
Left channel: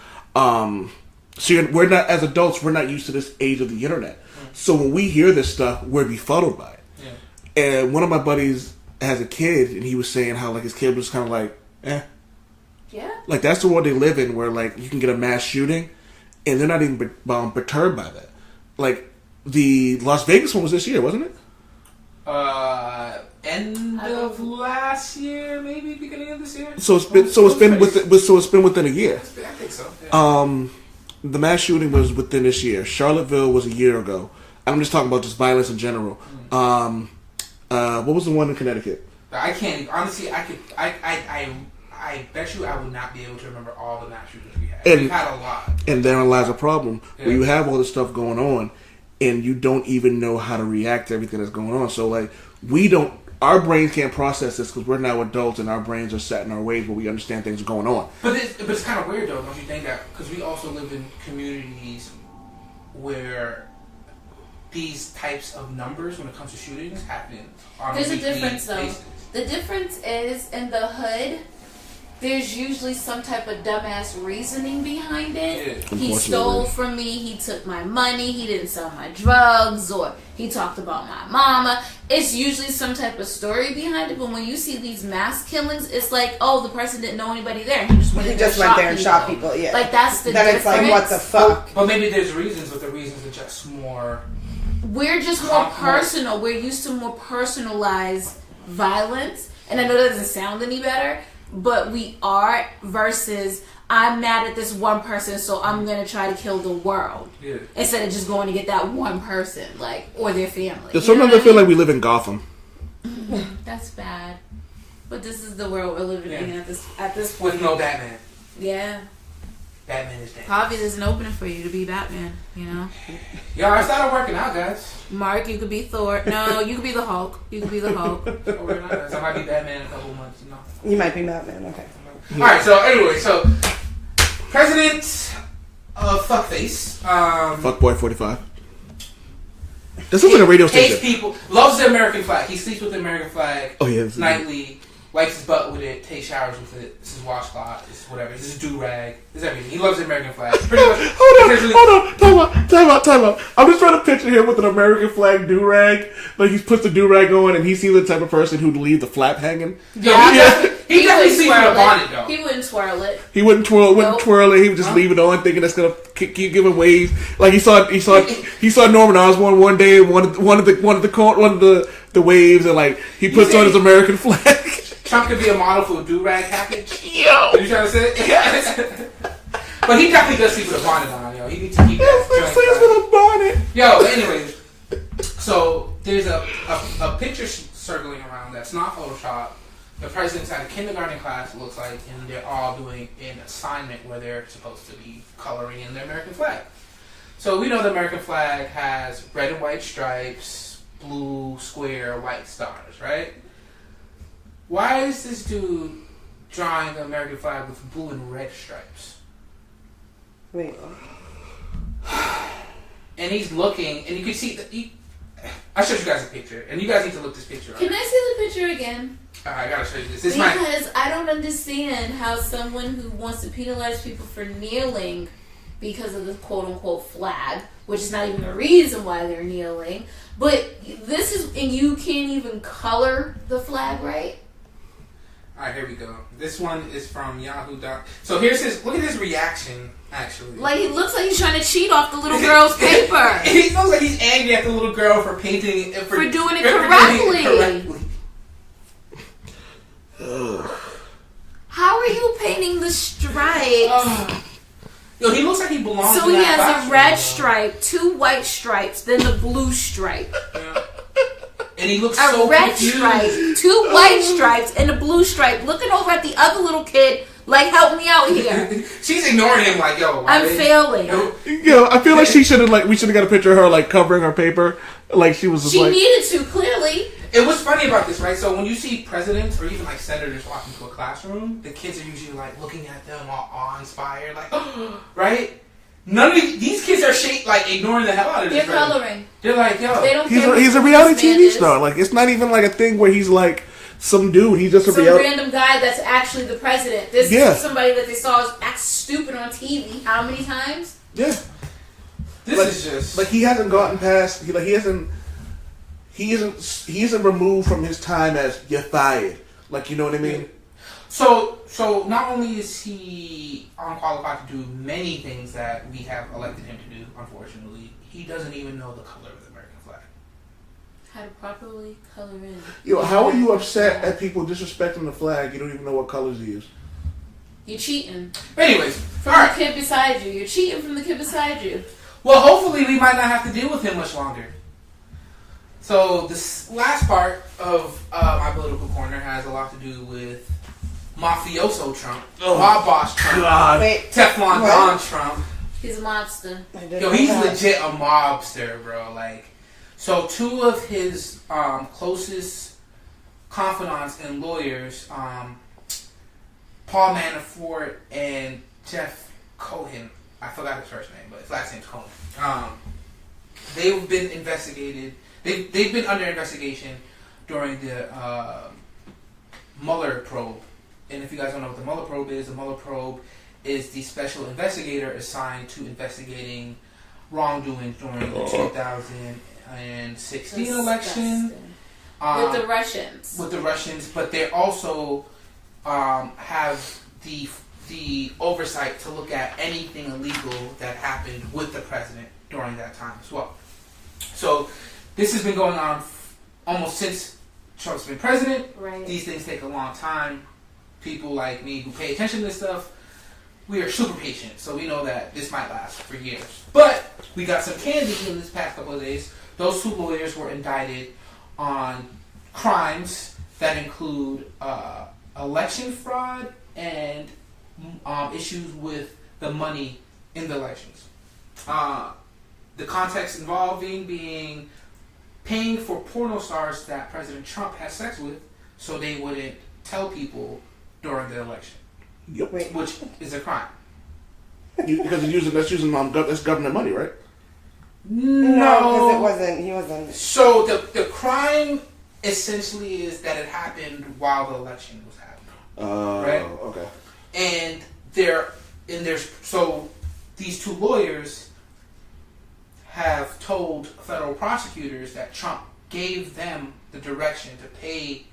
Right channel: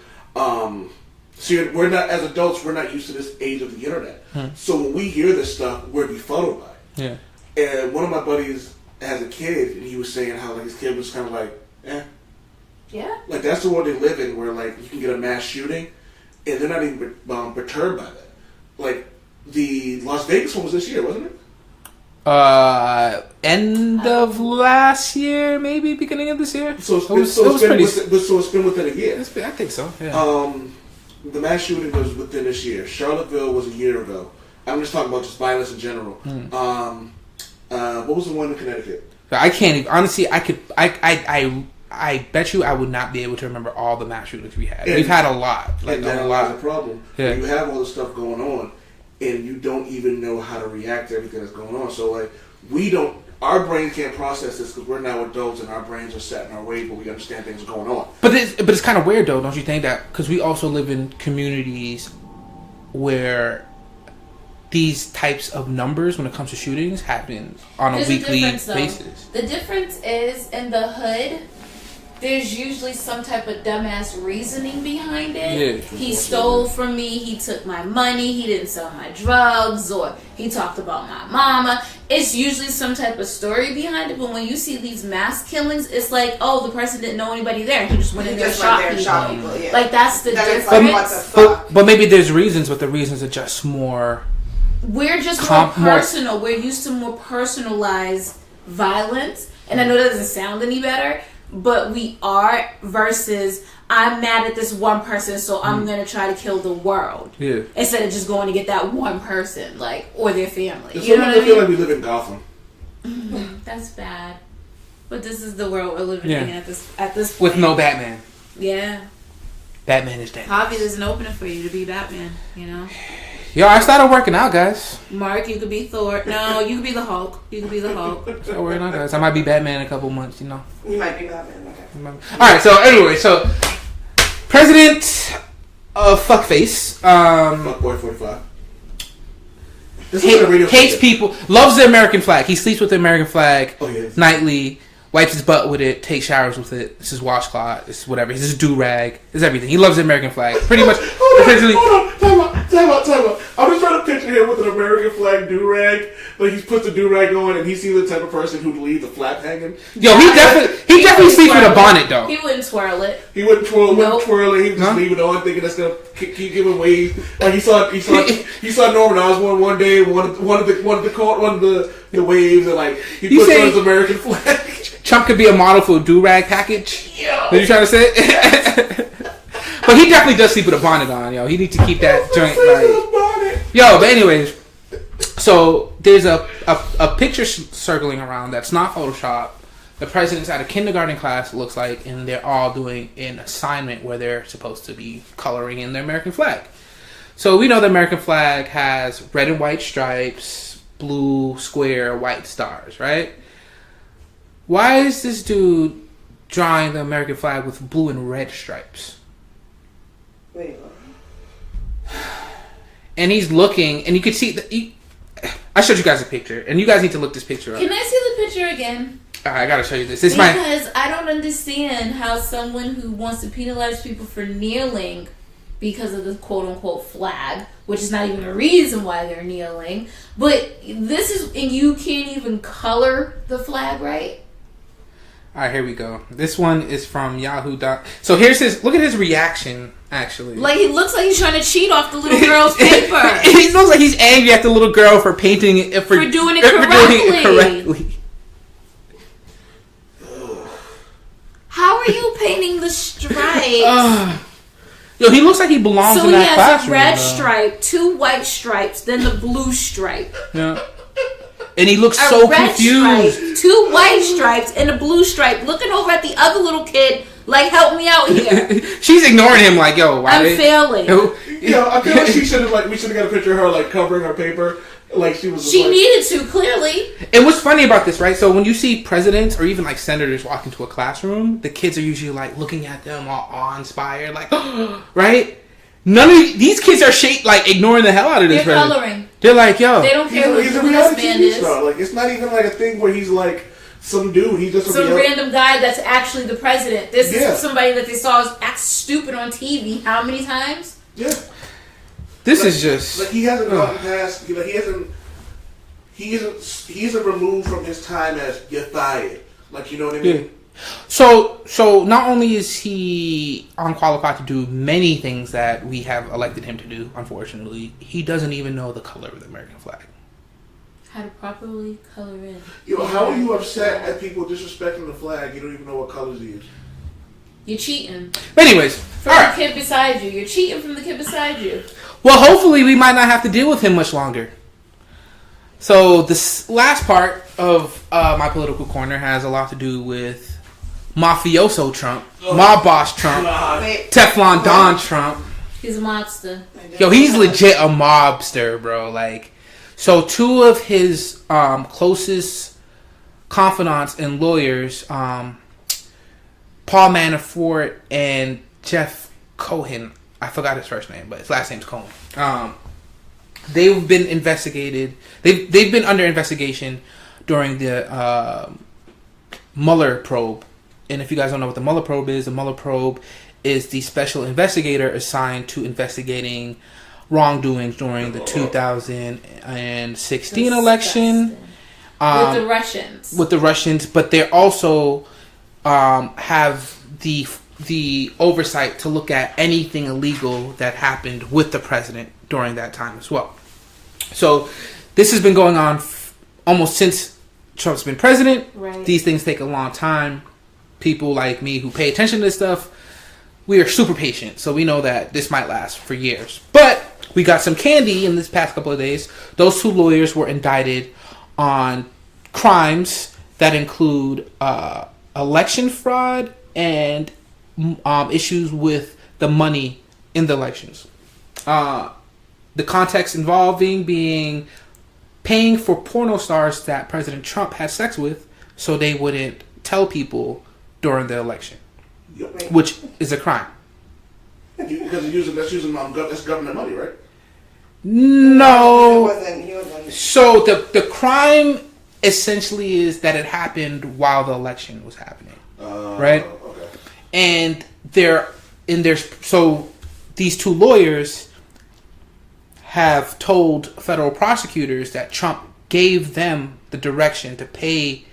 We're not, as adults, we're not used to this age of the internet. So when we hear this stuff, we're befuddled by it. Yeah. And one of my buddies has a kid, and he was saying how like his kid was kind of like, yeah. Like that's the world they live in, where like you can get a mass shooting, and they're not even perturbed by that. Like the Las Vegas one was this year, wasn't it? End of last year, maybe beginning of this year. So it's been within a year. I think so. Yeah. The mass shooting was within this year. Charlottesville was a year ago. I'm just talking about just violence in general. What was the one in Connecticut? I can't even, honestly. I bet you I would not be able to remember all the mass shootings we had. We've had a lot. And therein lies a problem. Yeah. Where you have all this stuff going on, and you don't even know how to react to everything that's going on. So, like, our brains can't process this because we're now adults and our brains are set in our ways where we understand things are going on. But it's kind of weird, though, don't you think? That because we also live in communities where these types of numbers when it comes to shootings happen on a weekly basis. The difference is in the hood, there's usually some type of dumbass reasoning behind it. Yeah, he stole from me, he took my money, he didn't sell my drugs, or he talked about my mama. It's usually some type of story behind it, but when you see these mass killings, it's like, oh, the person didn't know anybody there, and he just went in there and shot people. Yeah. Like, that's the difference. Like, what the fuck? But maybe there's reasons, but the reasons are just more... We're just more personal. We're used to more personalized violence, and I know that doesn't sound any better, but we are, versus I'm mad at this one person, so I'm gonna try to kill the world. Yeah. Instead of just going to get that one person, like, or their family. Sometimes I feel like we live in Gotham. That's bad. But this is the world we're living in at this point. With no Batman. Yeah. Batman is dead. Hobby is an opening for you to be Batman, you know? Yo, I started working out, guys. Mark, you could be Thor. No, you could be the Hulk. You could be the Hulk. So working out, guys. I might be Batman in a couple months, you know? You might be Batman, okay. Alright, so anyway, President of Fuckface. Fuckboy 45. This is a radio hates people, loves the American flag. He sleeps with the American flag nightly. Wipes his butt with it, takes showers with it. It's his washcloth. It's whatever. It's his do-rag. It's everything. He loves the American flag. Pretty much. Hold on. Time out. I'm just trying to picture him with an American flag do-rag. Like, he puts the do-rag on and he seems the type of person who'd leave the flap hanging. Yo, he definitely sleeps in a bonnet, though. He wouldn't twirl it. He wouldn't twirl it. He would just leave it on, thinking that's going to keep giving waves. Like, he saw Norman Osborn one day, one of the waves, and like, he puts on his American flag. Trump could be a model for a do-rag package. Yo. Are you trying to say it? But he definitely does sleep with a bonnet on, yo. He needs to keep that joint right. Yo, but anyways, so there's a picture circling around that's not Photoshop. The president's at a kindergarten class, it looks like, and they're all doing an assignment where they're supposed to be coloring in the American flag. So we know the American flag has red and white stripes, blue square, white stars, right? Why is this dude drawing the American flag with blue and red stripes? Wait. And he's looking, and you can see I showed you guys a picture, and you guys need to look this picture up. Can I see the picture again? I gotta show you this. Because I don't understand how someone who wants to penalize people for kneeling because of the quote-unquote flag, which is not even a reason why they're kneeling, but this is, and you can't even color the flag right? Alright, here we go. This one is from Yahoo. So here's look at his reaction, actually. Like, he looks like he's trying to cheat off the little girl's paper. He looks like he's angry at the little girl for painting it, for doing it correctly. How are you painting the stripes? Yo, he looks like he belongs in that classroom. So he has a red stripe, 2 white stripes, then the blue stripe. Yeah. And he looks so confused. Stripe, 2 white stripes, and a blue stripe, looking over at the other little kid, like, help me out here. She's ignoring him, like, yo, why? I'm failing. Yo, I feel like we should have got a picture of her, like, covering her paper. Like, she was. She needed to, clearly. And what's funny about this, right? So when you see presidents or even like senators walk into a classroom, the kids are usually like looking at them all awe-inspired, like, right? None of these kids are like ignoring the hell out of this. They're coloring. They're like, yo, they don't care. He's a reality TV star. Like, it's not even like a thing where he's like some dude. He's just some random guy that's actually the president. This is somebody that they saw act stupid on TV. How many times? Yeah. This is just like he hasn't gotten past. Like he isn't removed from his time as you're fired. Like, you know what I mean? Yeah. So not only is he unqualified to do many things that we have elected him to do, unfortunately, he doesn't even know the color of the American flag. How to properly color in. Yo, how are you upset at people disrespecting the flag? You don't even know what colors he is. You're cheating. But anyways, from the kid beside you. You're cheating from the kid beside you. Well, hopefully we might not have to deal with him much longer. So this last part of my political corner has a lot to do with mafioso Trump, mob boss Trump, Teflon Don Trump. He's a mobster. Yo, he's legit a mobster, bro. Like, so 2 of his closest confidants and lawyers, Paul Manafort and Jeff Cohen. I forgot his first name, but his last name's Cohen. they've been investigated. They've been under investigation during the Mueller probe. And if you guys don't know what the Mueller probe is the special investigator assigned to investigating wrongdoings during the 2016 election. With the Russians. But they also have the oversight to look at anything illegal that happened with the president during that time as well. So this has been going on almost since Trump's been president. Right. These things take a long time. People like me who pay attention to this stuff, we are super patient. So we know that this might last for years. But we got some candy in this past couple of days. Those 2 lawyers were indicted on crimes that include election fraud and issues with the money in the elections. The context involving being paying for porno stars that President Trump had sex with so they wouldn't tell people during the election. Yep. Which is a crime. Because that's government money, right? No. He wasn't. So the crime essentially is that it happened while the election was happening. Right? Okay. And so these 2 lawyers have told federal prosecutors that Trump gave them the direction to pay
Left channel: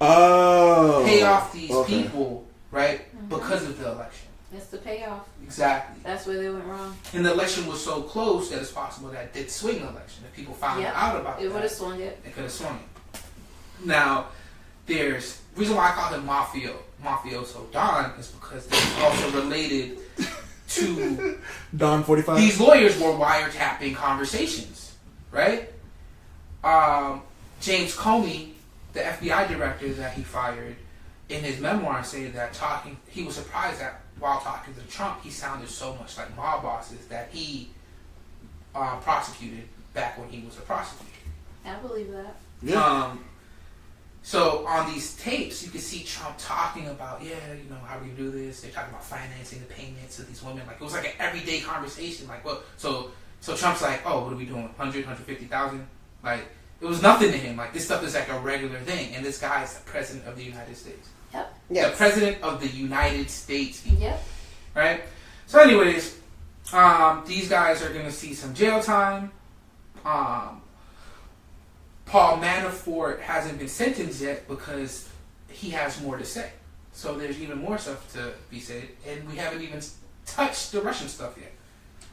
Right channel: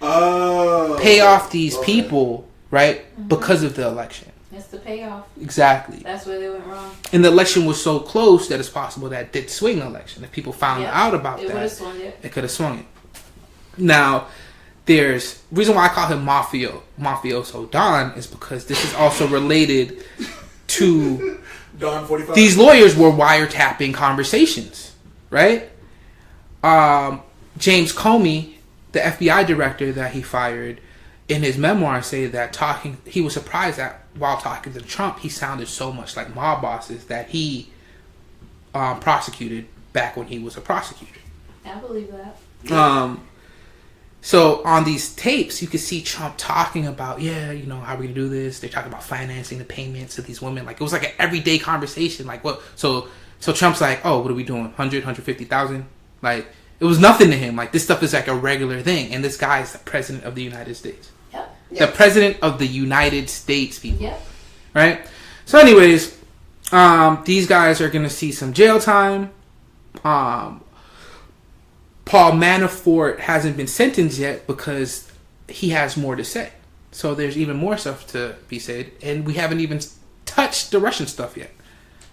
off these people, right? Mm-hmm. Because of the election. It's the payoff. Exactly. That's where they went wrong. And the election was so close that it's possible that it did swing the election. If people found out about it would have swung it. It could have swung it. Now, there's reason why I call him Mafioso Don is because this is also related to Don 45. These lawyers were wiretapping conversations, right? James Comey, the FBI director that he fired, in his memoir say that he was surprised that while talking to Trump, he sounded so much like mob bosses that he prosecuted back when he was a prosecutor. I believe that. So on these tapes, you could see Trump talking about, how are we gonna do this? They're talking about financing the payments to these women. Like it was like an everyday conversation. Like what? So Trump's like, oh, what are we doing? 150,000? Like it was nothing to him. Like this stuff is like a regular thing. And this guy is the president of the United States. Yep. The president of the United States, people. Yep. Right? So anyways, these guys are gonna see some jail time. Paul Manafort hasn't been sentenced yet because he has more to say. So there's even more stuff to be said, and we haven't even touched the Russian stuff yet.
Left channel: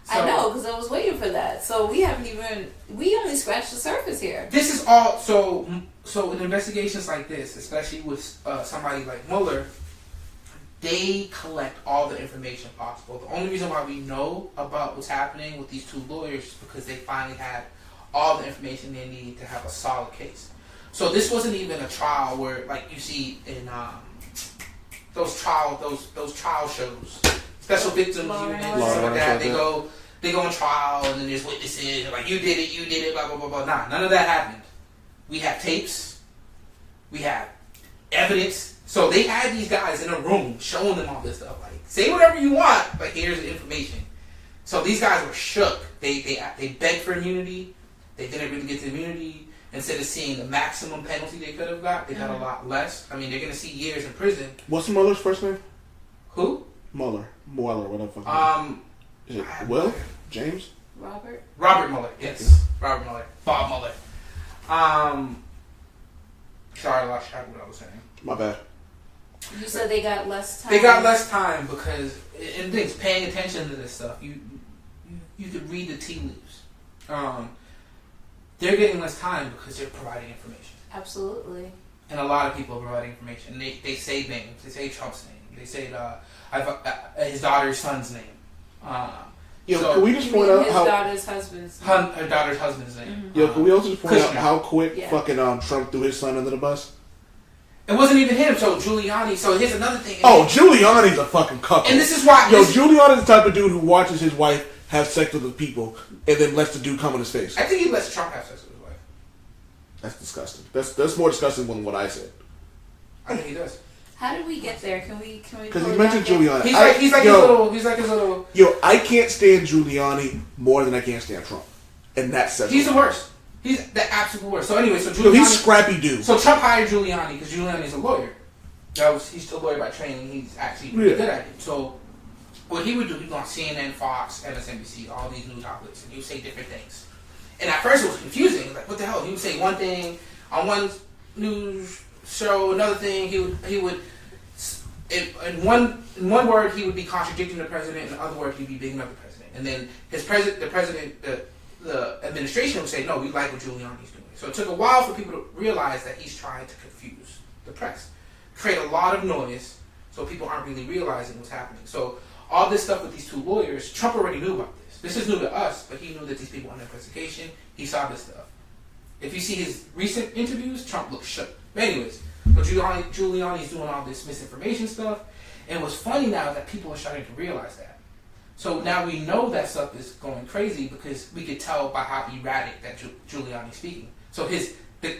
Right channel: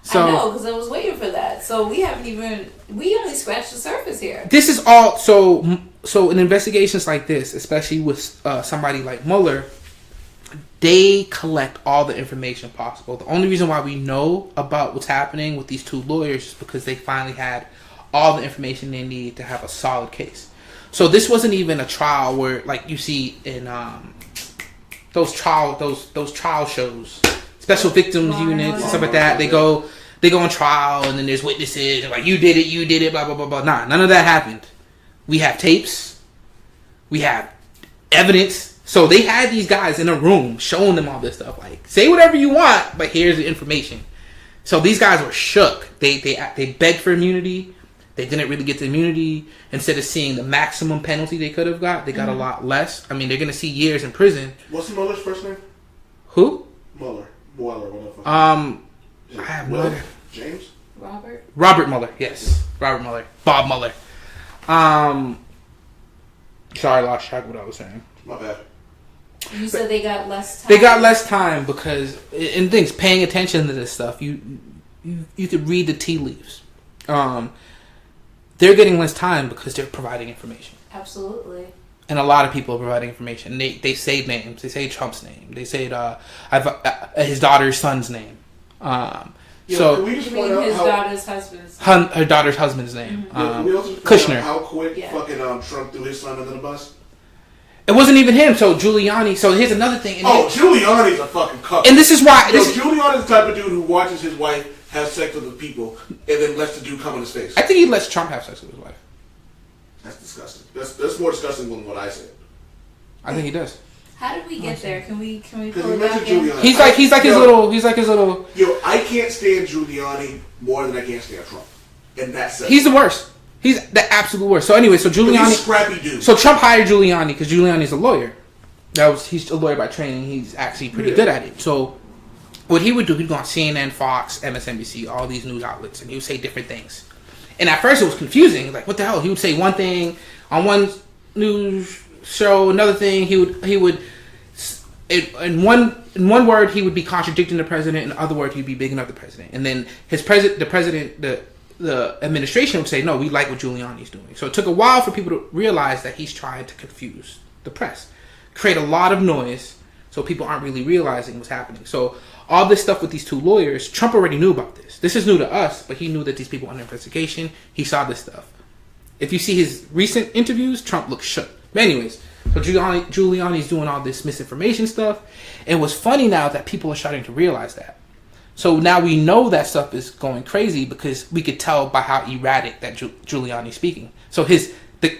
So, I know, because I was waiting for that. So we only scratched the surface here. This is all, so in investigations like this, especially with somebody like Mueller, they collect all the information possible. The only reason why we know about what's happening with these 2 lawyers is because they finally had all the information they need to have a solid case. So this wasn't even a trial where, like you see in those trial shows, special victims units, stuff like that. They go on trial, and then there's witnesses, and like you did it, blah blah blah blah. Nah, none of that happened. We have tapes, we have evidence. So they had these guys in a room showing them all this stuff. Like, say whatever you want, but here's the information. So these guys were shook. They begged for immunity. They didn't really get the immunity. Instead of seeing the maximum penalty they could have got, they got a lot less. I mean, they're going to see years in prison. What's Mueller's first name? Who? Mueller, whatever. Is it Will? James? Robert Mueller, yes. Robert Mueller. Bob Mueller. Sorry, I lost track of what I was saying. My bad. You said they got less time. They got less time because, in things, paying attention to this stuff, you could read the tea leaves. They're getting less time because they're providing information. Absolutely. And a lot of people are providing information. They say names. They say Trump's name. They say his daughter's son's name. So can we just point out his daughter's husband's name. Her daughter's husband's name. Mm-hmm. Can we also just point Kushner. out how quick fucking Trump threw his son under the bus? It wasn't even him. So Giuliani. So here's another thing. Giuliani's a fucking cuck. And this is why. Giuliani's the type of dude who watches his wife have sex with the people and then lets the dude come in his face. I think he lets Trump have sex with his wife. That's disgusting. That's more disgusting than what I said. I think he does. How did we get there? Can we pull it mentioned back in? Giuliani. He's like his little. Yo, I can't stand Giuliani more than I can't stand Trump. and that's it. He's the worst. He's the absolute worst. So anyway, so Giuliani, he's scrappy dude. So Trump hired Giuliani because Giuliani's a lawyer. He's a lawyer by training. He's actually pretty good at it. So what he would do, he'd go on CNN, Fox, MSNBC, all these news outlets, and he would say different things. And at first it was confusing. Like, what the hell? He would say one thing on one news show, another thing. He would in one word he would be contradicting the president, in the other word he'd be bigging up the president. And then the administration would say, no, we like what Giuliani's doing. So it took a while for people to realize that he's trying to confuse the press, create a lot of noise, so people aren't really realizing what's happening. So all this stuff with these two lawyers, Trump already knew about this. This is new to us, but he knew that these people were under investigation. He saw this stuff. If you see his recent interviews, Trump looks shook. But anyways, so Giuliani's doing all this misinformation stuff. And what's funny now is that people are starting to realize that. So now we know that stuff is going crazy because we could tell by how erratic that Giuliani's speaking. So the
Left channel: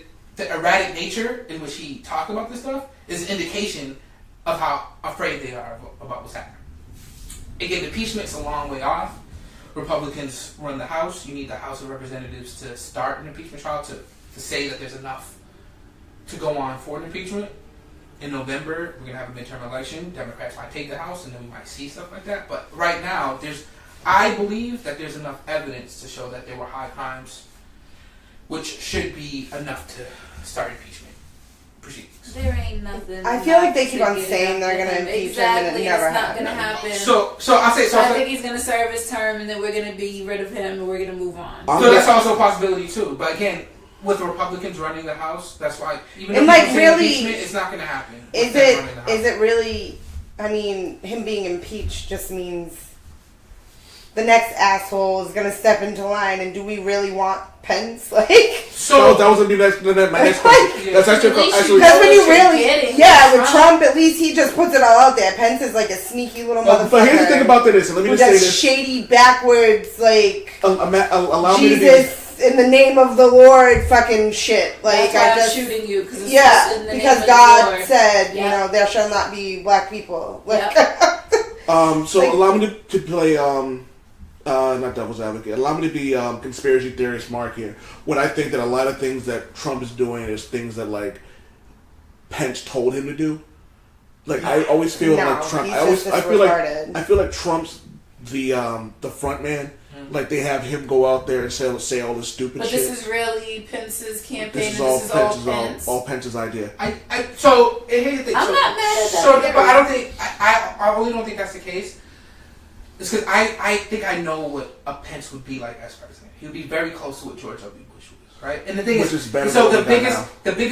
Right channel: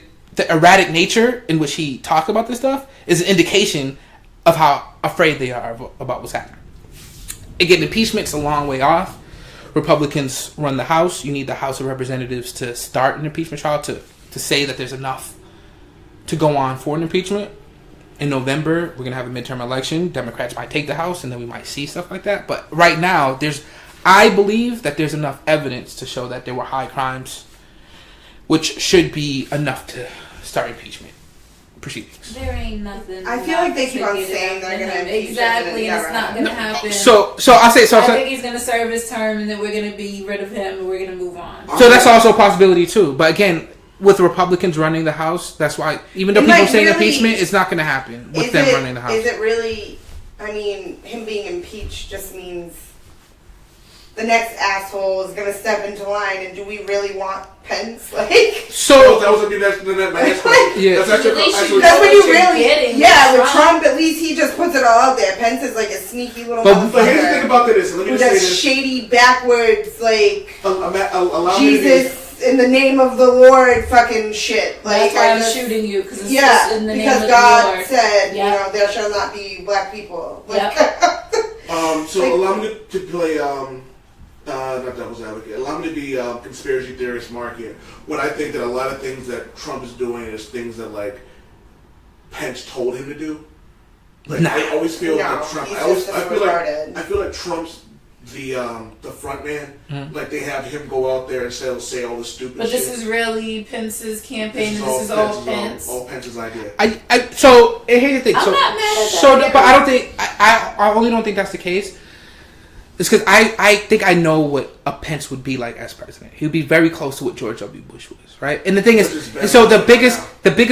erratic nature in which he talked about this stuff is an indication of how afraid they are about what's happening. Again, impeachment's a long way off. Republicans run the House. You need the House of Representatives to start an impeachment trial to say that there's enough to go on for an impeachment. In November, we're going to have a midterm election. Democrats might take the House, and then we might see stuff like that. But right now, I believe that there's enough evidence to show that there were high crimes, which should be enough to start impeachment proceedings. There ain't nothing. I feel like they keep on saying they're going to impeach exactly, him, and it's not going to happen. So I think he's going to serve his term, and then we're going to be rid of him, and we're going to move on. So that's also a possibility too. But again, with Republicans running the House, that's why even though people say impeachment, it's not going to happen with them running the House. Is it really? I mean, him being impeached just means the next asshole is going to step into line, and do we really want Pence? So that was going to be my next question. Yeah. That's when you really, with Trump, at least he just puts it all out there. Pence is like a sneaky little motherfucker. But here's the thing about this. Let me just say this. Shady, backwards, allow Jesus in the name of the Lord fucking shit. That's why I'm shooting you. Cause it's in the because name God of the Lord. said, there shall not be black people. Allow me to play, not devil's advocate, allow me to be conspiracy theorist Mark here. When I think that a lot of things that Trump is doing is things that, Pence told him to do. I always feel like Trump, I feel like Trump's the front man, they have him go out there and say all this stupid shit. But this is really Pence's campaign, this is all Pence. All Pence's idea. So here's the thing. I'm not mad at that. But I don't think I only don't think that's the case. It's because I think I know what a Pence would be like as president. He would be very close to what George W. Bush was, right? And the thing is, so the biggest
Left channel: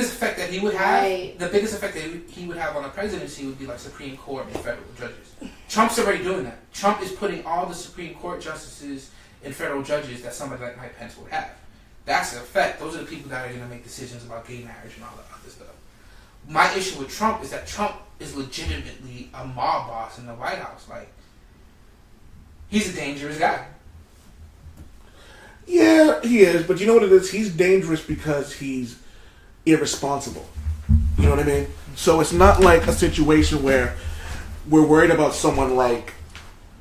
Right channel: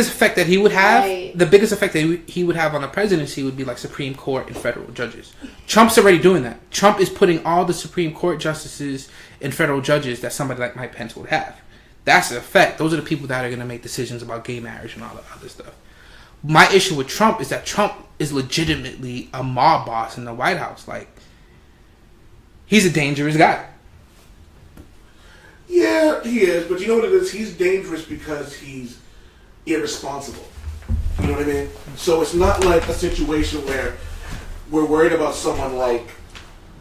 effect that he would have, the biggest effect that he would have on the presidency would be like Supreme Court and federal judges. Trump's already doing that. Trump is putting all the Supreme Court justices and federal judges that somebody like Mike Pence would have. That's the effect. Those are the people that are going to make decisions about gay marriage and all that other stuff. My issue with Trump is that Trump is legitimately a mob boss in the White House. He's a dangerous guy. Yeah, he is. But you know what it is? He's dangerous because he's irresponsible. You know what I mean? So it's not like a situation where we're worried about someone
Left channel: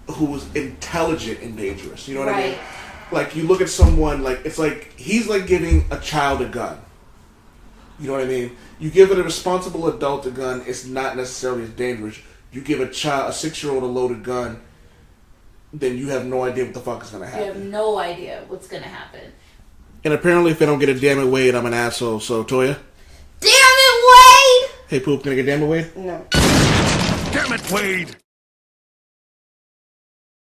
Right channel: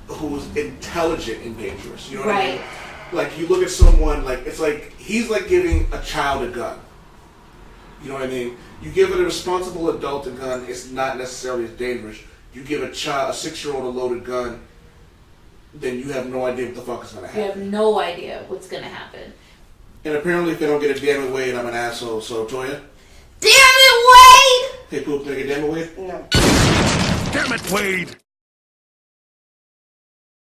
who's intelligent and dangerous. You know what I mean? You look at someone it's like he's like giving a child a gun. You know what I mean? You give a responsible adult a gun, it's not necessarily as dangerous. You give a 6-year-old a loaded gun, then you have no idea what the fuck is going to happen. You have no idea what's going to happen. And apparently if I don't get a damn it Wade, I'm an asshole. So, Toya? Damn it, Wade! Hey, Poop, can I get damn it Wade? No. Damn it, Wade!